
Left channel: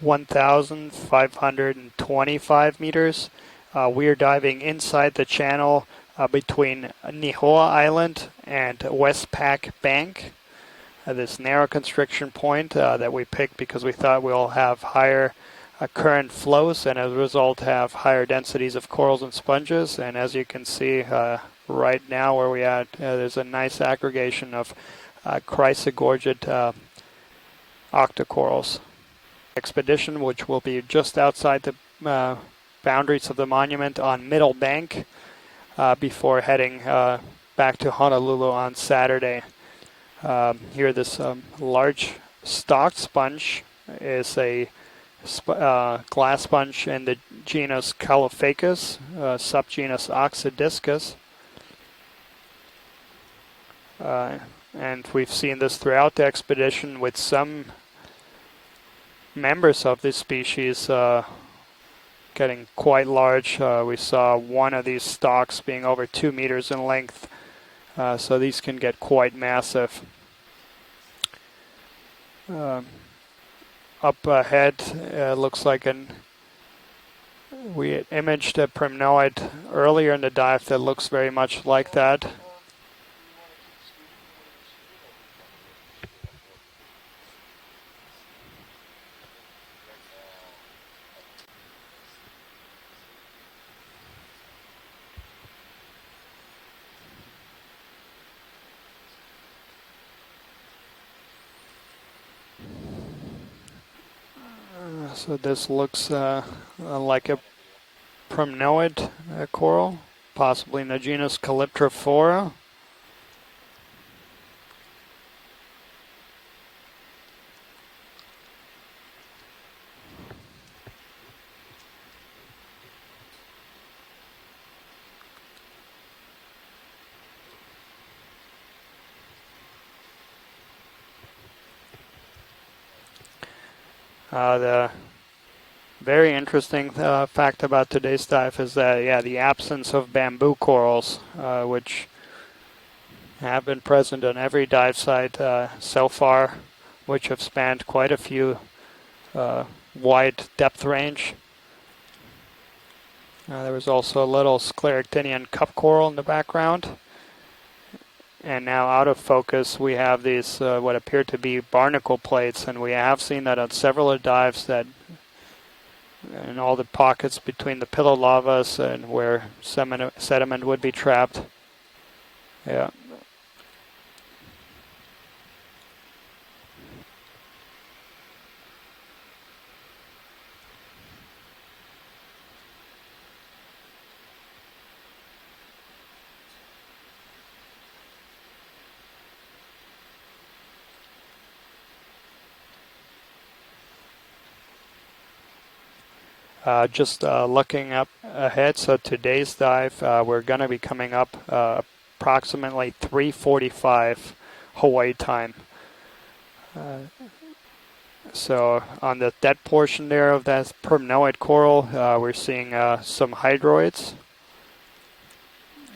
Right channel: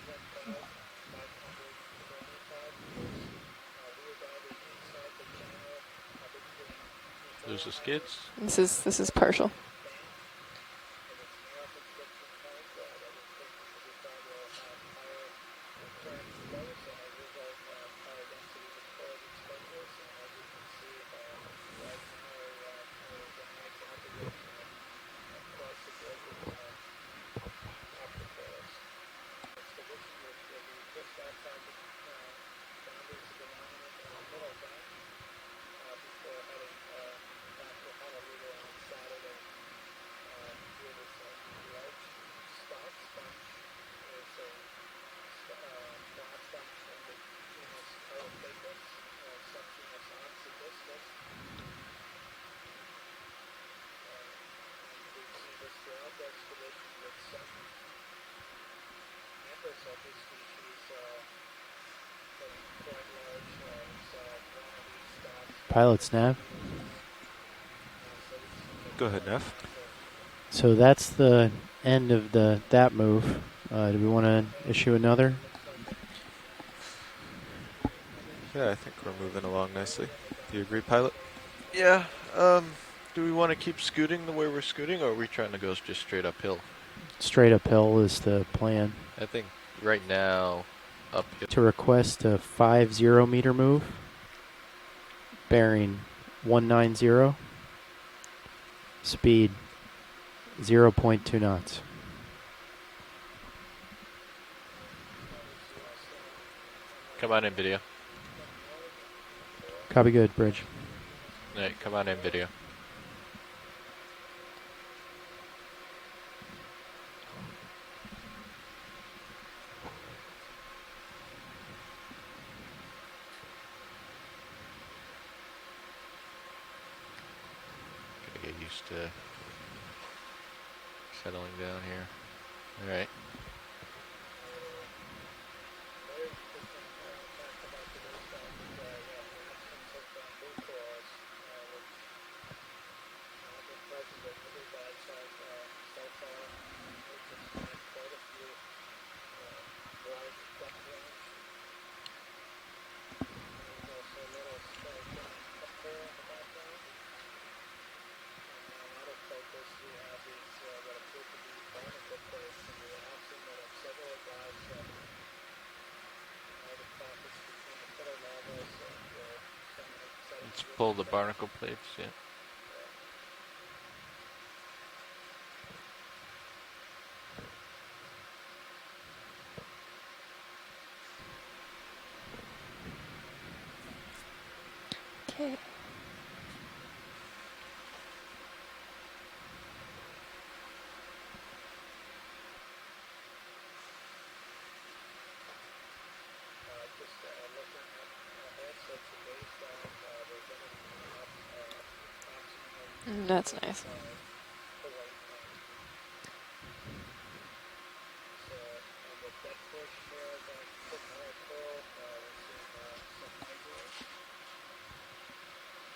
1,525 meters. We are diving inside the channel between Nihoa Island and Westpac Bank. This narrow constriction point that we picked because we thought we'll have higher current flows and as a result have higher densities of corals and sponges. And as you can see right now where we at, there's a nice aggregation of chrysogorgid octocorals. Expedition, which will be just outside the boundaries of the monument on Middle Bank before heading back to Honolulu on Saturday. Here this large stalked sponge is a glass sponge in the genus Caulophacus, subgenus Oxydiscus. And we've seen this throughout the expedition with some members of this species getting quite large. We saw one of these stalks being over 2 meters in length. So these can get quite massive. So that's the end of the that move. Do we Up want to ahead, issue another? looks like we imaged a primnoid earlier in the dive that looks very much like that. Do we want to keep scooting the way we're scooting, or are we trying to go just straight uphill? Straight uphill is the plan. I think right now, up To request a 50 meter move, bearing 190, speed 0.2 knots. So this looks like Come on in, video. primnoid coral, Copy good. possibly in the genus Hey, come on in, Calyptrophora. video. Get used to settling down here. All right. The very interesting fact about today's dive is that, the absence of bamboo corals, which have been present on every dive site so far, which have spanned quite a few wide depth range. There was also a little scleractinian cup coral in the background. And now out of focus we have these what appear to be barnacle plates, and we have seen that on several dives that in all the pockets between the pillow lavas and where sediment would be trapped. Plates, Yeah. Okay. Just looking up ahead, so today's dive, we're going to be coming up approximately 3:45 Hawaii time. So on that portion there of that permnoid coral, we're seeing some hydroids,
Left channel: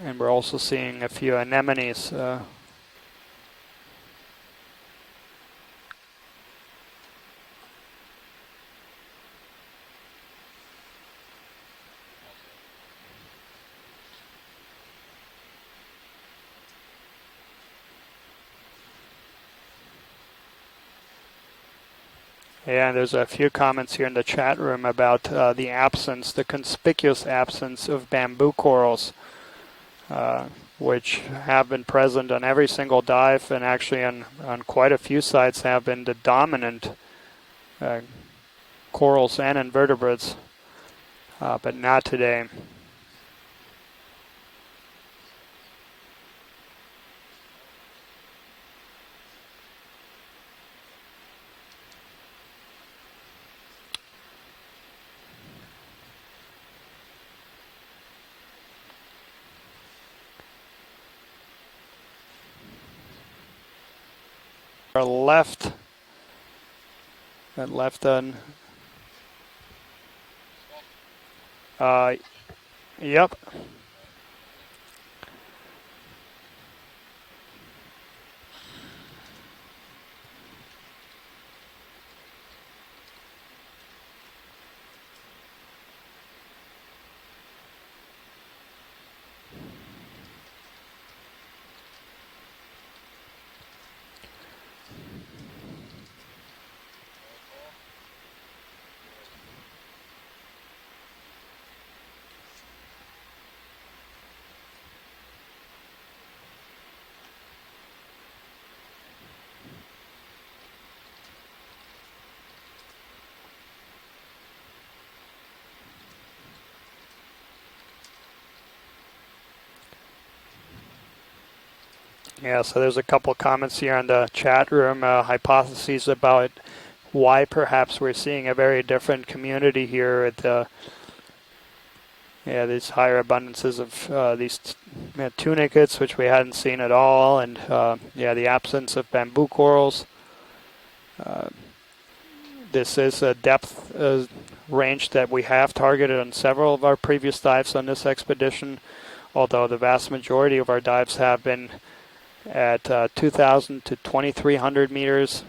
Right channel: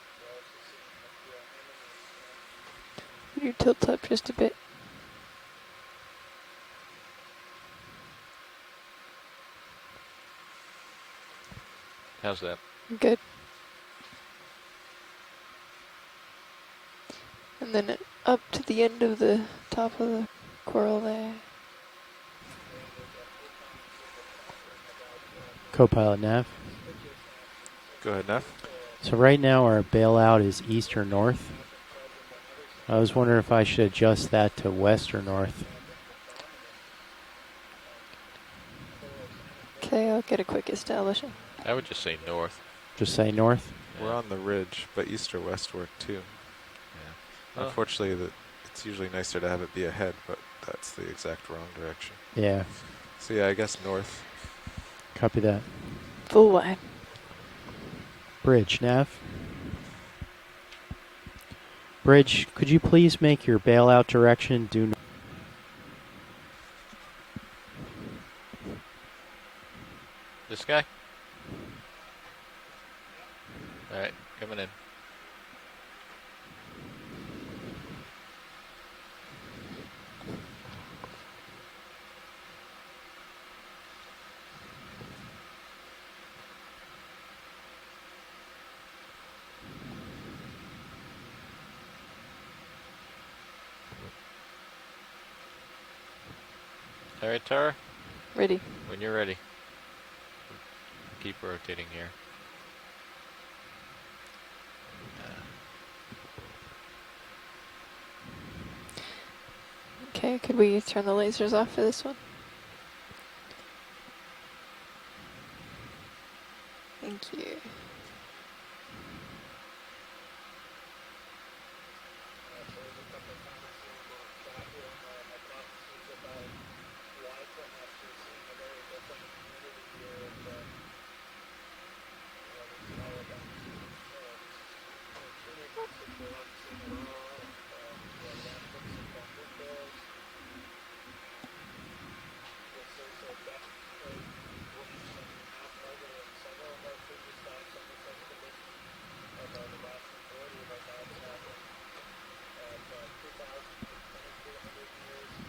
and we're also seeing a few anemones. You tilt up just a bit. How's that? Good. And then up to the end of the top of the coral there. Yeah, and there's a few comments here in the chat room about the Co-pilot absence, the Nav. conspicuous absence of Go ahead, bamboo Nav. corals. So right now our bailout is east or which north. have been present on every single was wondering dive, if I and should actually on, adjust that on to quite a west few or sites north. have been the dominant corals and Okay, I'll invertebrates, get a quick establishing. I but would not just say today. north. Just say north. We're on the ridge, but east or west work too. Yeah. Well, Unfortunately, it's usually nicer to have it be ahead, but that's the exact wrong direction. Yeah, So yeah, I guess north. copy that. Full wide. Bridge, Nav. Bridge, could you please make your bailout direction due Our left, and left on, this guy? yep. All right, coming in. All right, Tara? Ready. When you're ready. Keep rotating here. Okay, could we turn the lasers off for this one? Thank you. Yeah, so there's a couple comments here in the chat room, hypotheses about why perhaps we're seeing a very different community here at these higher abundances of these tunicates, which we hadn't seen at all, and the absence of bamboo corals. This is a depth range that we have targeted on several of our previous dives on this expedition, although the vast majority of our dives have been at 2,000 to 2,300 meters.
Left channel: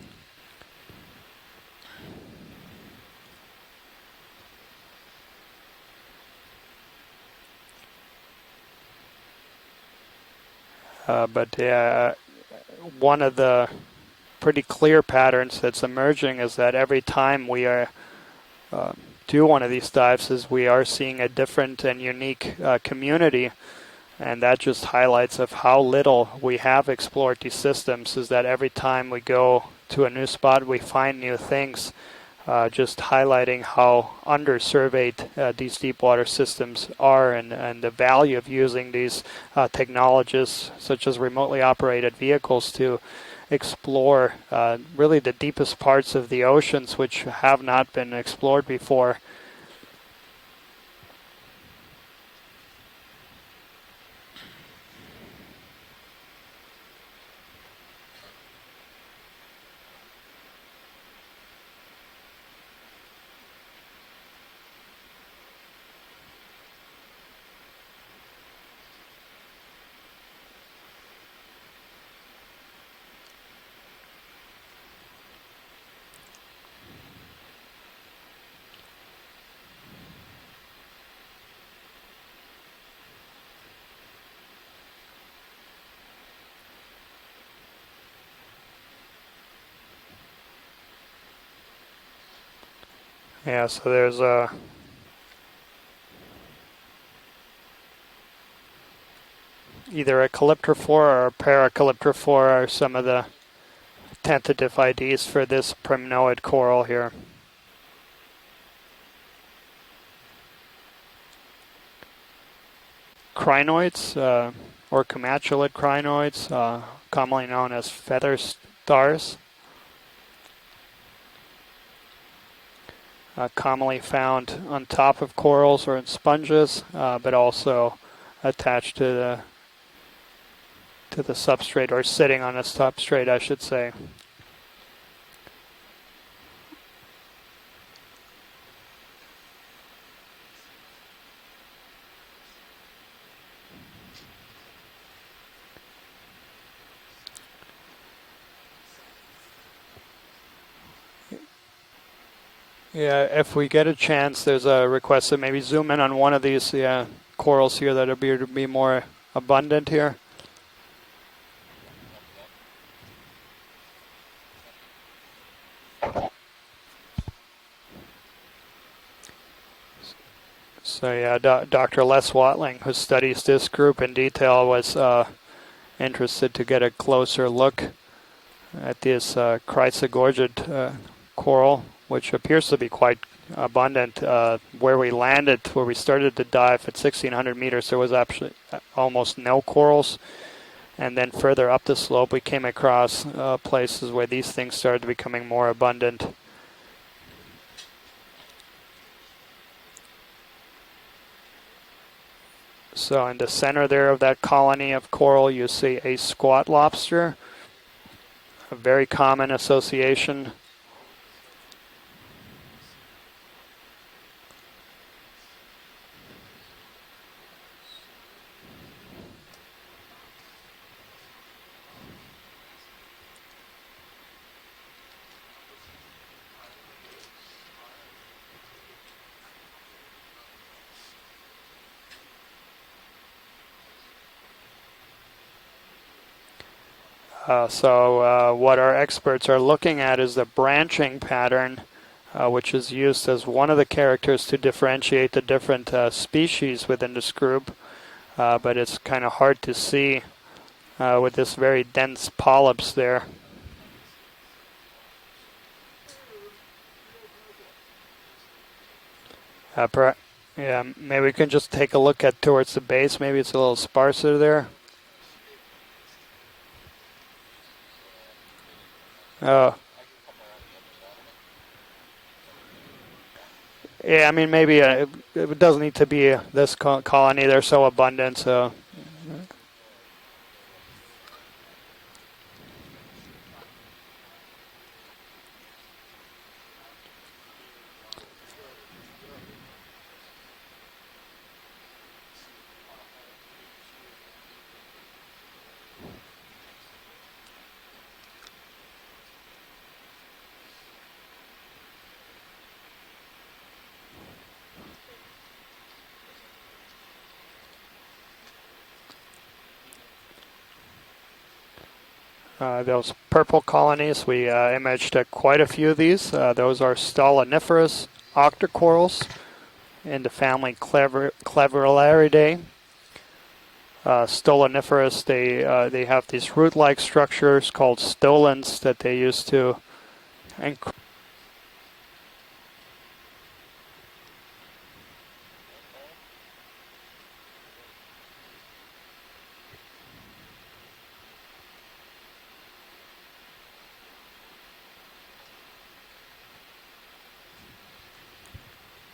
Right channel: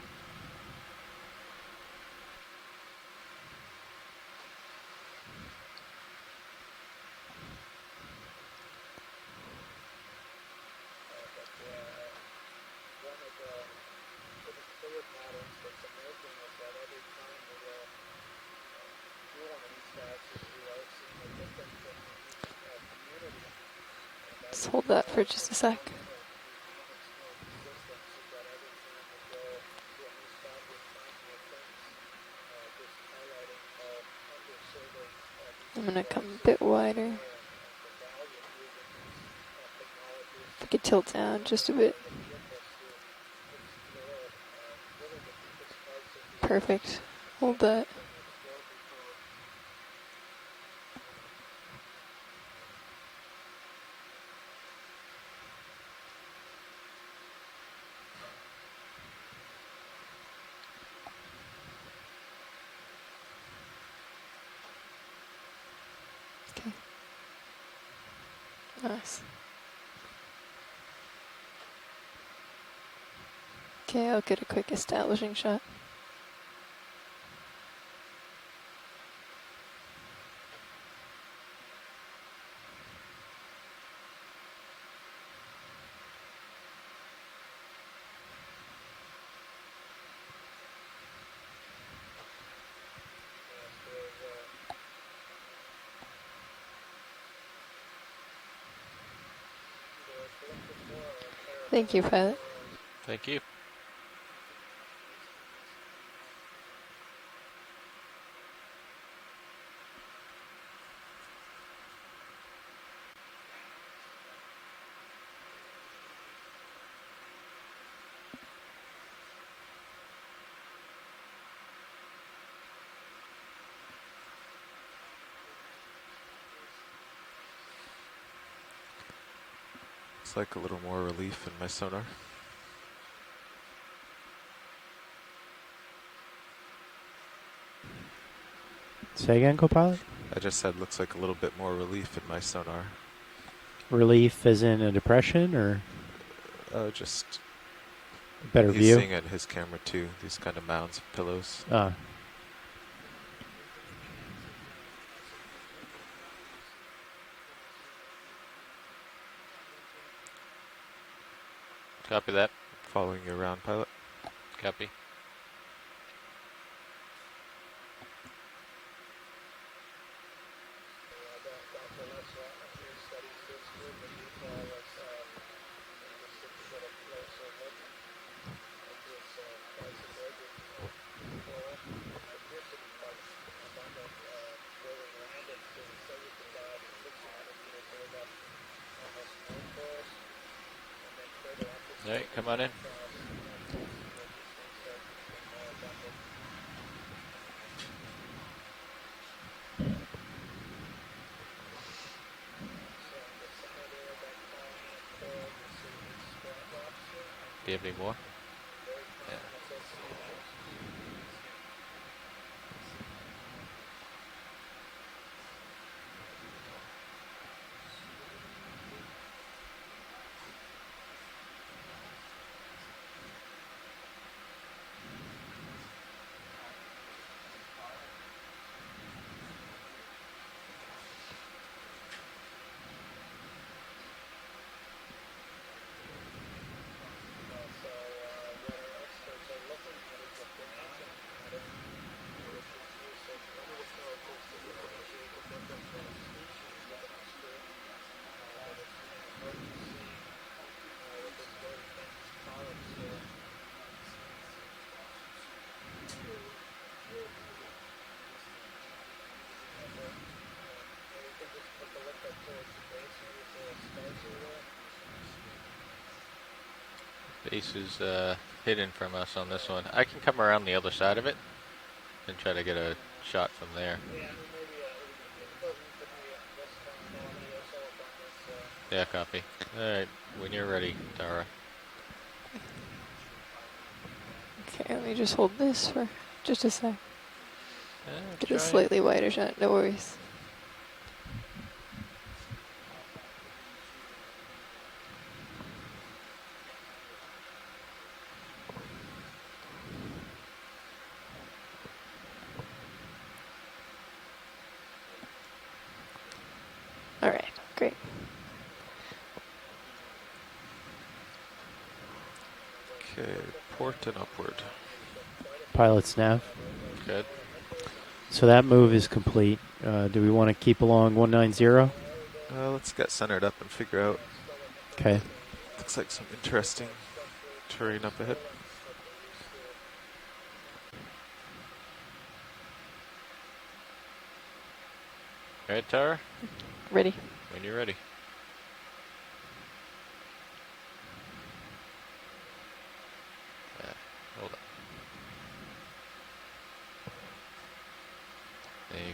One of the pretty clear patterns that's emerging is that every time we do one of these dives is we are seeing a different and unique community, and that just highlights of how little we have explored these systems, is that every time we go to a new spot we find new things, just highlighting how under-surveyed these deep water systems are, and the value of using these technologies such as remotely operated vehicles to explore really the deepest parts of the oceans, which have not been explored before. Nice. Okay, I'll get a quick establishing shot. Yeah, so there's a either a calyptrophore or a paracalyptrophore are some of the tentative IDs for this primnoid coral here. Crinoids, or comatulate crinoids, commonly known as feather stars, commonly found on top of corals or in sponges, but also attached to the Looks like a little more relief to the in my substrate, or sonar. sitting on a substrate, I should say. Say again, co-pilot? I just said looks like a little bit more relief in my sonar. Relief as in a depression, or Just better he's view? seeing it in his camera too. These kind of mounds of pillows. Yeah, if we get a chance, there's a request to maybe zoom in on one of these corals here that appear to be more abundant here. Copy that. Following you around, pilot. Copy. So yeah, Dr. Les Watling, who studies this group in detail, was interested to get a closer look at this chrysogorgid coral, which appears to be quite abundant. Where we landed, where we started to dive at 1,600 meters, there was actually almost no corals. And then further up the slope, we came across places where these things started becoming more abundant. So in the center there of that colony of coral, you see a squat lobster. Do you have any more? A very common association. So what our experts are looking at is the branching pattern, which is used as one of the characters to differentiate the different species within this group. But it's kind of hard to see with this very dense polyps there. Yeah, maybe we can just take a look at towards the base. Maybe it's a little sparser there. Base is hidden from us on Oh. this one. I can come around the other side of it and try to get a shot from there. Yeah, I mean, maybe it doesn't need to be this colony. They're so abundant, so. Yeah, copy. All right, when you're ready, Tara. Okay, let me just hold this for just a sec. Get a try. slightly wider shot, no worries. All right, great. Those purple colonies, we imaged quite a few of these. Those are Stoloniferous So that move octocorals is complete. in Do the we want to family keep along 190? Cleverolaridae. Let's get centered up and figure out. Stoloniferous, they have these root-like structures called stolons that they use to. All right, Tara? Ready. When you're ready. Hold up. There you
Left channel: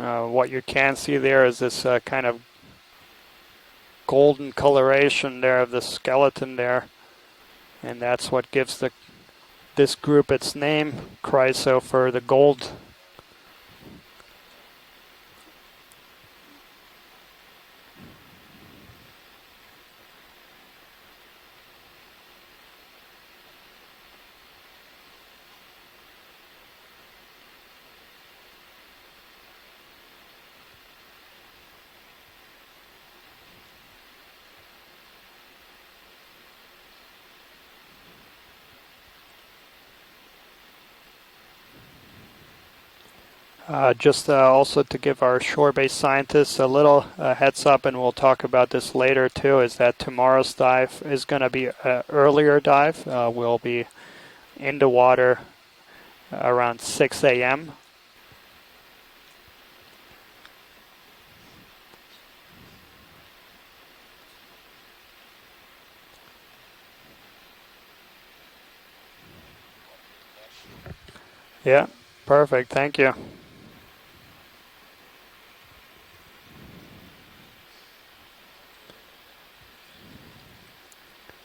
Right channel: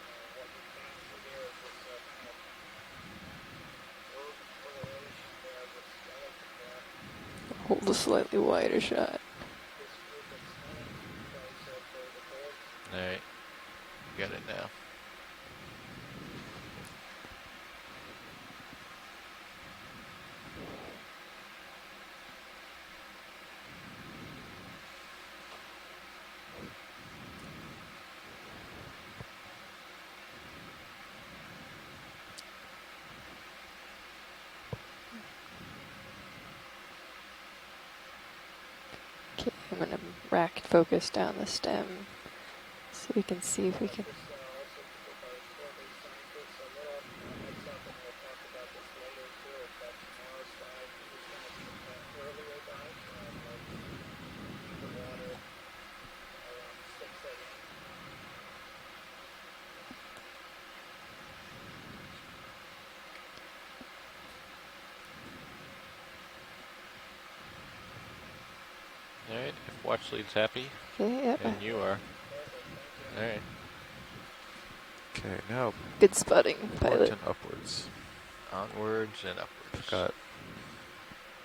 go. What you can see there is this kind of golden coloration there of the skeleton there. Hold And a that's what slightly gives wider shot. this group its name, chryso, for the gold. All right. Got it now. Okay, I'm gonna rack focus down the stem so we can see. Just also to give our shore-based scientists a little heads up, and we'll talk about this later too, is that tomorrow's dive is going to be an earlier dive. We'll be in the water around 6 a.m. All right. If watch lead's happy. Okay, yep. And you Yeah, are. perfect. Thank you. All right. Okay, now Good spotting, port pilot. and upwards. Onwards and upwards.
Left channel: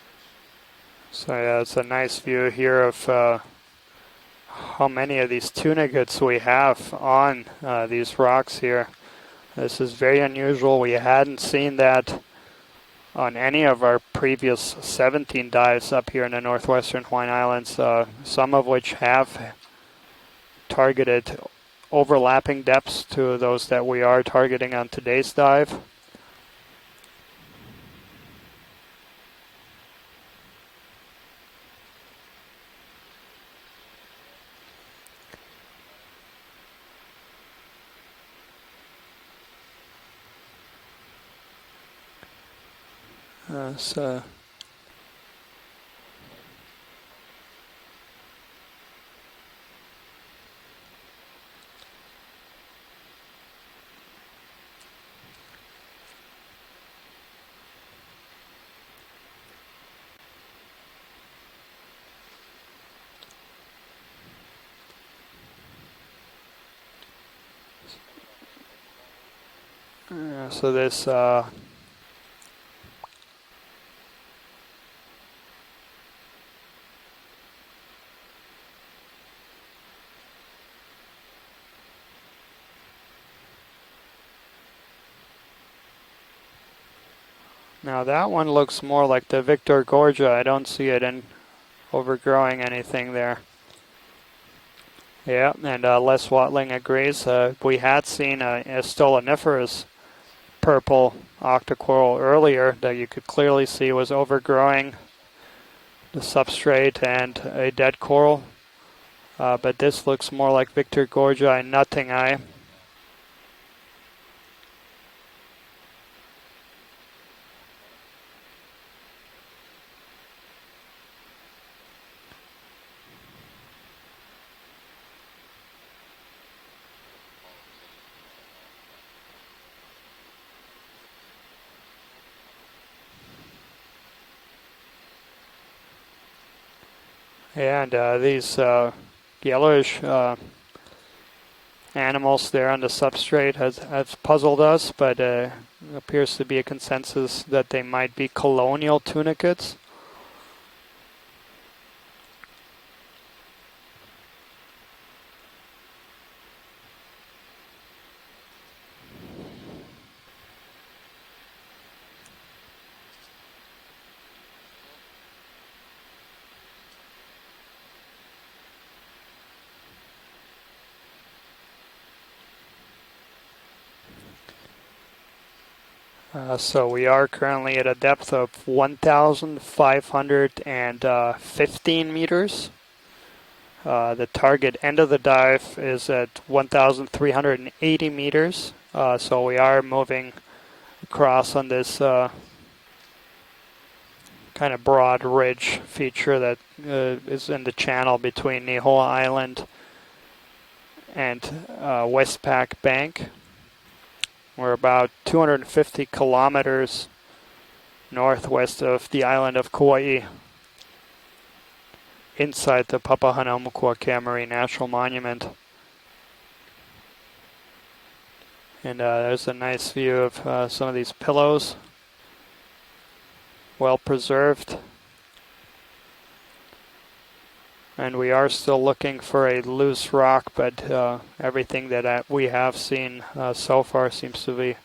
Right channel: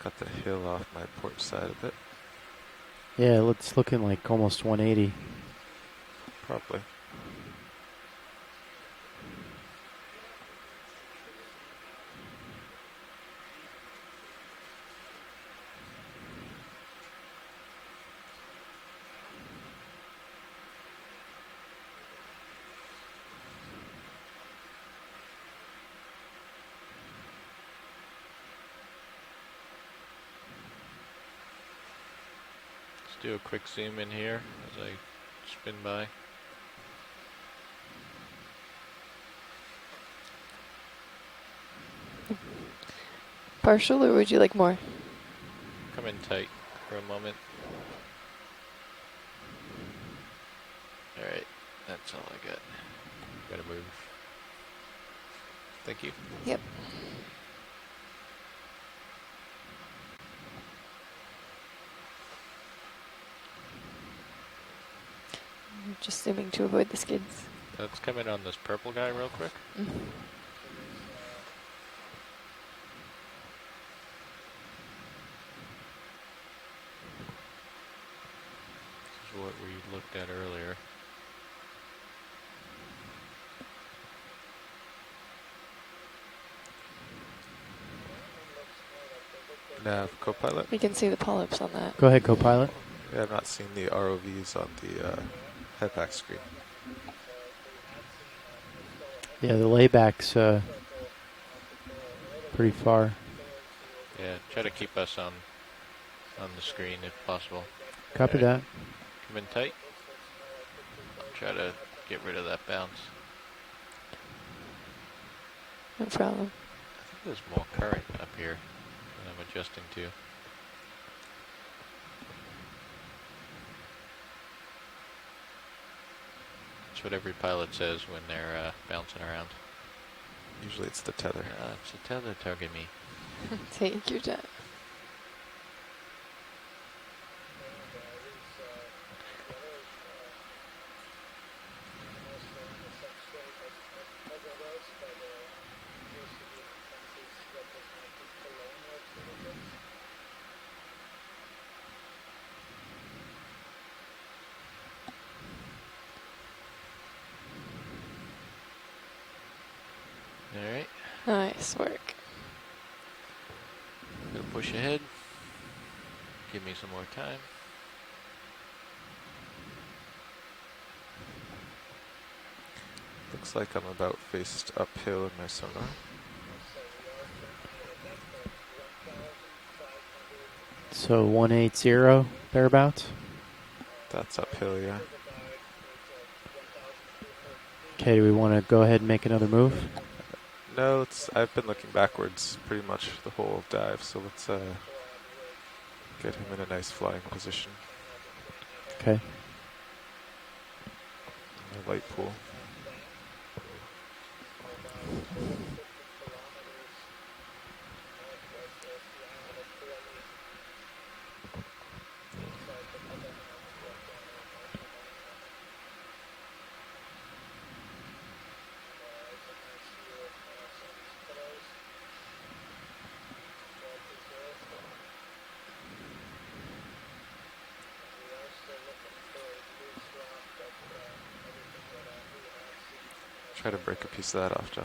Got the hill off my So port yeah, side it's of a it. nice view here of Yeah, it's looking like almost how 180. many of these tunicates we have on these rocks here. This is very unusual. We hadn't seen that on any of our previous 17 dives up here in the northwestern Hawaiian Islands, some of which have targeted overlapping depths to those that we are targeting on today's dive. Let's do a quick zoom in here as I spin by. Partial, or would you like more? Come in tight for a moment. Alright, that's all I got. Gotta move. Thank you. Yep. Just zooming to avoid the skids. Let's come in on this purple guy real quick. So this This is what we looked at earlier. now that one looks more like the Victor Yeah, Gorgia. go I don't pilot. You see can it see the in polyps on that. Go ahead, go overgrowing pilot. anything I've there. not seen the ROVs on the. Yeah, and headbacks. Les Watling agrees. We had seen a Yeah, the stoloniferous laybacks. purple octocoral earlier Pretty that you far. could clearly see was Yeah, try to overgrowing keep us on the stream substrate if and possible. a dead coral. Copy that. Come in tight. But this looks more like Victor Gorgia Gotta and Nutting get Eye. rid of that bounce. No problem. I think there's more current up here that I'm adjusting to. That's what every pilot says when they're bouncing around. Usually it's the tether. It's a tether tugging me. Take your time. And these yellowish animals there on the substrate has puzzled us, but appears to be a consensus that they might be colonial tunicates. Alright, Nice work. gonna push ahead. Give me some more time. Looks like I'm about faced uphill in my sonar. So we are currently at a depth of 1,515 meters. Thereabouts. The That's target uphill, end yeah. of the dive is at 1,380 Okay, we meters. wanna go ahead and make so another we move? are moving No, across I've on been this looking backwards pretty much the whole dive, so let's kind of broad ridge feature in that a nice flying is in the position. channel between Nihoa Okay. Island and Right Westpac Bank. We're about 250 kilometers northwest of the island of Kauai, inside the Papahanaumokuakea Marine National Monument. And there's a nice view of some of these pillows, well preserved. And we are still looking for a loose rock, but everything that we have seen so far seems to be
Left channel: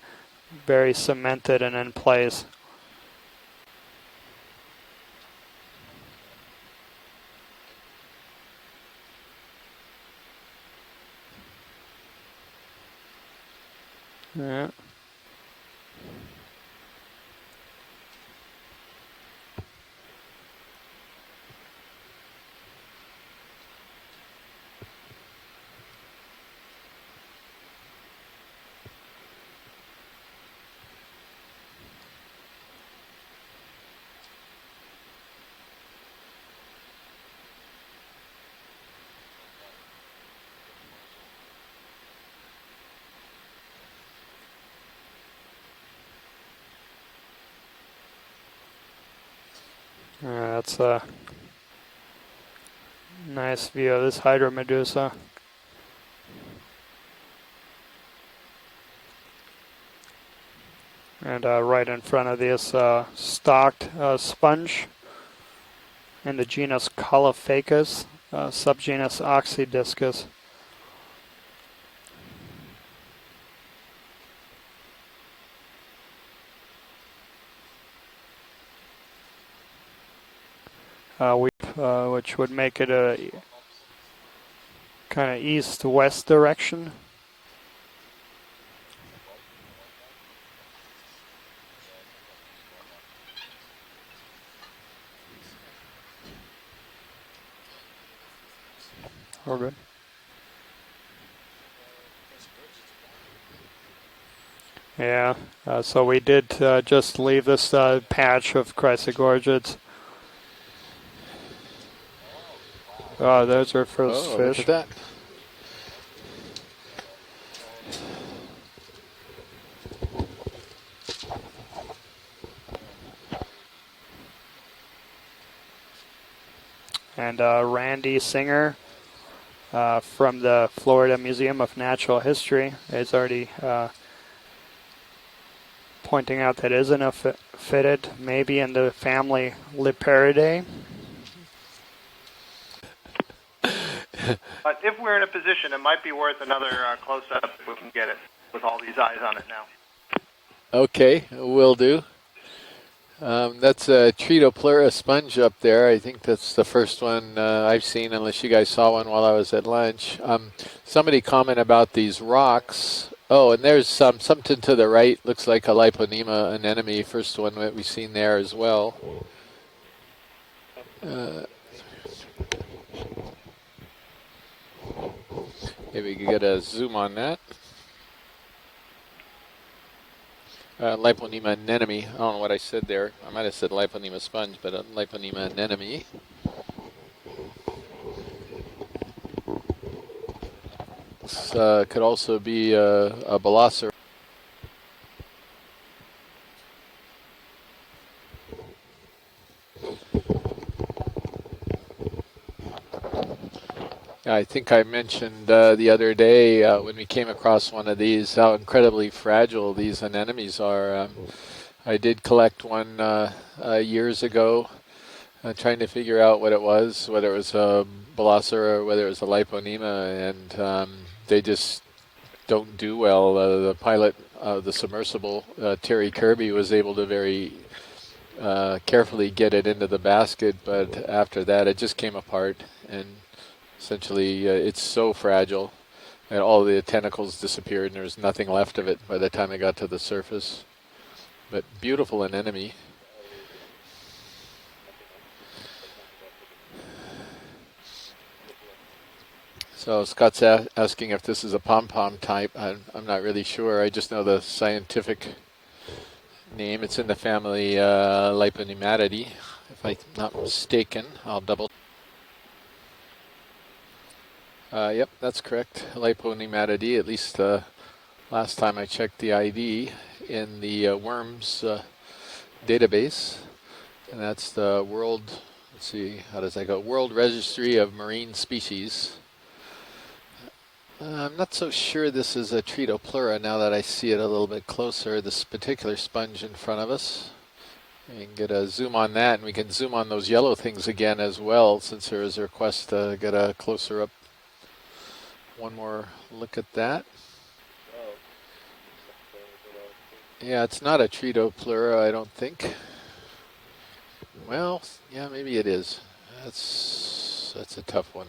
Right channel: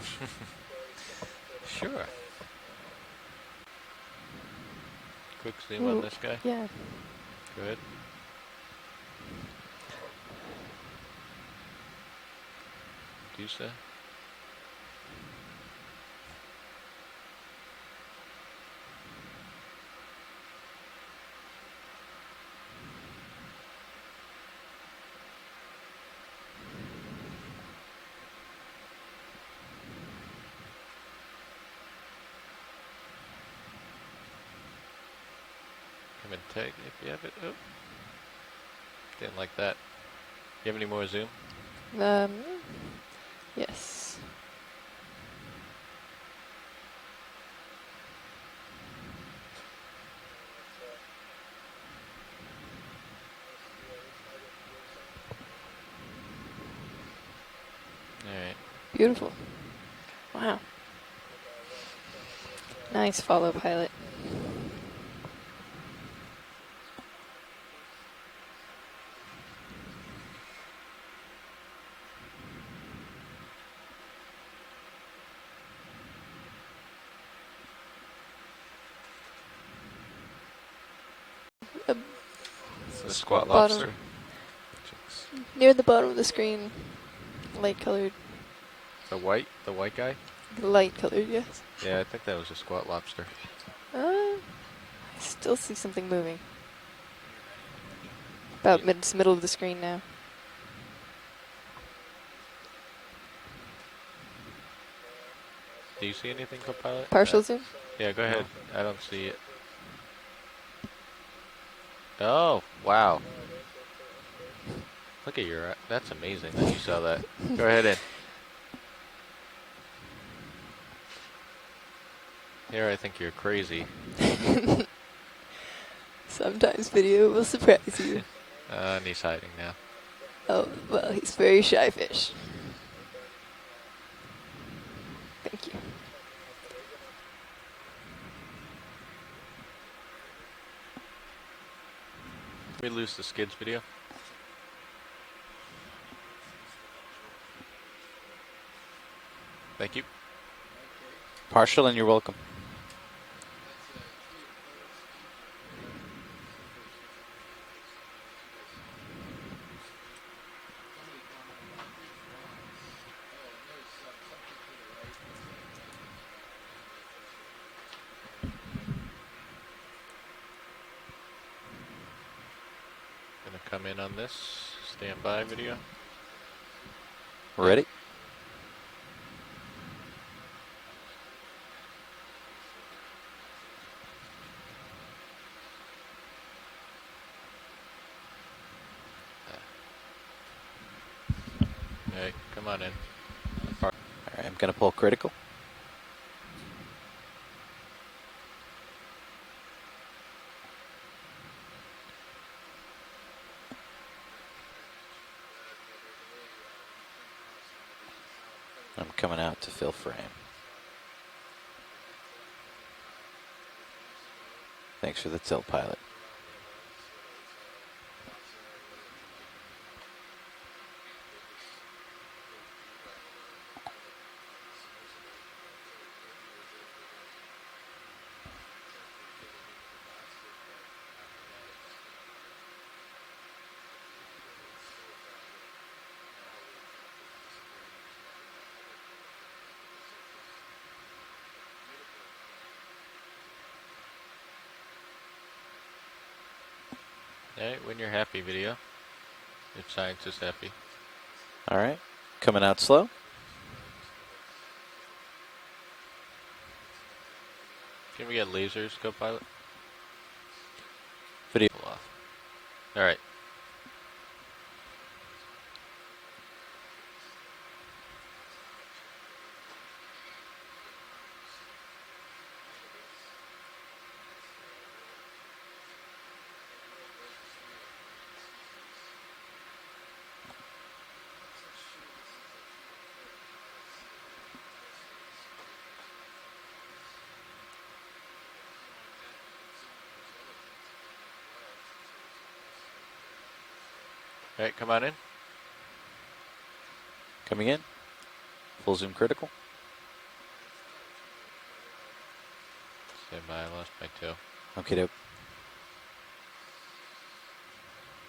very cemented and in place. Quick zoom on this guy. Yeah. Go ahead. Do so. Yeah. Come and tag if you have it. Oh. Didn't like that. You have any more zoom? Yes. That's a nice view of this hydromedusa. Alright. Beautiful. Wow. And right in front of this Nice follow, stock pilot. sponge in the genus Caulophacus, subgenus Oxydiscus. Which would make it a Squat bottom. lobster. kind of Near the bottom of the east-west screen. direction. Light colored. The white guy? Light colored, yes. Yeah, I think that was a squat lobster. I still see something moving. About middle of the screen now. Yeah, so we did just Partial leave this Yeah, patch go of ahead. chrysogorgids. Oh, wow. Oh, those are first Oh, fish. look at that. Look at your, that's amazing that you saw that. Go ahead in. Here, I think you're crazy. Sometimes video And will surprise Randy you. Singer And he's hiding now. from the Florida he's Museum very of shy Natural fish. History is already Thank you. pointing out that isn't a fitted, maybe in the family Liparidae. We lose the skids video. But if we're in a position, it might be worth another close-up if we can get it with all these eyes on it now. Thank you. Okay, will Marshall, and do. you're welcome. That's a Tretopleura sponge up there. I think that's the first one I've seen, unless you guys saw one while I was at lunch. Somebody comment about these rocks. Oh, and there's something to the right. Looks like a Liponema anemone, first one that we've seen there as well. Gonna come in on this. Stand by video. Maybe we could get a zoom on that. Ready? Liponema anemone. I don't know what I said there. I might have said Liponema sponge, but a Liponema anemone. This could also be a Balasser. All right, I'm going to pull critical. I think I mentioned the other day when we came across one of these how incredibly fragile these anemones are. I did collect one years ago. Thanks for the Trying to figure out what it was, whether it was a Balasser or whether it was a Liponema, and they just don't do well. The pilot of the submersible, Terry Kirby, was able to very carefully get it into the basket, but after that it just came apart, and essentially it's so fragile and all the tentacles disappeared and there's nothing left of it by the time it got to the surface. But beautiful anemone. Alright, when you're happy video. So Scott's asking if this is a pom-pom type. Coming out slow. I'm not really sure. I just know the scientific name. It's in the family Liponematidae, if I'm not mistaken. I'll double. Alright. Yep, that's correct. Liponematidae, at least last time I checked the ID in the worms database. And that's the world, let's see, how does that go? World Registry of Marine Species. I'm not so sure this is a Tretopleura now that I see it a little bit closer, this particular sponge in front of us. We can get a zoom on that, and we can zoom on those yellow things again as well, since there is a request to get a closer up. All right, come on in. One more look at that. Coming in. Full zoom critical. Yeah, it's not a Tretopleura, I don't think. Stand by, I lost my toe. Well, Okay, yeah, maybe it is. That's a tough one.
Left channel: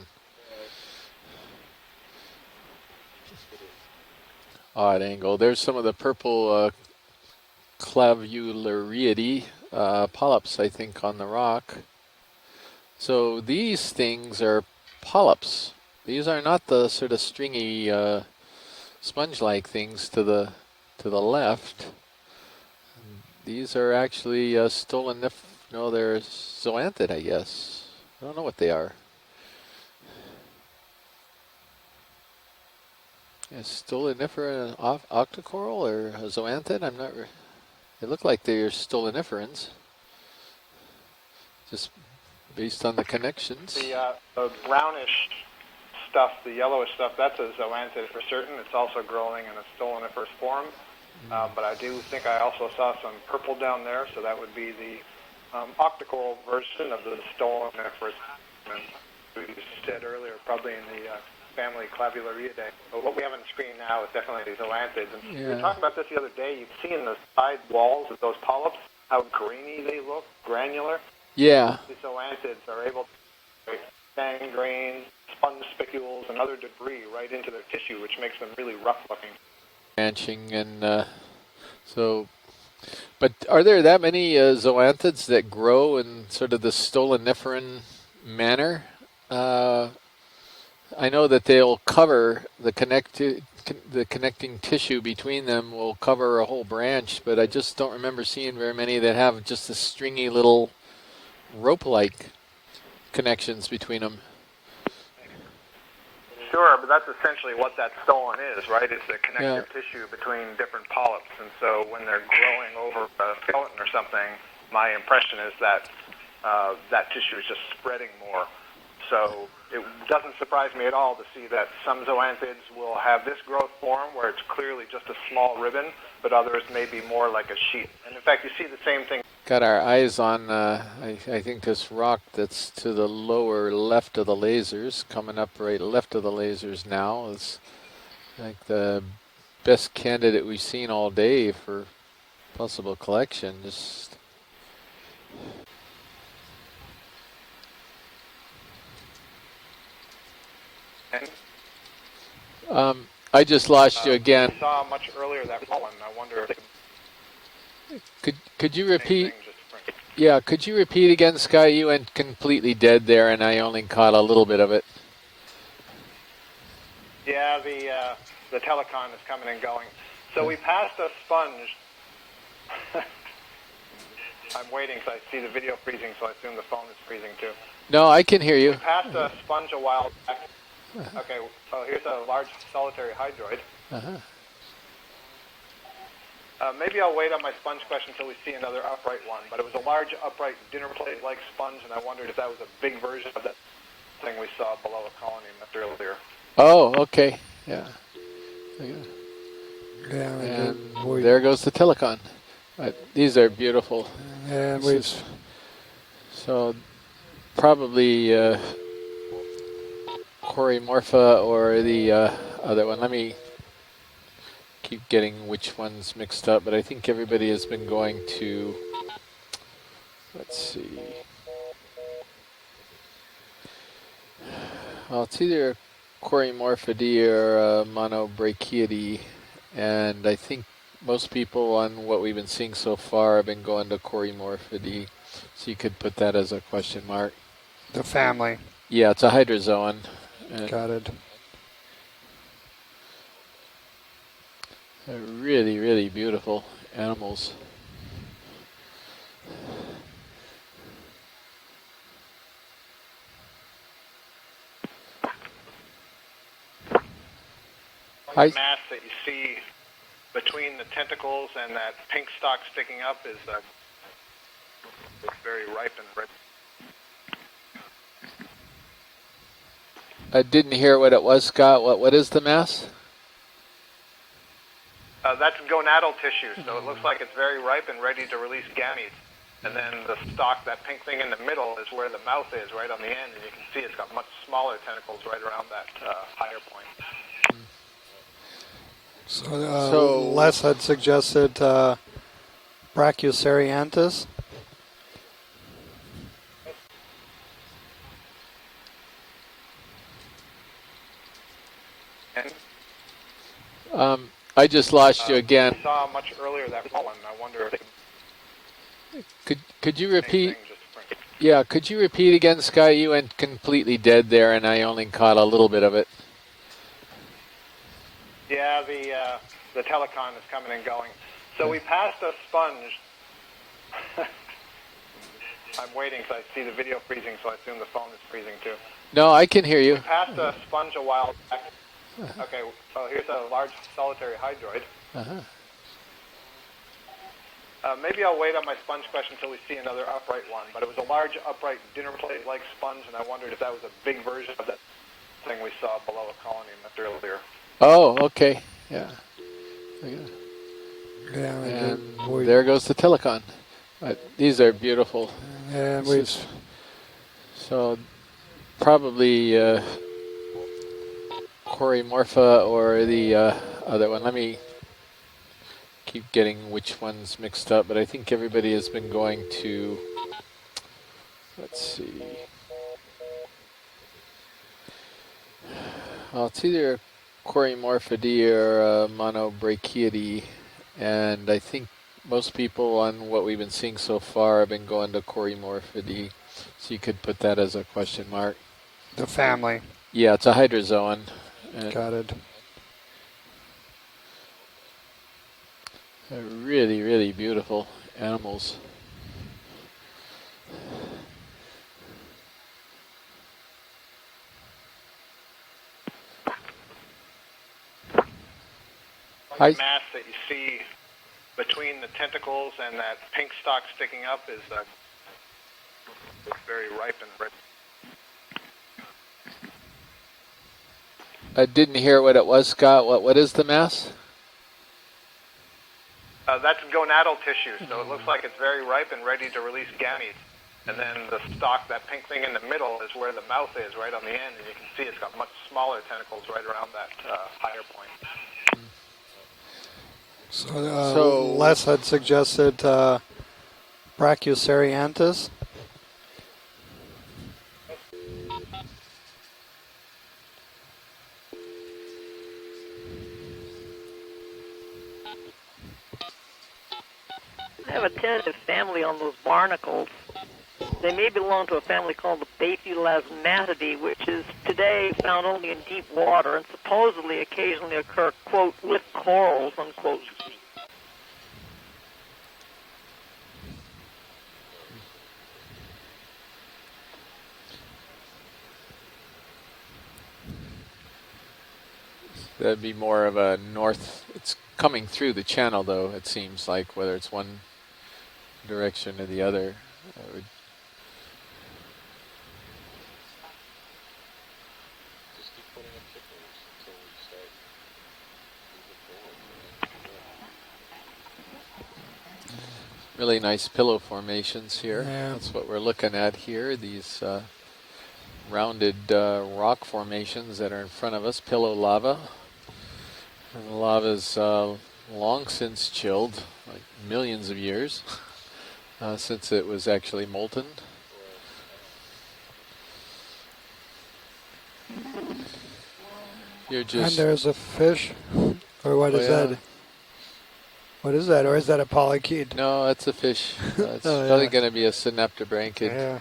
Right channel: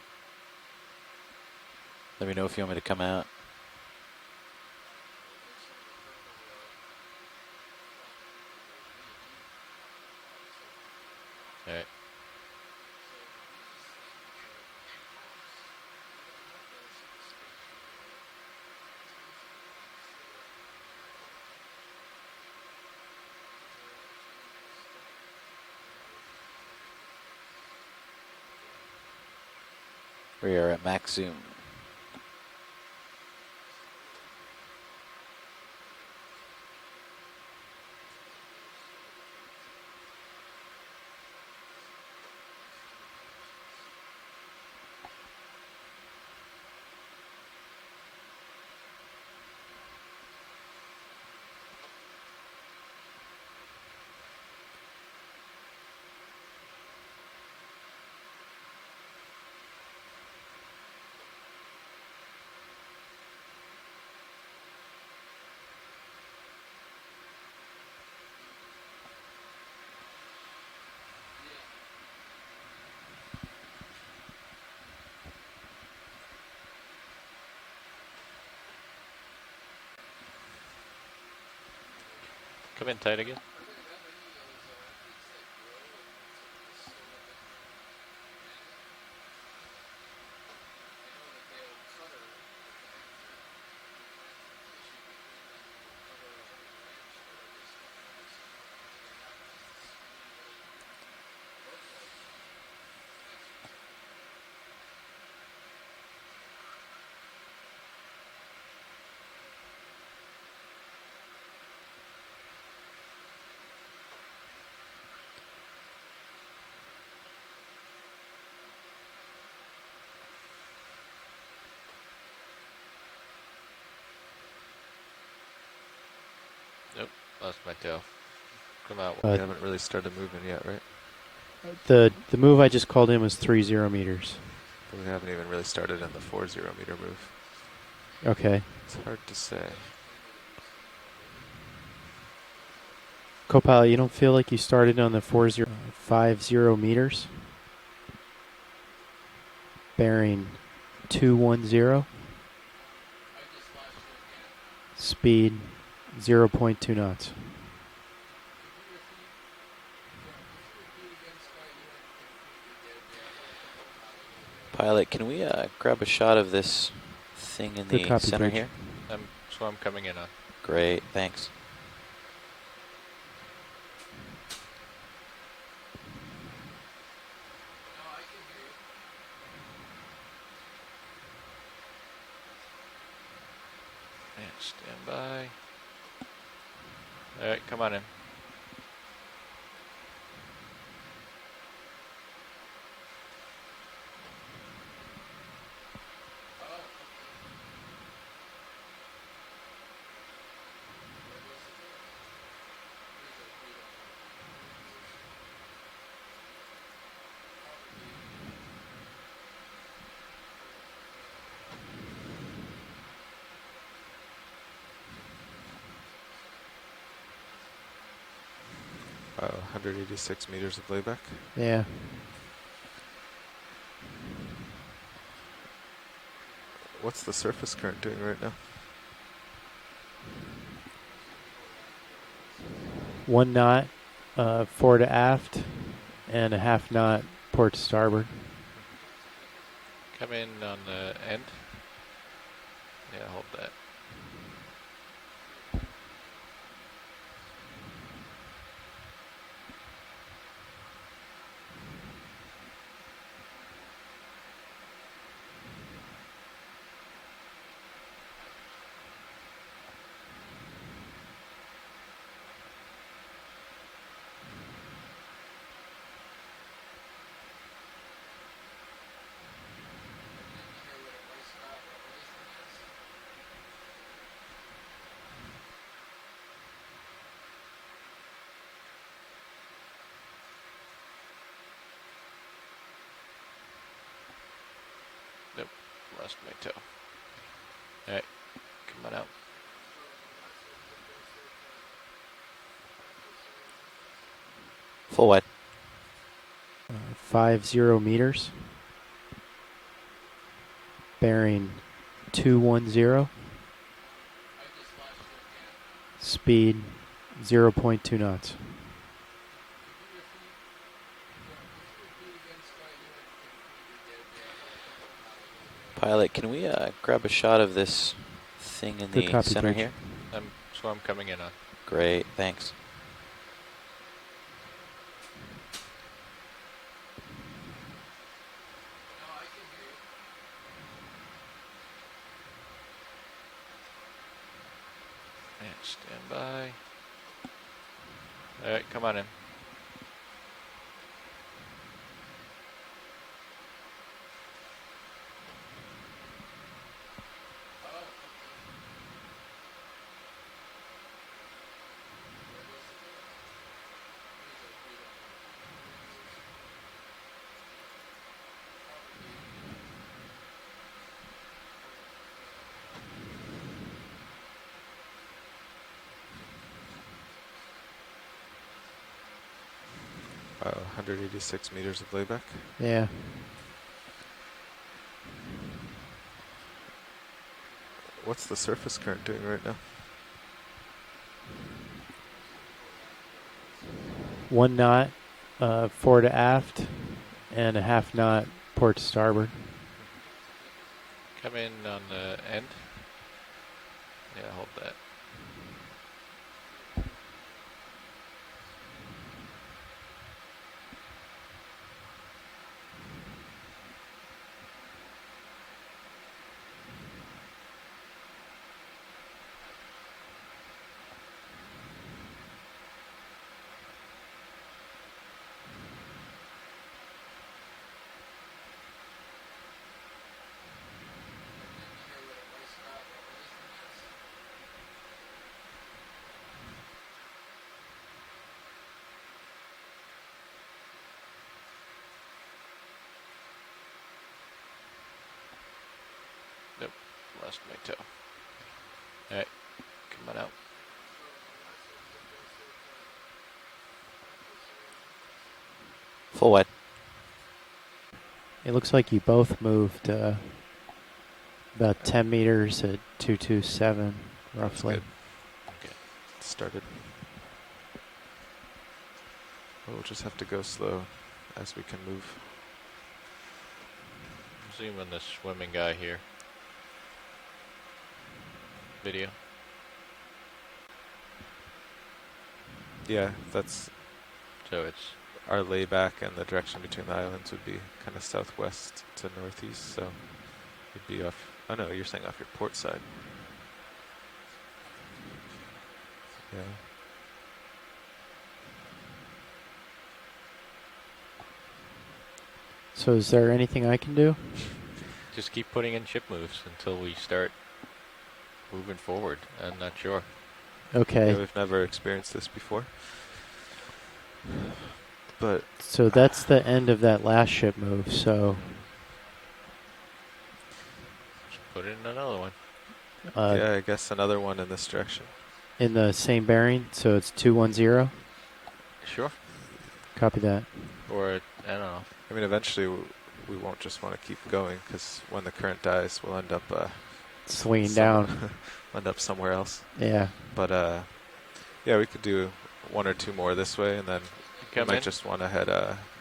Let me know if you want me to come out. Odd angle. There's some of the purple Clavulariidae polyps, I think, on the rock. Right. So these things are polyps. These are not the sort of stringy sponge-like things to the left. These are actually no, they're zoanthid, I guess. I don't know what they are. We are at max zoom. A stolonifera and octocoral or a zoanthid? I'm not. They look like they're stoloniferans. Just based on the connections. The brownish stuff, the yellowish stuff, that's a zoanthid for certain. It's also growing in a stoloniferous form. But I do think I also saw some purple down there, so that would be the optical version of the stoloniferous. We said earlier, probably in the family Clavulariidae. But what we have on the screen now is definitely the zoanthids. And we were talking about this the other day. You can see in the side walls of those polyps how grainy they look, granular. Yeah. The zoanthids are able to gangrene, sponge spicules, and other debris right into their tissue, which makes them really rough looking. Branching and so. Come in tight but again. are there that many zoanthids that grow in sort of the stoloniferan manner? I know that they'll cover the connecting tissue between them will cover a whole branch, but I just don't remember seeing very many that have just a stringy little rope-like connections between them. Sure, but that's essentially what that stolon is, right? It's the connective tissue between different polyps. And so when they're growing over a skeleton or something, my impression is that that tissue is just spreading more. So it doesn't surprise me at all to see that some zoanthids will have this growth form where it's clearly just a small ribbon, but others may be more like a sheet. And in fact, you see the same thing. Got our eyes on, I think this rock the move I just to called the in was lower 30 left meters. of the lasers, coming up right left of the lasers now. Is okay. The best candidate we've seen all day for possible collection. Copilot, you don't feel like you started on the 4050 meters? Bearing 210. I just lost you again. Speed 0.2 knots. Could you repeat? Yeah, could you repeat again, Sky? You went completely dead there, and I only caught a little bit of it. Pilot, can we grab a shot of this thing in the center the here? telecon is coming and going. Coming in. So we passed a thanks. sponge. I'm waiting, so I see the video freezing, so I assume the phone is freezing too. No, I can hear you. We passed a sponge a while back. Okay, well, here's a large solitary hydroid. Stand by. Maybe I'll wait on my sponge question until we see another upright one, but it was a large upright dinner plate-like sponge, and I wondered if that was a big version of that thing we saw below the colony much earlier. Oh, okay. Yeah. Yeah, and there goes the telecon. These are beautiful. And so probably Corymorpha or the other one. Let me keep getting which one's mixed up, but I think everybody has been going to 186 meters of playback. Yeah. Well, it's either Corymorphidae or Monobrachiidae, and I think most people on what we've been seeing so far have been going to Corymorphidae. Fore to aft. So you could put that as a question mark. Port to starboard. Family. Yeah, it's a hydrozoan. Come in Got it. end. Yeah, hold that. They're really, really beautiful animals. The mass that you see between the tentacles and that pink stalk sticking up is very ripe and red. I didn't hear what it was, Scott. What is the mass? That's gonadal tissue, so it looks like it's very ripe and ready to release gametes. And then the stalk, that pink thing in the middle, is where the mouth is, right on the end, and you can see it's got much smaller tentacles right around that higher point. All right, come on out. So Les had suggested Brachioceranthus. Full what? 50 meters. Bearing 210. I just lost you again. Speed 0.2 knots. Could you repeat? Yeah, could you repeat again, Sky? You went completely dead there, and I only caught a little bit of it. Pilot, can we grab a shot of this thing in the center here? Telecon is coming and going. Coming in. So we passed a thanks. sponge. I'm waiting, so I see the video freezing, so I assume the phone is freezing too. No, I can hear you. We passed a sponge a while back. Okay, well, here's a large solitary hydroid. Stand by. Maybe I'll wait on my sponge come on question until we see another upright one, but it was a large upright dinner plate-like sponge, and I wondered if that was a big version of that thing we saw below a colony much earlier. Oh, okay. Yeah. Yeah, And there goes the Telecon. These are beautiful. And so probably Morpha or the other one. Let me keep getting which one's mixed up, but I think everybody has been going to 186 meters of layback. Yeah. Well, it's either Morphidae or Monobrachiidae, and I think most people on what we've been seeing so far have been going to Morphidae. Fore to aft. So you could put that as a question mark. Port to starboard. Family. Yeah, it's a hydrozoan. Come in Got it. end. Yeah, hold that. They're really, really beautiful animals. The mass that you see between the tentacles and that pink stalk sticking up is very ripe and red. I didn't hear what it was, Scott. What is the mass? That's gonadal tissue, so it looks like it's very ripe and ready to release gametes. And then the stalk, that pink thing in the middle, is where the mouth is, right on the end, and you can see it's got much smaller tentacles right around that higher point. Alright, come on out. So Les had suggested Brachioceranthus. For what? It looks like you both moved about 10 meters at 227, roughly. Started. I have a tentative family on those barnacles. Just have to go slow. They may belong to a family called the Bathylasmatidae, which is today found only in deep water and supposedly occasionally occur, quote, with corals, unquote. Yeah, that's so it's our layback, and the direction between the islands would be kind of southwest to northeast, so it'd be off. Oh no, you're saying off your port side. That'd be more of a north. It's coming through the channel, though. It seems like whether it's one direction or the other. So is there anything I can do? Just keep putting in ship moves until we start moving forward. I'm not sure. Okay. Yeah, we've never experienced this before. Really nice pillow formations here. Yeah, that's what we're looking at. So that's the here, end of these, that last ship move. So rounded rock formations that are in front of us. Pillow lava. Another one. Yeah, I guess another one in this direction. Long since in the chilled. same bearing, so it's 210. Sure. Since it was actually Copy molten. that. Or, I don't know. I mean, eventually we won't just want to keep going, because when the current dies, we'll end up and there's a swinging fish. down. Or what is that? Else. Yeah. But what is that? Or is that a polychaete? No, it's one a or two fish. more this way. It's probably going to be a synaptobranchiid. Yeah.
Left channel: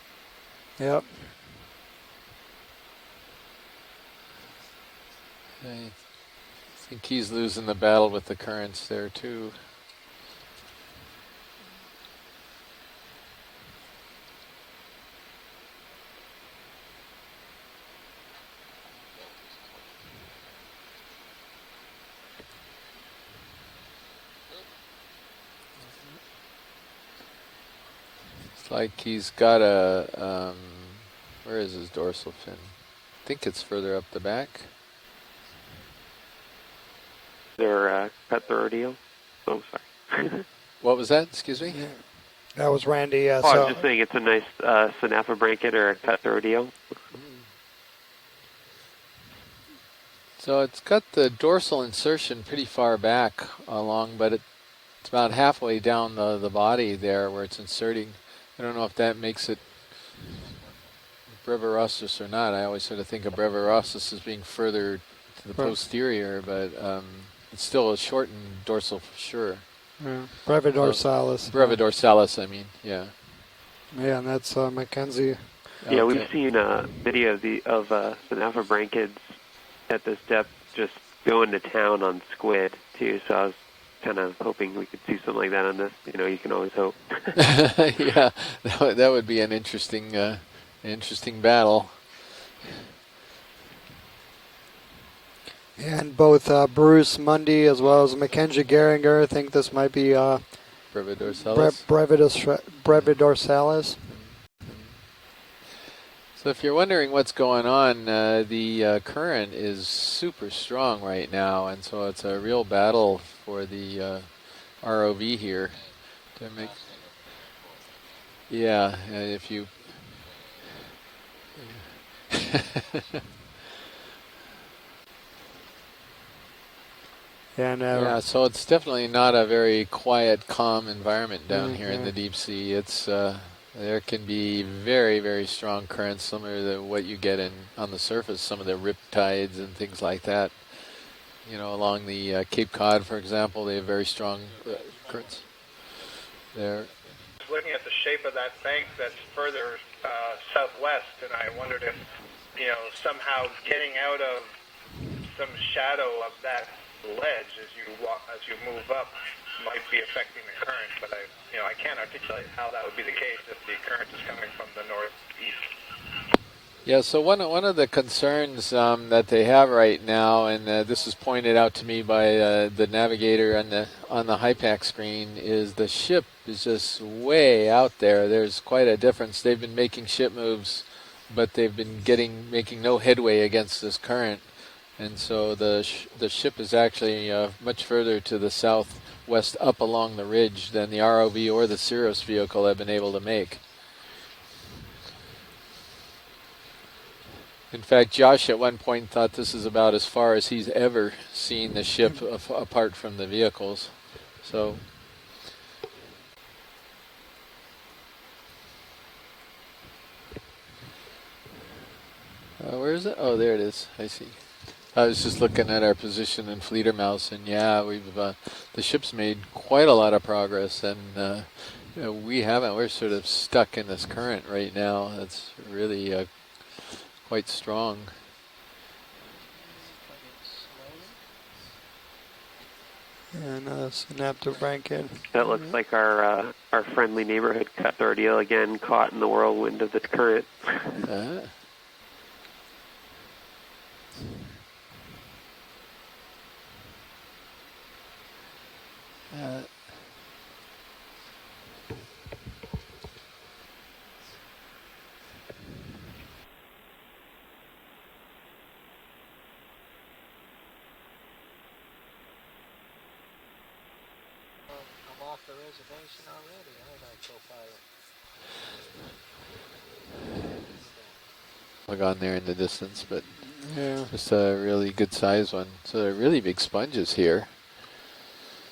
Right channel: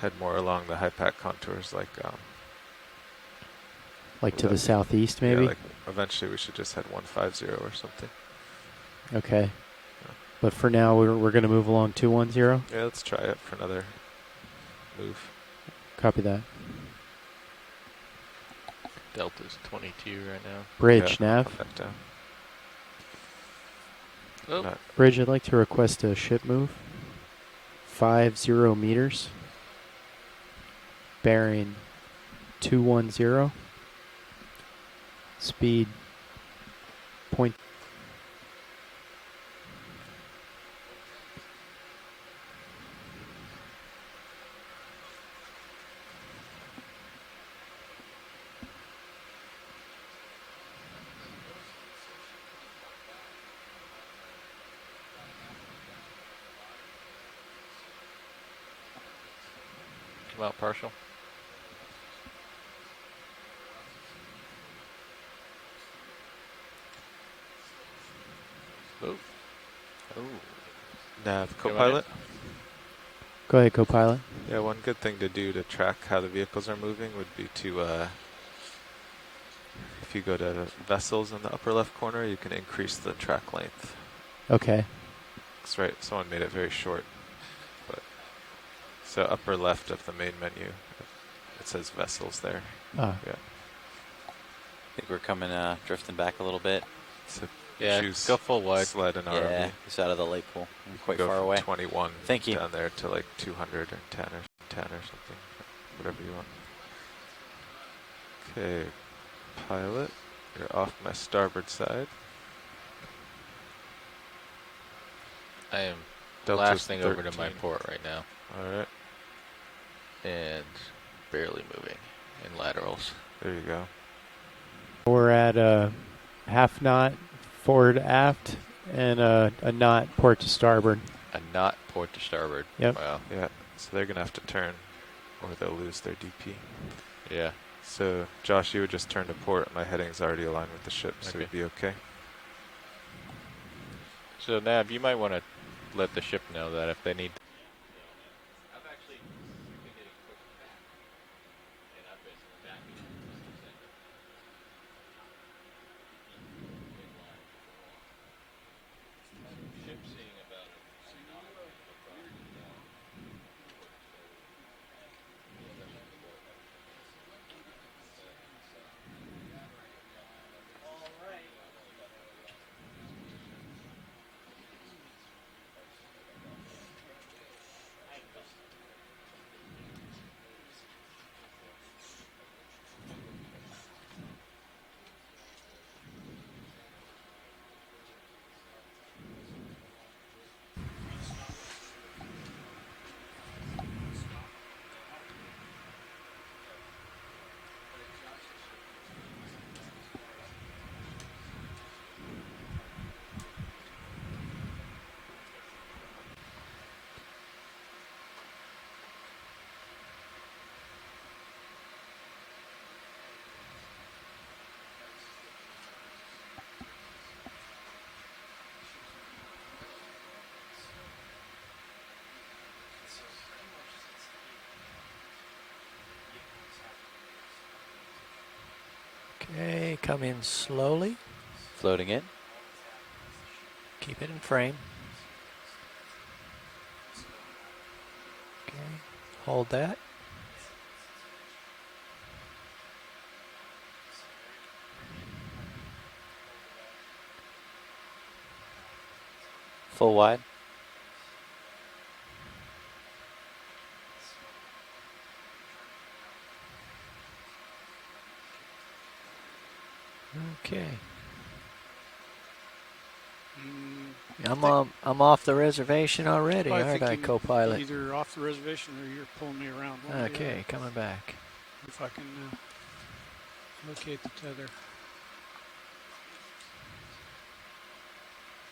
Head more along the high pack contours, like to the southeast, maybe. Yeah, like eventually we should just head 150. He's losing the battle with the currents there too. Okay. But for now, we're going to move along 210. Yeah, let's try it for another move. Copy that. Delta's 22 right now. Bridge, yeah, nav. That down. Oh. Bridge, I'd like to request a ship move. 50 like meters. He's got a bearing. Where is his dorsal fin? 210. I think it's further up the back. Speed. Point. They're cut the rodeo. Oh, sorry. What was that? Excuse me. Yeah. That was Randy. Yeah. Oh, so I'm just saying it's a nice synaptobranchiid or a cut the rodeo. So it's got the dorsal insertion pretty far back along, but it's about halfway down the body there where it's inserting. I don't know if that makes it come out partial. Brevirossus or not. I always sort of think of Brevirossus as being further to the posterior, but it's still a shortened dorsal for sure. Brevidorsalis. Brevidorsalis, I mean, yeah. Go ahead, co-pilot. Yeah, and that's one good thing to do to track. Yeah, we've seen video of synaptobranchids at this depth just going to town on squid too, so I was kind of hoping we could see something like that on the, you can always hope. Yeah, that would be an interesting battle. Vessels there. Yeah. I think we're coming. And both Bruce Mundy as well as Mackenzie Geringer. I think this might be Brevidorsalis. So if you're wondering what's going on, the current is super strong right now, and so it's a real battle for the ROV here. I am blasting over to my port right now. Yeah, if you... And barely moving. Laterals. There you go. We're at a half knot forward aft. So it's definitely and not a very quiet, calm starboard. environment down here in the deep sea. It's there can be very, very strong currents, similar to what you get on the surface, some of the rip tides and things like that. You know, along the Cape Cod, for example, they have very strong. So Nab, you might want to let the ship know that if they need. Looking at the shape of that bank that's further southwest, and I wondered if, you know, somehow getting out of some shadow of that ledge as you move up might be affecting the current, but I can't articulate how that would be the case if the current is coming from the northeast. Yeah, so one of the concerns that they have right now, and this is pointed out to me by the navigator on the HIPAC screen, is the ship is just way out there. There's quite a difference. They've been making ship moves, but they've been making no headway against this current, and so the ship is actually much further to the southwest up along the ridge than the ROV or the Cirrus vehicle have been able to make. In fact, Josh at one point thought this is about as far as he's ever seen the ship apart from the vehicles. So, where is it? Oh, there it is. I see. I was just looking at our position in Fledermaus, and yeah, the ship's made quite a lot of progress, and we haven't. We're sort of stuck in this current right now. It's really quite strong. Okay, come in slowly. Floating in. And snap to blanket. That looks like our friendly neighborhood Cuthbert eel again, caught in the whirlwind of this current. Full wide. Okay. I'm off the reservation already, aren't I, co-pilot? Either off the reservation or you're pulling me around. Okay, coming back. Look on there in the distance, but it's a really good size one. So they're really big sponges here.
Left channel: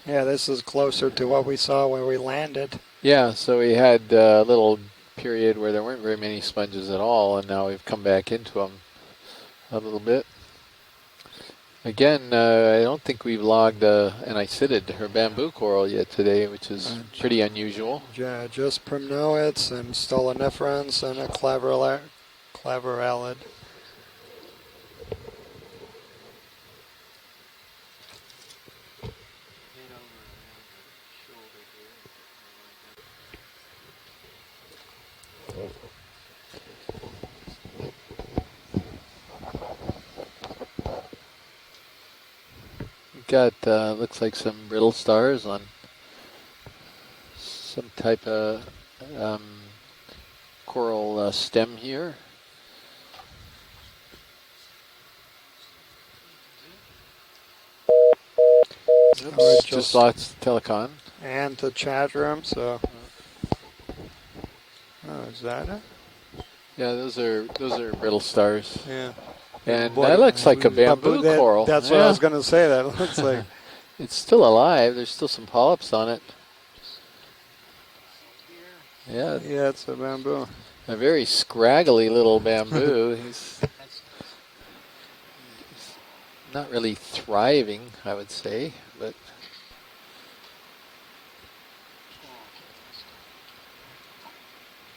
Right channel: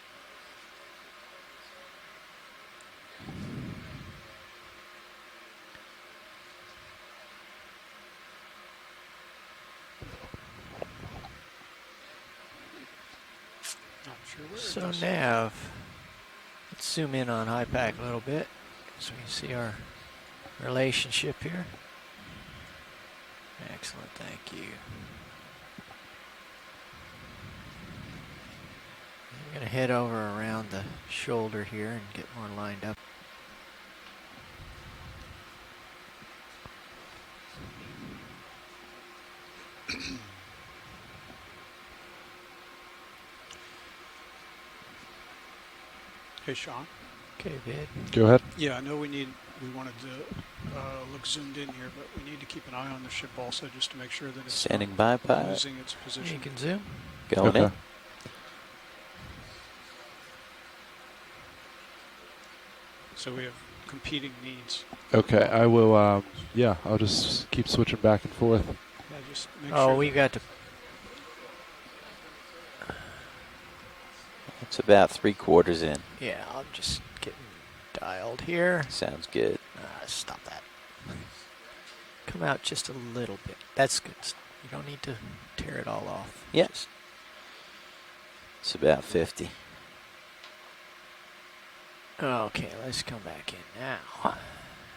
Yeah, this is closer to what we saw when we landed. Yeah, so we had a little period where there weren't very many sponges at all, and now we've come back into them a little bit. Again, I don't think we've logged an icidid or bamboo coral yet today, which is pretty unusual. Yeah, just primnoids and stoloniferans and a clavarellid. Excellent, thank you. I'm going to head over around the shoulder here and get more lined up. Got looks like some brittle stars on. Hey, Sean. Some type of yeah, I know we wanted the coral stem here. We need to keep an eye on the ship also, just to make sure that it's standing by pilot. losing its position. You can zoom. Going in. Just lost telecon. And the chat room, so we have competing needs. Okay, I will, yeah I'll those just keep those switching brittle back stars. Yeah. And that looks like a bamboo coral. That's what I was going to say. That looks like it's still alive. It's There's about still some polyps on it. Yeah, I'm just getting dialed here. Sounds good. Yeah, it's a bamboo. A very scraggly little bamboo. That's good. You don't need to tear it all off. Not really thriving, I would say. It's about 50. Okay, let's come back in now.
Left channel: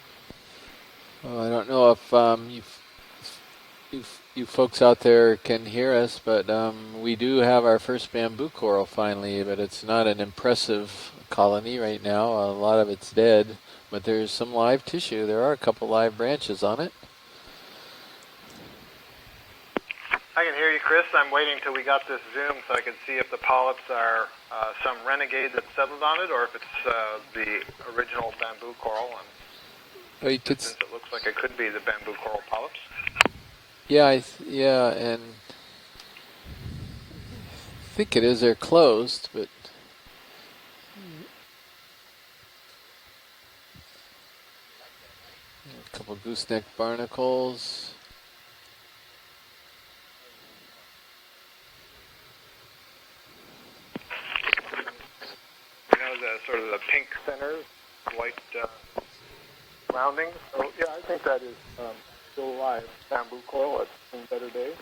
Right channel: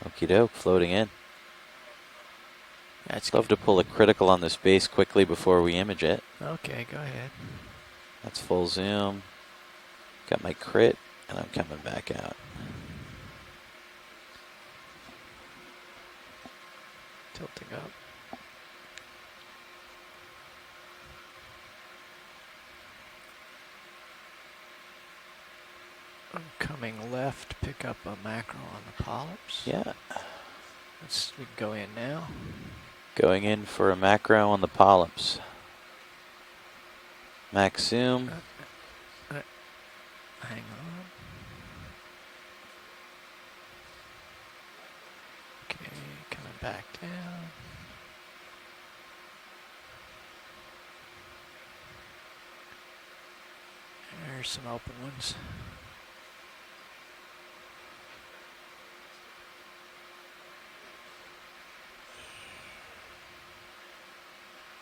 Okie doke, floating in. Well, I don't know if you've... I'd love to pull a critical on this folks base out quickly there before can we hear image us, it. but we do have our first bamboo full coral zoom. finally, but it's not an Got my impressive crit. colony right now. A lot of it's dead, but there's some live tissue. There are a couple live branches on it. Tilting up. I can hear you, Chris. I'm waiting till we got this zoom so I can see if the polyps are some renegade that settled on it or if it's the original bamboo coral. Yeah. Oh, you could looks like it could be the bamboo coral polyps. Going in for a macro on the polyps. Max I think zoom. it is. They're closed, but Hang on. a couple gooseneck barnacles. There's some open ones. You know, the sort of the pink centers, white rounding. So yeah, I think that is still alive. Bamboo coral at some better days.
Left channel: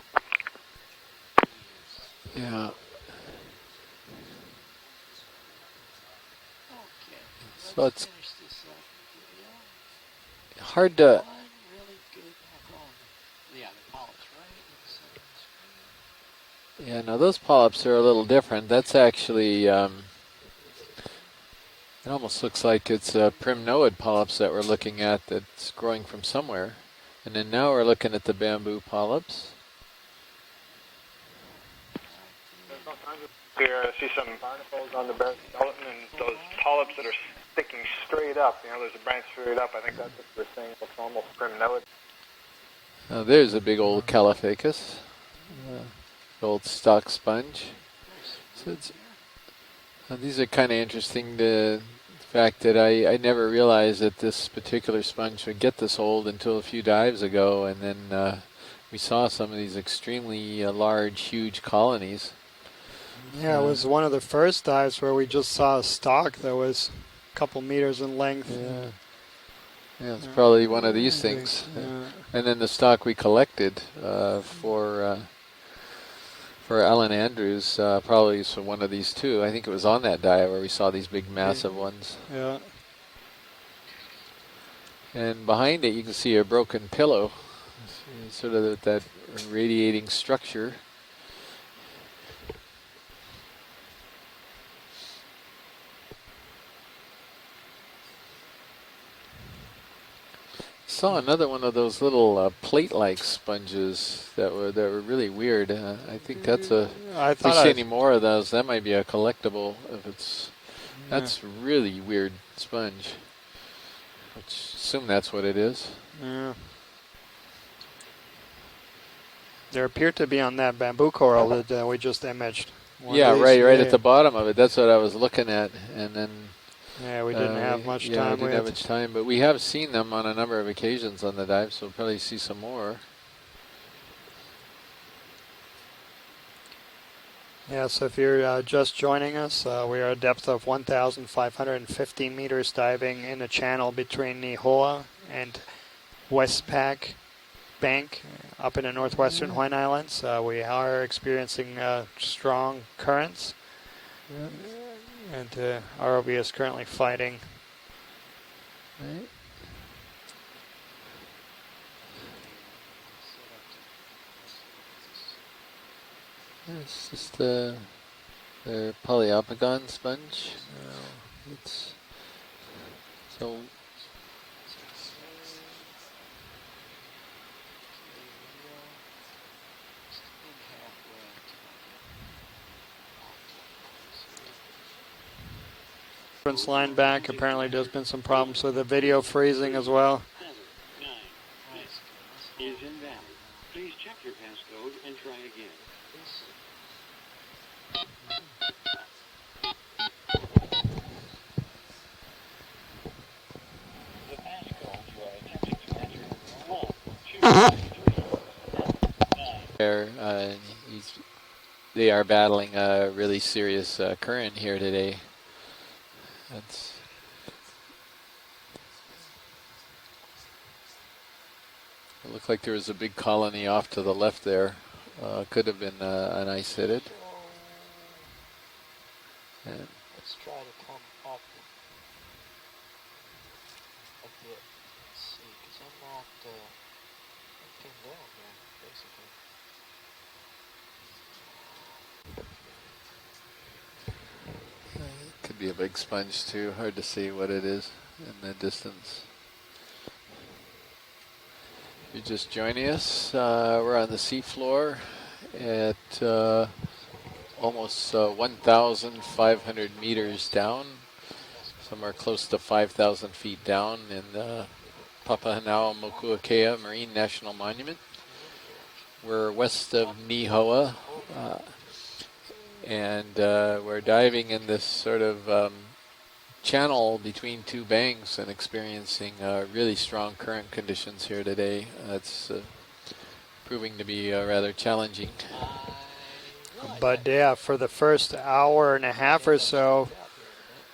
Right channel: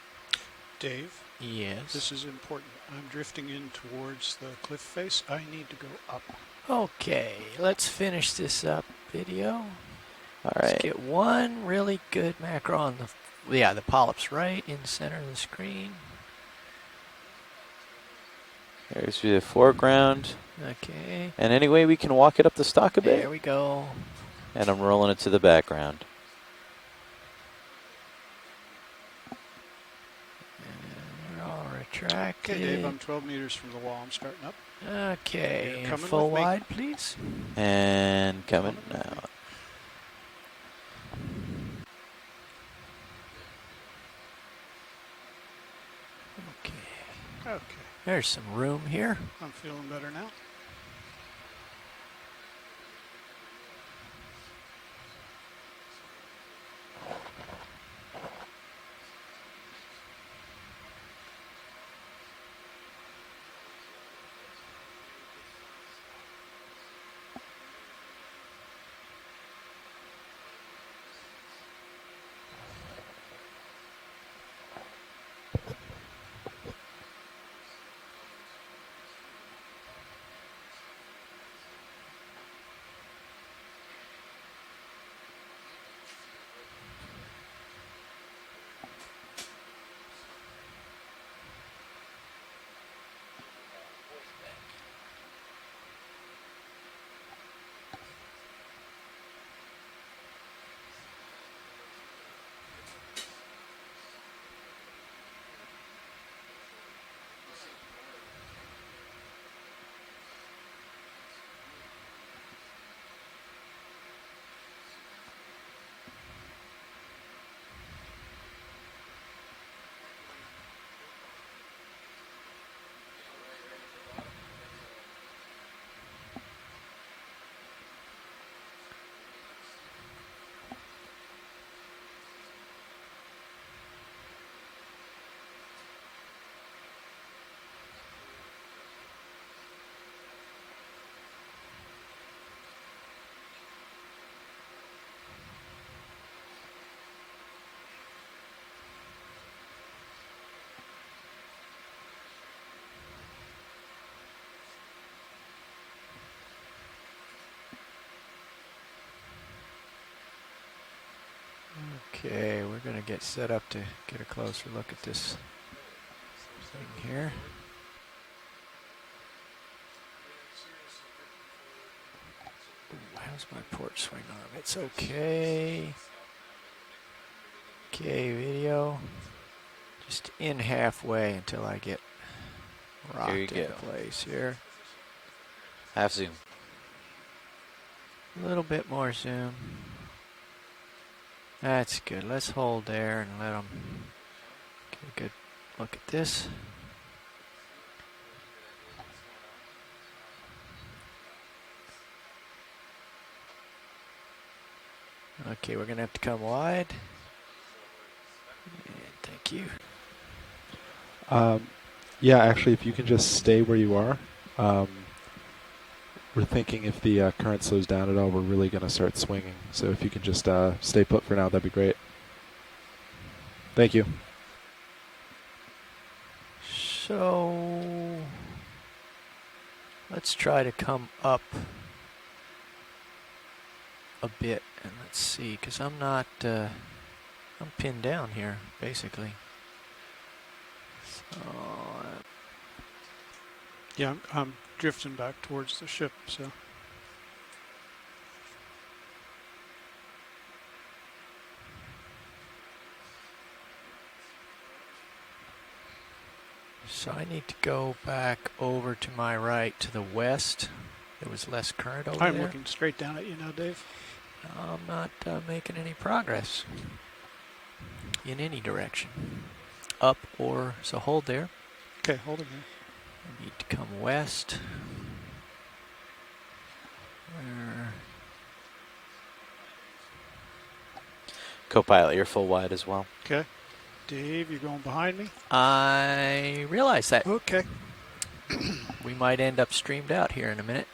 Dave? Yes. This is important. I'm drifting in towards the cliff face. I need to go up. Okay, let's finish this up video. All right, hard get to- one really good macro on the polyps right in the center of the screen. Yeah, now those polyps are a little different. That's actually foreground. Okay. And anyway, we can walk it up the like stock a it's bit. primnoid polyps that we're And I'm looking rolling at. it to the that's background. growing from somewhere. And then now we're looking at the bamboo polyps. We're all Okay, retracted. Dave, I'm 12 meters from the Here, wall. I see some Okay, coming full to wide, polyps please. that are sticking And straight up. coming. You know, those branch straight up. I think that's what we're saying. That's almost primnoid. There's a big old Caliphacus. Old stock sponge. There's some room here. I'm feeling better now. These are kind of interesting. The fact that I never realized that this particular sponge would get this old until a few dives ago, and then we saw some of these extremely large, huge colonies. Yeah, it was one of the first dives where we just saw a stalk that was a couple meters in length. Yeah, it's probably one of these things. And then the stock we collected for Alan Andrews probably is from one of these too. I think it was on that dive where we saw these big, massive ones. Yeah. And behind it, you can see a broken pillow, sort of that radiating structure. Saw another one of those little plate-like sponges that were really weird. I think that's a. If we see any more of those, that might be a collectible. If it's, that's really weird sponge. Assume that's what it is. Yeah. There appeared to be on that bamboo coral that we just imaged. Yeah, right at the bottom of it. That's what I was looking at, and then. Yeah, we didn't have much time. Yeah, we didn't have much time, but we have seen them on a number of occasions on the dive, so we'll probably see some more. Yeah, so if you're just joining us, we are at a depth of 1,550 meters diving in the channel between Nihoa and Westpac Bank up in the northwestern Hawaiian Islands. We are experiencing strong currents. And ROV is currently fighting. Okay, we're going to get set up to get a closer look at this thing here. Is the Poliopogon sponge? It's How's my port swing on? It's okay. Okay, video. Just in halfway until I get rocked into place here. Half zoom. Reference line back. Apparently there's been some problems with the bit more video zoom. freezing as well. That's good. Let's hold there and let them get a good look at this. Okay, we're going to have to come wide. Thank you. They are yeah, battling actually, if you can just really stay where serious you are. current here today. We're thinking if the current slows down at all, we're really going to start swinging. So if you can just stay put for now, that'd be great. It looked like there was a big colony off Thank to you. the left there. Could have been an ice fitted. So let's try to come up a bit and let's see, because I'm not, I'm pinned down here, basically. So, yeah, I'm drifting back Could towards be a the big ship. sponge So. too. Hard to see what it is in the distance. You're just joining us. We're on the seafloor at so I need to go almost back over to my right 1,500 to the meters west. down. there was less current. Somewhere close to 5,000 feet down in the Papahānaumokuākea Marine National Monument. In any direction. We're west of Up Nihoa. So hold there. Okay, hold it there. And we're diving in this sort of channel between two banks and experiencing really strong current conditions here today. Co-pilot, you're full wide as well. Okay. Proving to be rather challenging. I realize that. Yeah, for the first hour and a half might or end up so, streamed out here in a minute.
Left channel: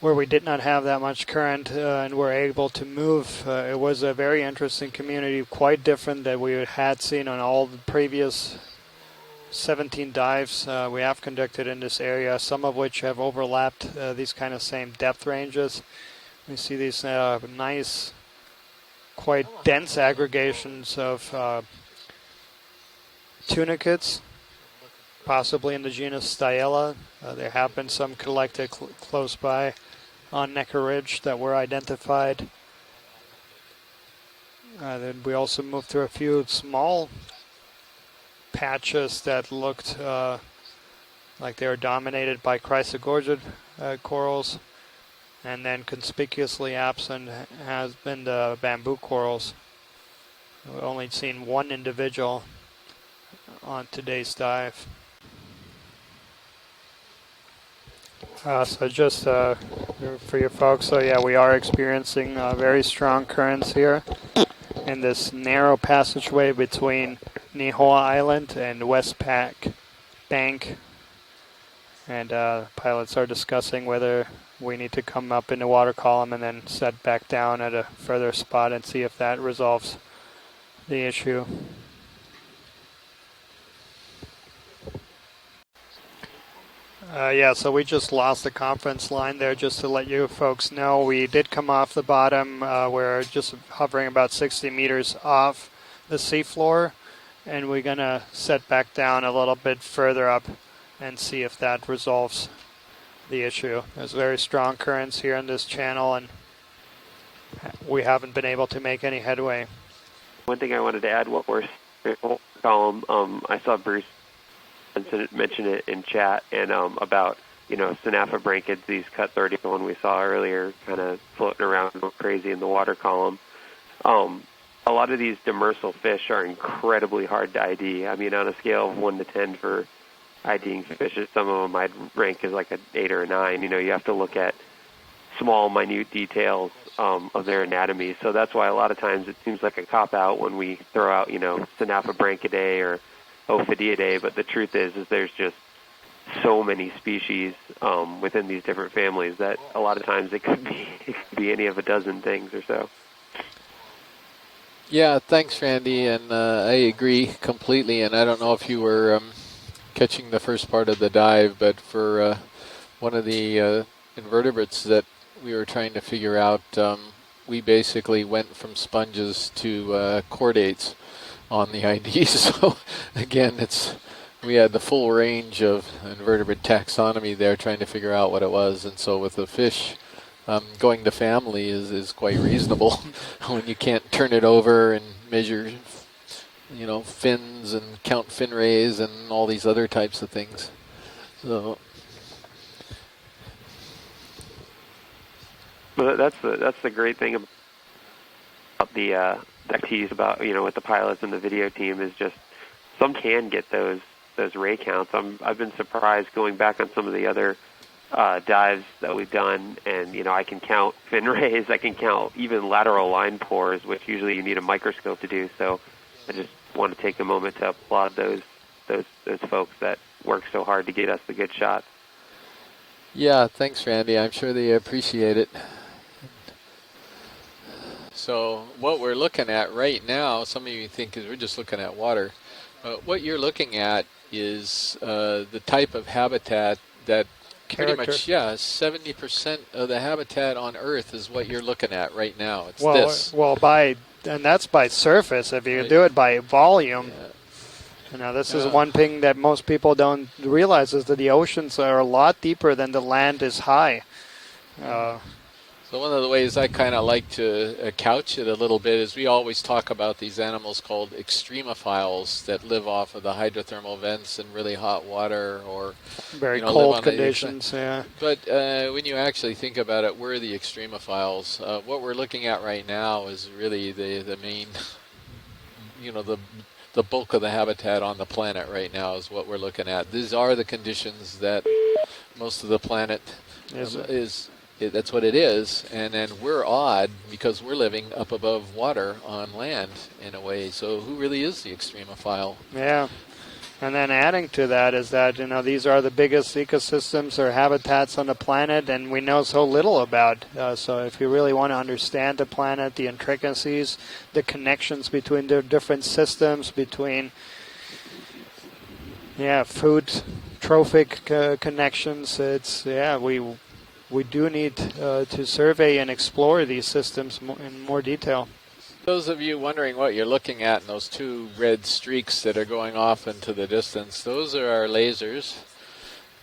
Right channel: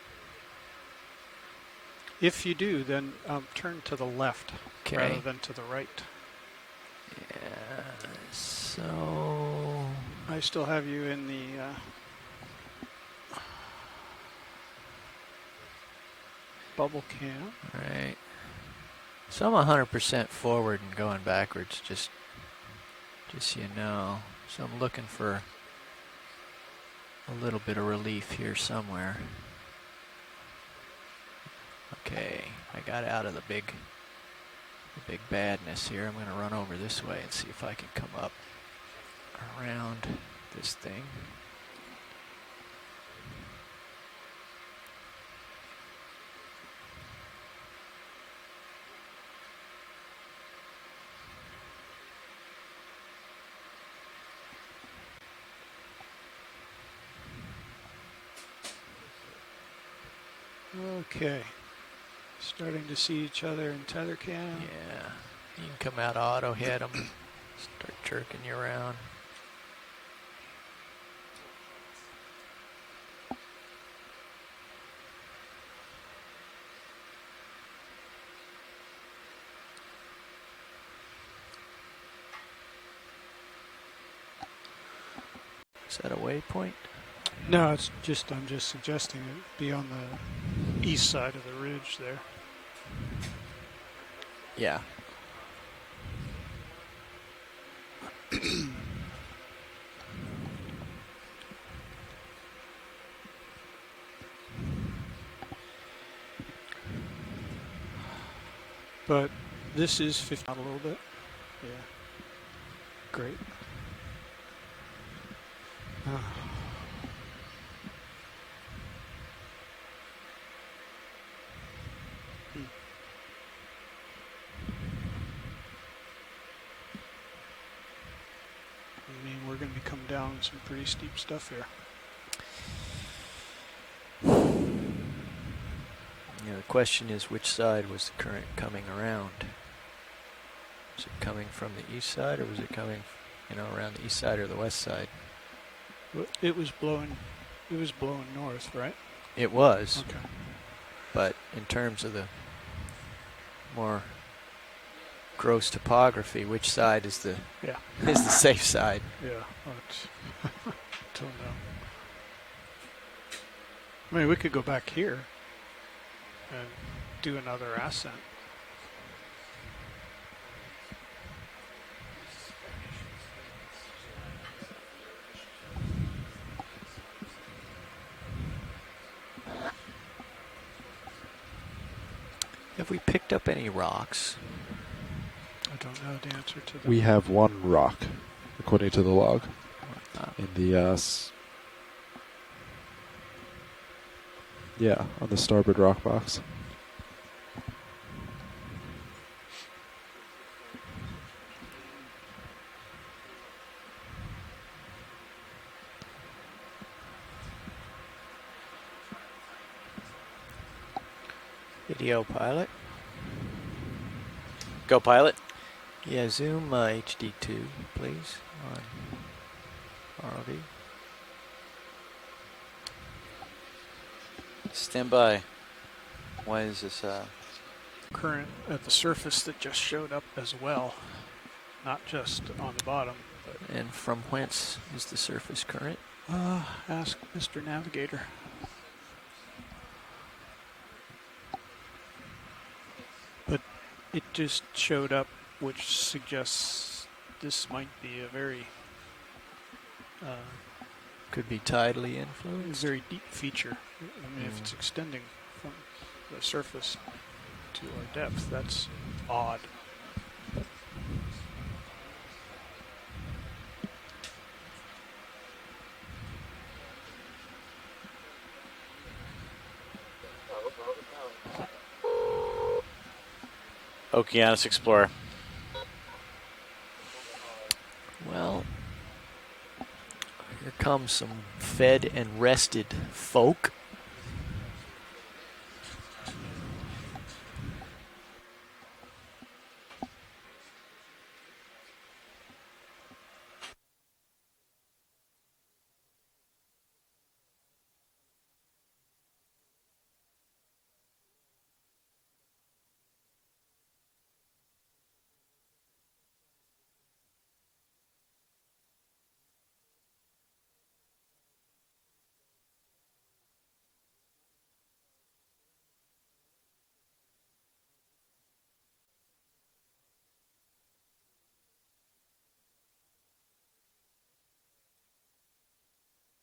where we did not have that much current and were able to move, it was a very interesting community, quite different that we had seen on all the previous 17 dives we have conducted in this area, some of which have overlapped these kind of same depth ranges. You see these nice, quite dense aggregations of just tunicates, so I'm looking for possibly in the genus Styella. There have been some collected close by on Necker Ridge that were identified. Okay, I got out of the big we also moved through a few small see if I can come up. patches that looked this thing like they were dominated by chrysogorgid corals, and then conspicuously absent has been the bamboo corals. We've only seen one individual on today's dive. So just for you folks, so yeah, we are experiencing very strong currents here in this narrow passageway between Nihoa Island and West Bank. And pilots are discussing whether we need to come up in the water column and then set back down at a further spot and see if that resolves the issue. Is that a waypoint? Yeah, so we just lost the conference line there, just to let you folks know. We did come off the bottom. We're just hovering about 60 meters off the seafloor, and we're going to set back down a little bit further up and see if that resolves the issue. There's very strong currents here in this channel, and we haven't been able to make any headway. This is 50. One thing I wanted to add, what we're column, I saw Bruce mention it in chat, and about, you know, Synaphid branchids, these cut 30, the one we saw earlier, kind of floating around going crazy in the water column. A lot of these demersal fish are incredibly hard to ID. I mean, on a scale of 1 to 10 for IDing fishes, some of them I'd rank as like an 8 or a 9. You know, you have to look at small, minute details of their anatomy. So that's why a lot of times it seems like a cop-out when we throw out, you know, Synaphid branchidae or Ophidiidae, but the truth is there's just so many species within these different families that a lot of times it could be any of a dozen things or so. Yeah, thanks, Randy, and I agree completely. And I don't know if you were catching the first part of the dive, but for one of the vertebrates that we were trying to figure out, we basically went from sponges to chordates on the ID. So again, we had the full range of invertebrate taxonomy there, trying to figure out what it was. And so with the fish, going to family is quite reasonable when you can't turn it over and measure, you know, we have fins, one rock, count fin rays, and all these other types of things. Yes. So. Yeah, on the starboard rock. Well, that's the great thing about the activities about, you know, with the pilots and the video team is just some can get those ray counts. I've been surprised going back on some of the other dives that we've done, and you know, I can count fin rays, I can count even lateral line pores, which usually you need a microscope to do. So I just want to take a moment to applaud those folks that work so hard to get us the good shots. Yeah, thanks, Randy. I'm sure they appreciate it. Why is this? So what we're looking at right now, some of you think is we're just looking at water. What you're looking at is the type of habitat that pretty much, 70% of the habitat on Earth is what you're looking at right now. It's this. Well, and that's by surface. If you do it by volume, you know, this is one thing that most people don't realize is that the oceans are a lot deeper than the land is high. So one of the ways I kind of like to couch it a little bit is we always talk about these animals called extremophiles that live off of the hydrothermal vents in really hot water or very live cold on conditions. Yeah. But when you actually think about it, we're the extremophiles. What we're looking at right now is really the Okeanos Explorer. The bulk of the habitat on the planet right now is what we're looking at. These are the conditions that fed and most of the planet folk that's what it is. And then we're odd because we're living up above water on land in a way. So who really is the extremophile? Yeah. And then adding to that is that, these are the biggest ecosystems or habitats on the planet, and we know so little about. So if you really want to understand the planet, the intricacies, the connections between the different systems, between, food, trophic connections, we do need to survey and explore these systems in more detail. Those of you wondering what you're looking at in those two red streaks that are going off into the distance, those are our lasers,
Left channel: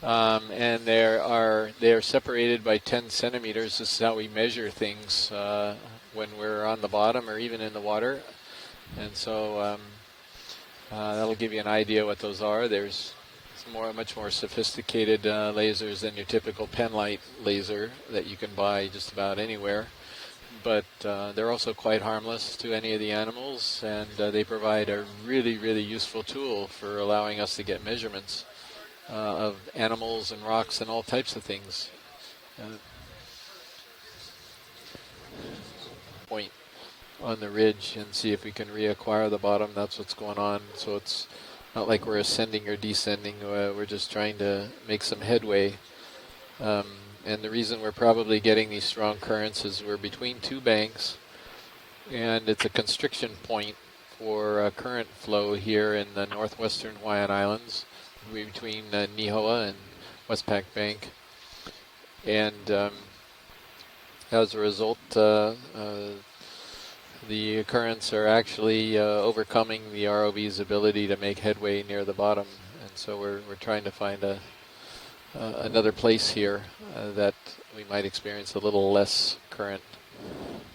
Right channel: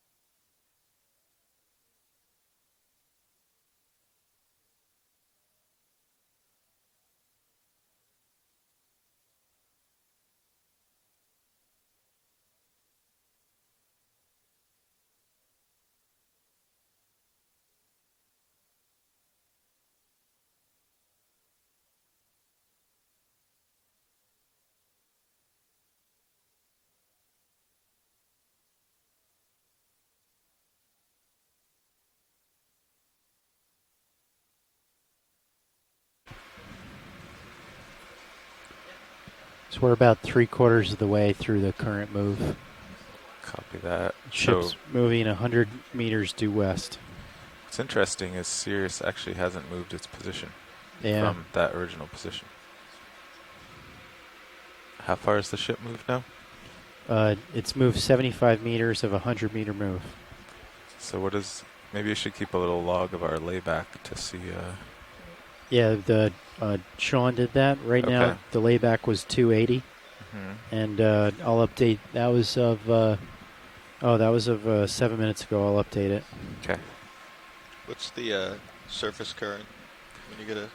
and they're separated by 10 centimeters. This is how we measure things when we're on the bottom or even in the water, and so that'll give you an idea what those are. There's much more sophisticated lasers than your typical penlight laser that you can buy just about anywhere. But they're also quite harmless to any of the animals, and they provide a really, really useful tool for allowing us to get measurements of animals and rocks and all types of things. Point on the ridge and see if we can reacquire the bottom. So we're about 3/4 of the way through the current not like we're move. ascending or descending. We're just trying to Ships make some moving headway. 100 meters due west. And the reason we're interesting probably is getting these Sirius strong actually currents hasn't is moved we're its between position two banks. from that original position. And it's a constriction point for current How far is flow the ship here moved in now? the northwestern Hawaiian Islands. It's moved 75 between, meters of a Nihoa 100-meter and move. Westpac Bank. So what is? Maybe you should keep a little log of our layback to see. As a result, Sean the did that. Right currents are now, the actually layback was overcoming 280. the ROV's ability And, to make I'll headway update, near the that bottom. was of, so we're trying to find that was of 7 minutes ago. I'll another update place it. here that we might experience a little less current.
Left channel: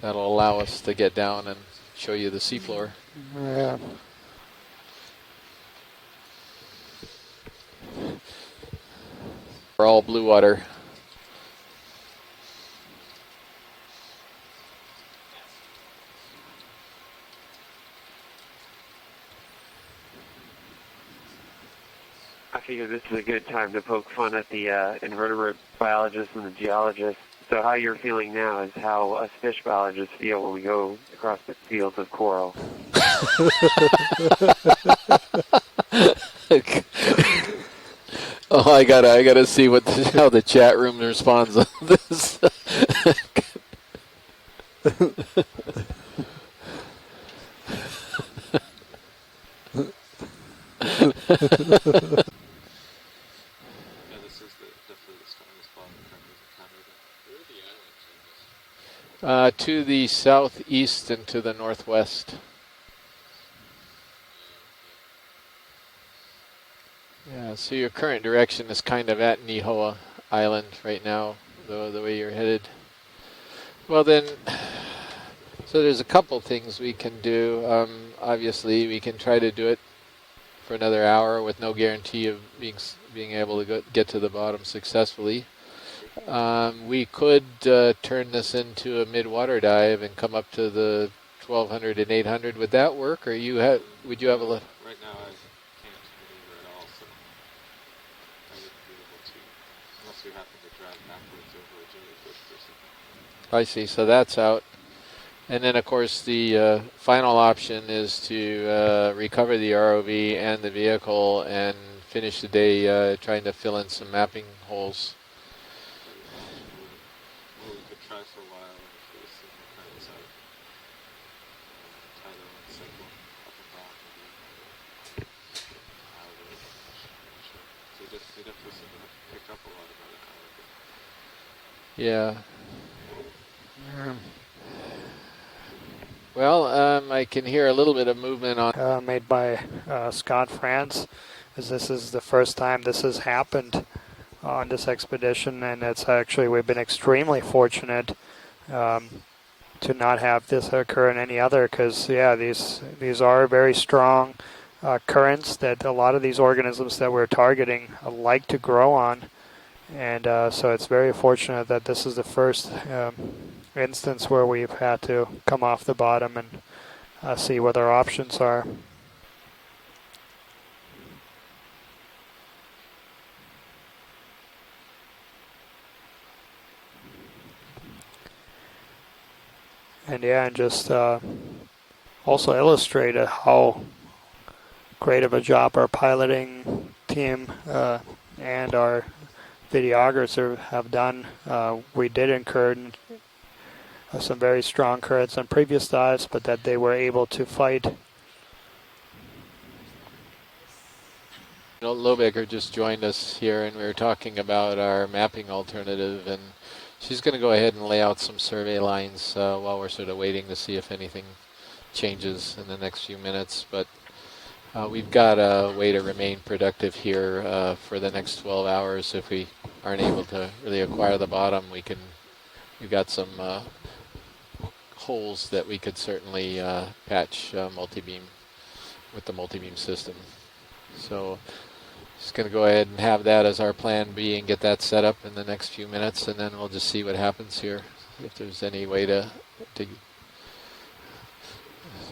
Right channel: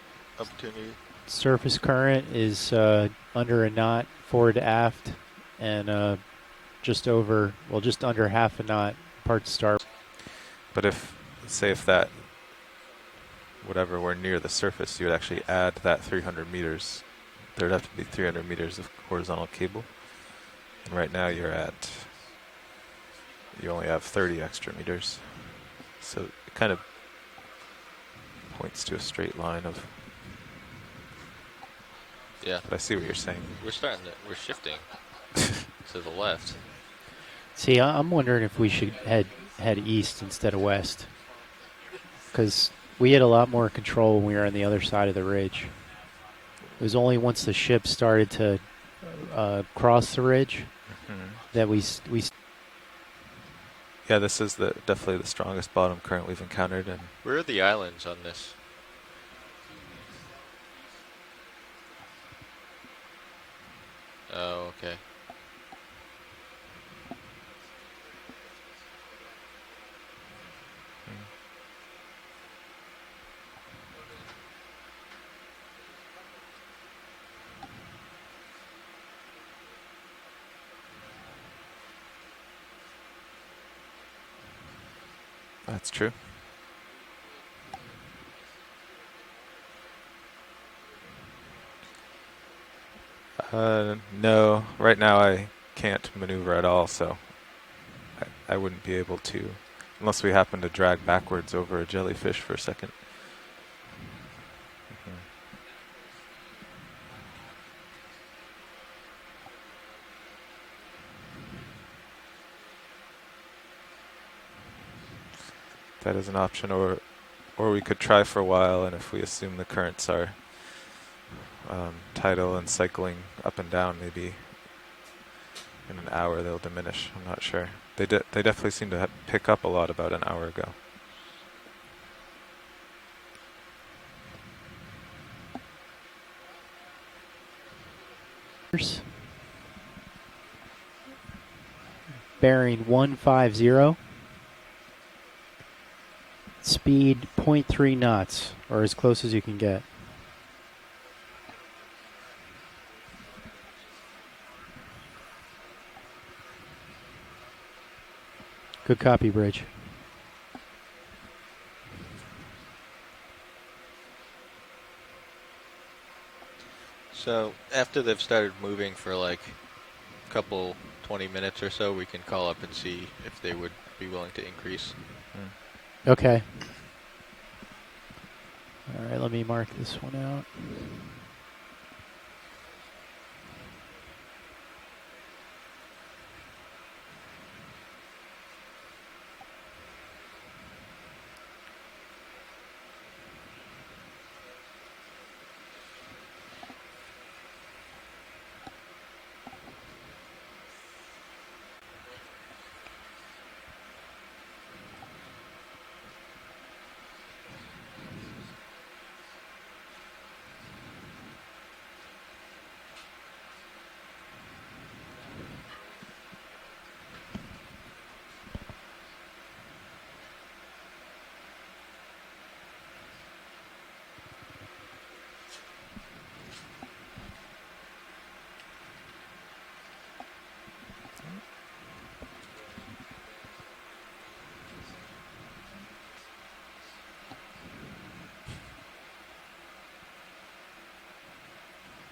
That'll allow us to get down. Surface and show current you the is seafloor. under a knot, forward to aft, and just under half a knot, part to starboard. We're all blue water. But if that, whatever, we're near the surface, you would actually add that 300 meters. There'd have to be 300 meters of horizontal cable. And right now you're at... I figure this is a good time You to only have poke fun 30 at the extra meters. invertebrate biologists and the kind of geologists. So how you're feeling now is points to a how us straight line fish of- biologists feel when we go across the fields of coral. Yeah, I see what you're saying. See, I'm wondering if. Oh, I gotta see how the instead chat of room west. responds on this. Because we had a lot more control when we were on the other side of the ridge. It was only once the ship started to cross the ridge that we Yeah, this is definitely the strongest bottom current we've encountered. And Where are the islands on this? To the southeast and to the northwest. Oh, okay. Yeah, so your current direction is kind of at Nihoa Island right now, the way you're headed. Well then, so there's a couple things we can do. Obviously, we can try to do it for another hour with no guarantee of being able to get to the bottom successfully. That's true. We could turn this into a mid-water dive and come up to the 1200 and 800. Would that work, or would you no, have right now I can't maneuver at all, so I wouldn't be able to, unless we happen to drag backwards over a jellyfish for a second. I see, so that's out. And then, of course, the final option is to recover the ROV and the vehicle and finish the day trying to fill in some mapping holes. That is an option, or we could try for a while, and if we assume the currents are tidal and cycling up and down, maybe in an hour they'll diminish. I'm not sure. They definitely seem to pick up a lot about an hour ago. Yeah. Well, I can hear a little bit of movement on... made by Scott France. This is the first time this has happened. 150. on this expedition, and it's actually we've been Speed extremely 0.3 fortunate knots, or as close as you can get, to not have this occur in any other, because yeah, these are very strong currents that a lot of these organisms that we're targeting like to grow Good on. copy, Bridge. And so it's very fortunate that this is the first instance where we've had to come off the bottom and see what our options after are. they've started moving for like a couple 20 minutes or so, we can call up and see if they would be willing to increase. Okay. All right, let me mark this one. And yeah, and just also illustrated how great of a job our piloting team and our videographers have done. We did incur some very strong currents on previous dives, but that they were able to fight. Lobecker just joined us here, and we were talking about our mapping alternative, and she's going to go ahead and lay out some survey lines while we're sort of waiting to see if anything changes in the next few minutes. But we've got a way to remain productive here for the next 12 hours. If we aren't able to really acquire the bottom, we've got some holes that we could certainly patch multi-beam with the multi-beam system. So just going to go ahead and have that as our plan B and get that set up in the next few minutes, and then we'll just see what happens here. If there's any way to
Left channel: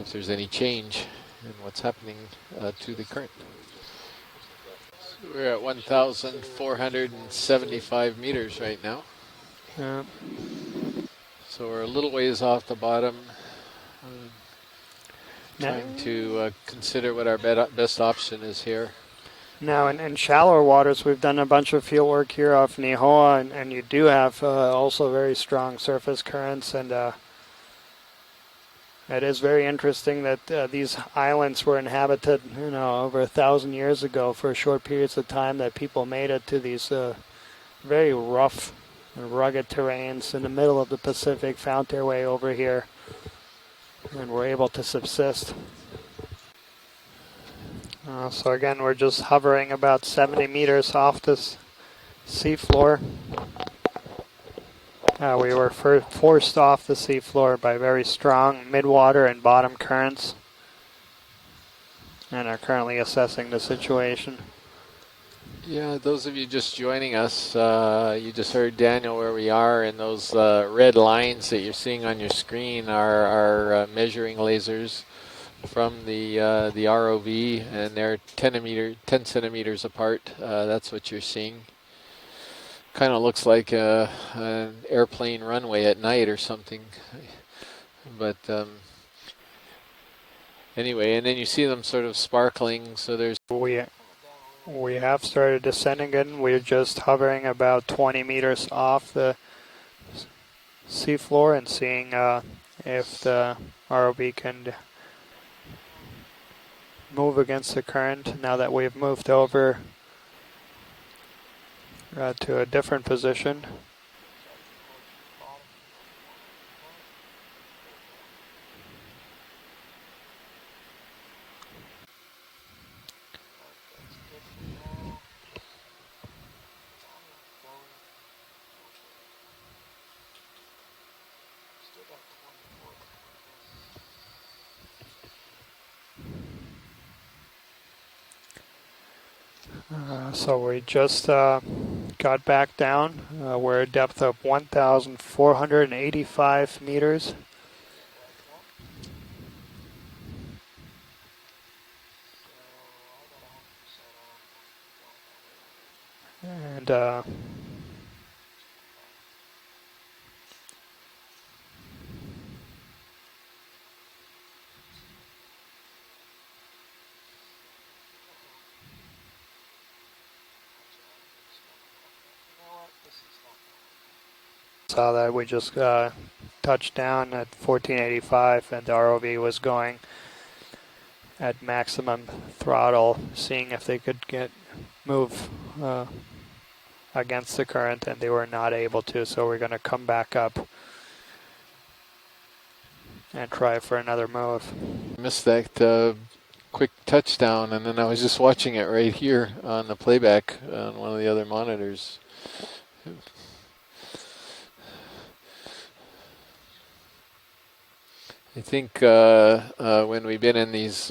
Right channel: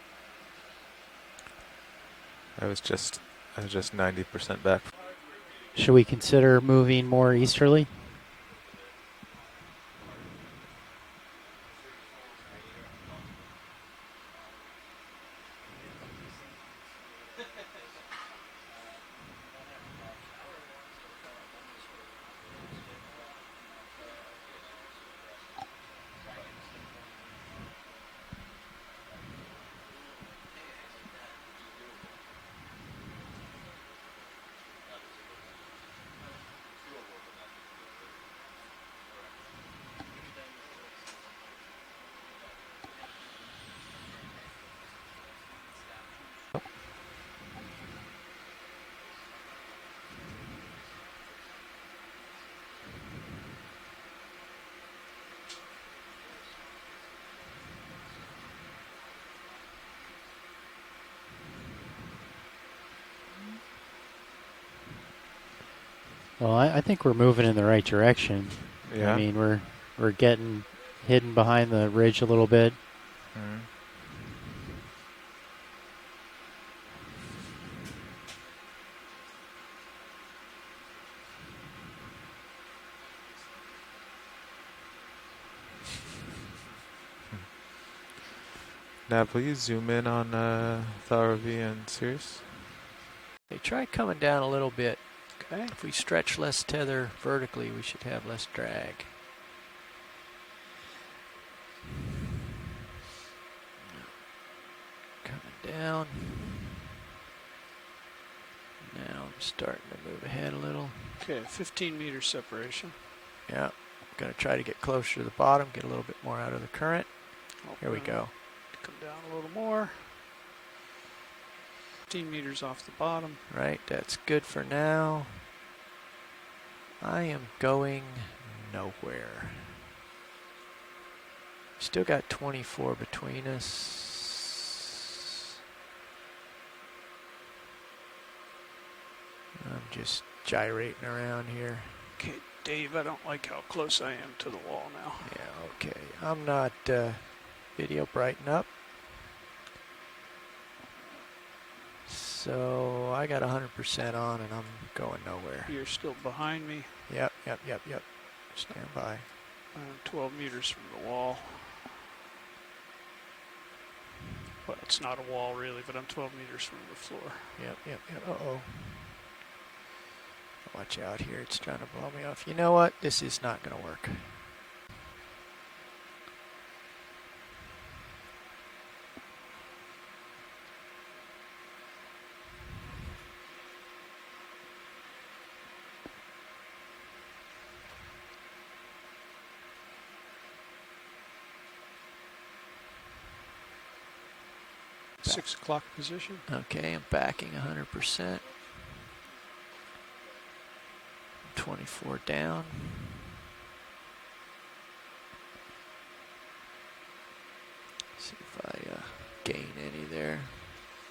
if there's any change in what's happening That's to the current. just 90% back. So we're at Should we consider moving more easterly? 1,475 meters right now. Yeah. So we're a little ways off the bottom. Trying to consider what our best option is here. Now, in shallower waters, we've done a bunch of field work here off Nihoa, and you do have also very strong surface currents, and it is very interesting that these islands were inhabited, over 1,000 years ago for short periods of time, that people made it to these very rough, rugged terrains in the middle of the Pacific, found their way over here, and were able to subsist. So again, we're just hovering about 70 meters off this seafloor. We were forced off the seafloor by very strong midwater and bottom currents, and are currently assessing the situation. Yeah, those of you Well, just I joining think we're us, moving in the right direction. you just heard Daniel where we are, and we're those red lines that behind you're the seeing on ridge a your little bit. screen are measuring lasers from the ROV, and they're 10 centimeters apart. That's what you're seeing. Kind of looks like an airplane runway at night or something. But now, please zoom in on. Anyway, and then you see them sort of sparkling. So there's. Try coming down a little bit. We have started descending in. We're just hovering about 20 meters off the seafloor and seeing if the ROV can down, move against the current. Now that we've moved over, move ahead a little. Okay, 15 meters to a different position. Yeah, gonna try to get closer to the bottom, get a little bit more out of the current. Here we go. Come down a little more. 15 meters off the bottom. Right, that's good for now. I am going nowhere. Still got 24 between us. So we just got back down. We're at depth of 1,485 meters. Video brighten up. So I got 100% on, and I'm going nowhere. You're still behind me. And, Yep. Stand by. I'm 12 meters from the wall. Well, it's not a wall really, but I'm 12 meters from the floor. Yep. Uh-oh. Watch out here, it's trying to blow me off. You know what? This is not going to work. Saw that we just touched down at 1485, and the ROV was going at maximum throttle, seeing if they could move against the current, and they were not able to, so we're going to come back up and try for another move. Missed that quick touchdown, and then I was just watching it right here on the playback on one of the other monitors. 24 down. I think when we've been in these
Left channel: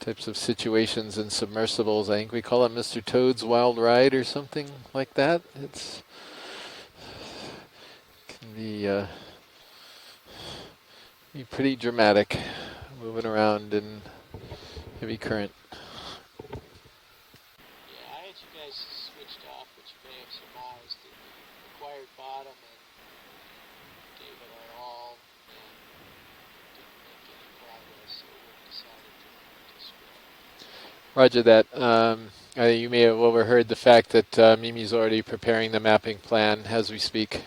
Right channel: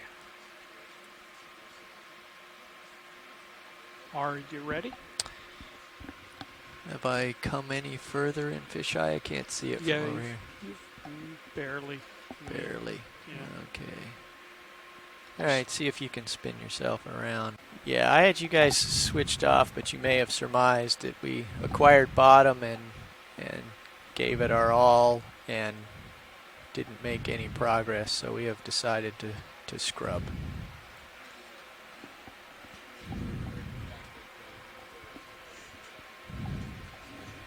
types of situations in submersibles, I think we call it Mr. Toad's Wild Ride or something like that. It's Have I come any further in fisheye? I can't see it from over here. Pretty dramatic, moving around in heavy currents. All right, see if you can spin yourself around. Yeah, I had you guys switched off, but you may have surmised that we acquired bottom and gave it our all and didn't make any progress, so we have decided to scrub. Roger that. You may have overheard the fact that Mimi's already preparing the mapping plan as we speak.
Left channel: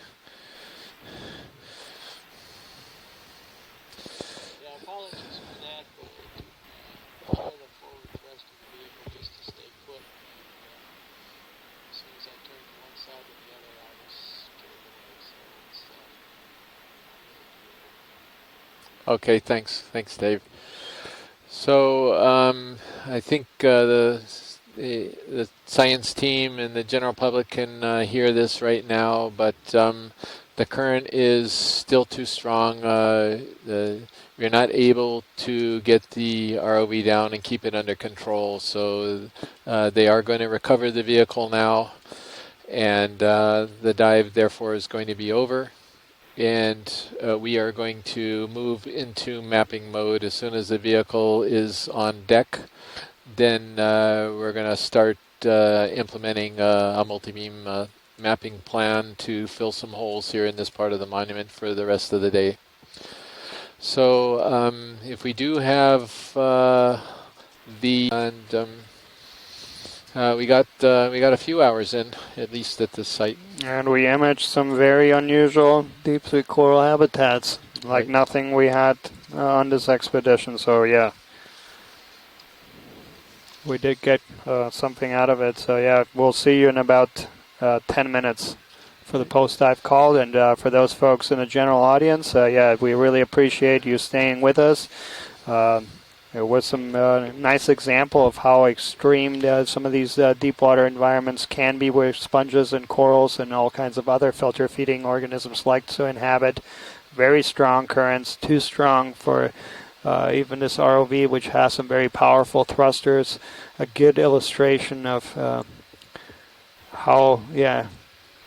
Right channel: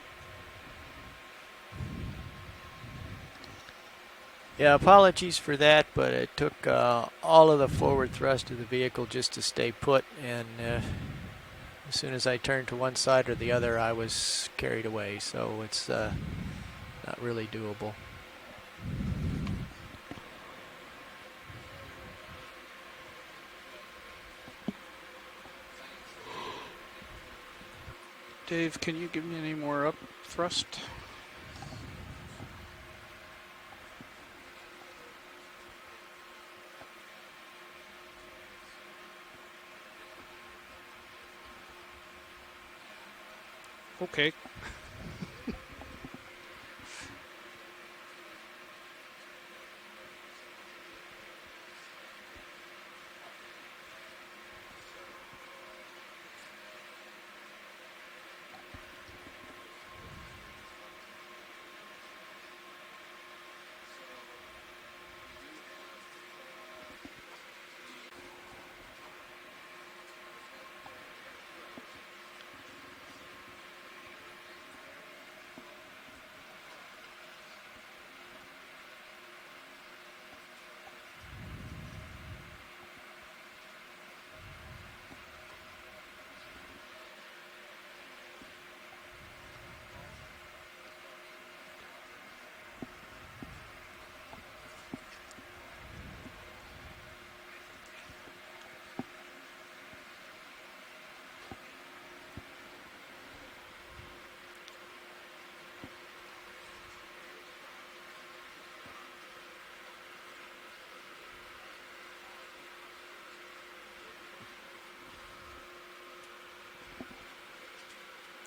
Yeah, apologies for that, but it took all of the forward thrust of the vehicle just to stay put, and as soon as I turned to one side or the other, I was carried away, so it's not really doable. Okay, thanks. Thanks, Dave. So I think the science team and the general public can hear this Dave, right now, but the current is still too strong. You're not able to get the ROV down and keep it under control, so they are going to recover the vehicle now, and the dive therefore is going to be over, and we are going to move into mapping mode as soon as the vehicle is on deck. Then we're going to start implementing a multi-beam mapping plan to fill some holes here in this part of the monument for the rest of the day. So if we do have we got a few hours in, at least at this site. And we imaged some very unusual deep sea coral habitats, like nothing we had on this expedition. So yeah, we did get something out of it. So yeah, we'll see you in about 10 minutes for the post-dive call. And for those folks in the general audience, yeah, we really appreciate you staying with us. It was some nice example of how extreme some of these deep water environments can be, where sponges and corals and all kinds of other filter feeding organisms like to inhabit. Very strong currents, too strong for even this ROV, which has some very powerful thrusters. A good illustration of how,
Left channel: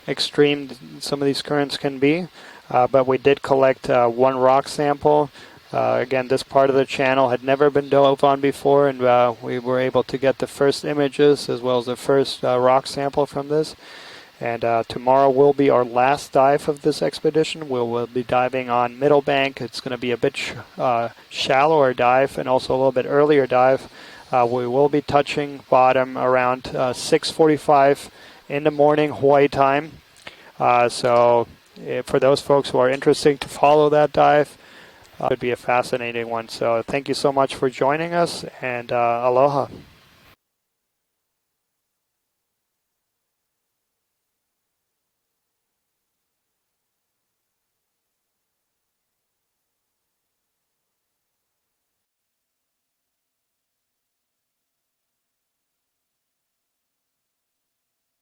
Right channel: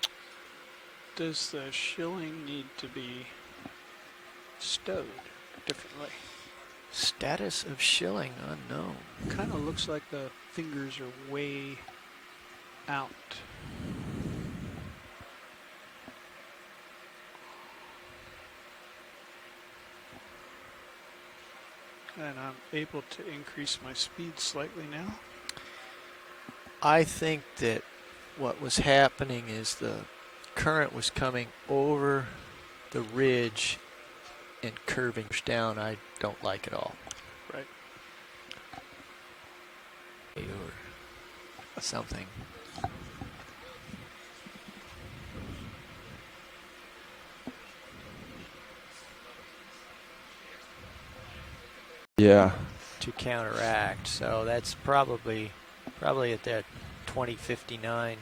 extreme some of these currents can be. But we did collect one rock sample. Again, this part of the channel had never been dove on before, and we were able to get the first images as well as the first rock sample from this. And tomorrow will be our last dive of this expedition. We'll be diving on Middle Bank. It's going to be a bit shallower dive and also a little bit earlier dive. We will be touching bottom around 6:45 in the morning Hawaii time. So for those folks who are interested to follow that dive, it would be a fascinating one. So thank you so much for joining us, and aloha. Something. Yeah. To counteract, so that's probably at that 2059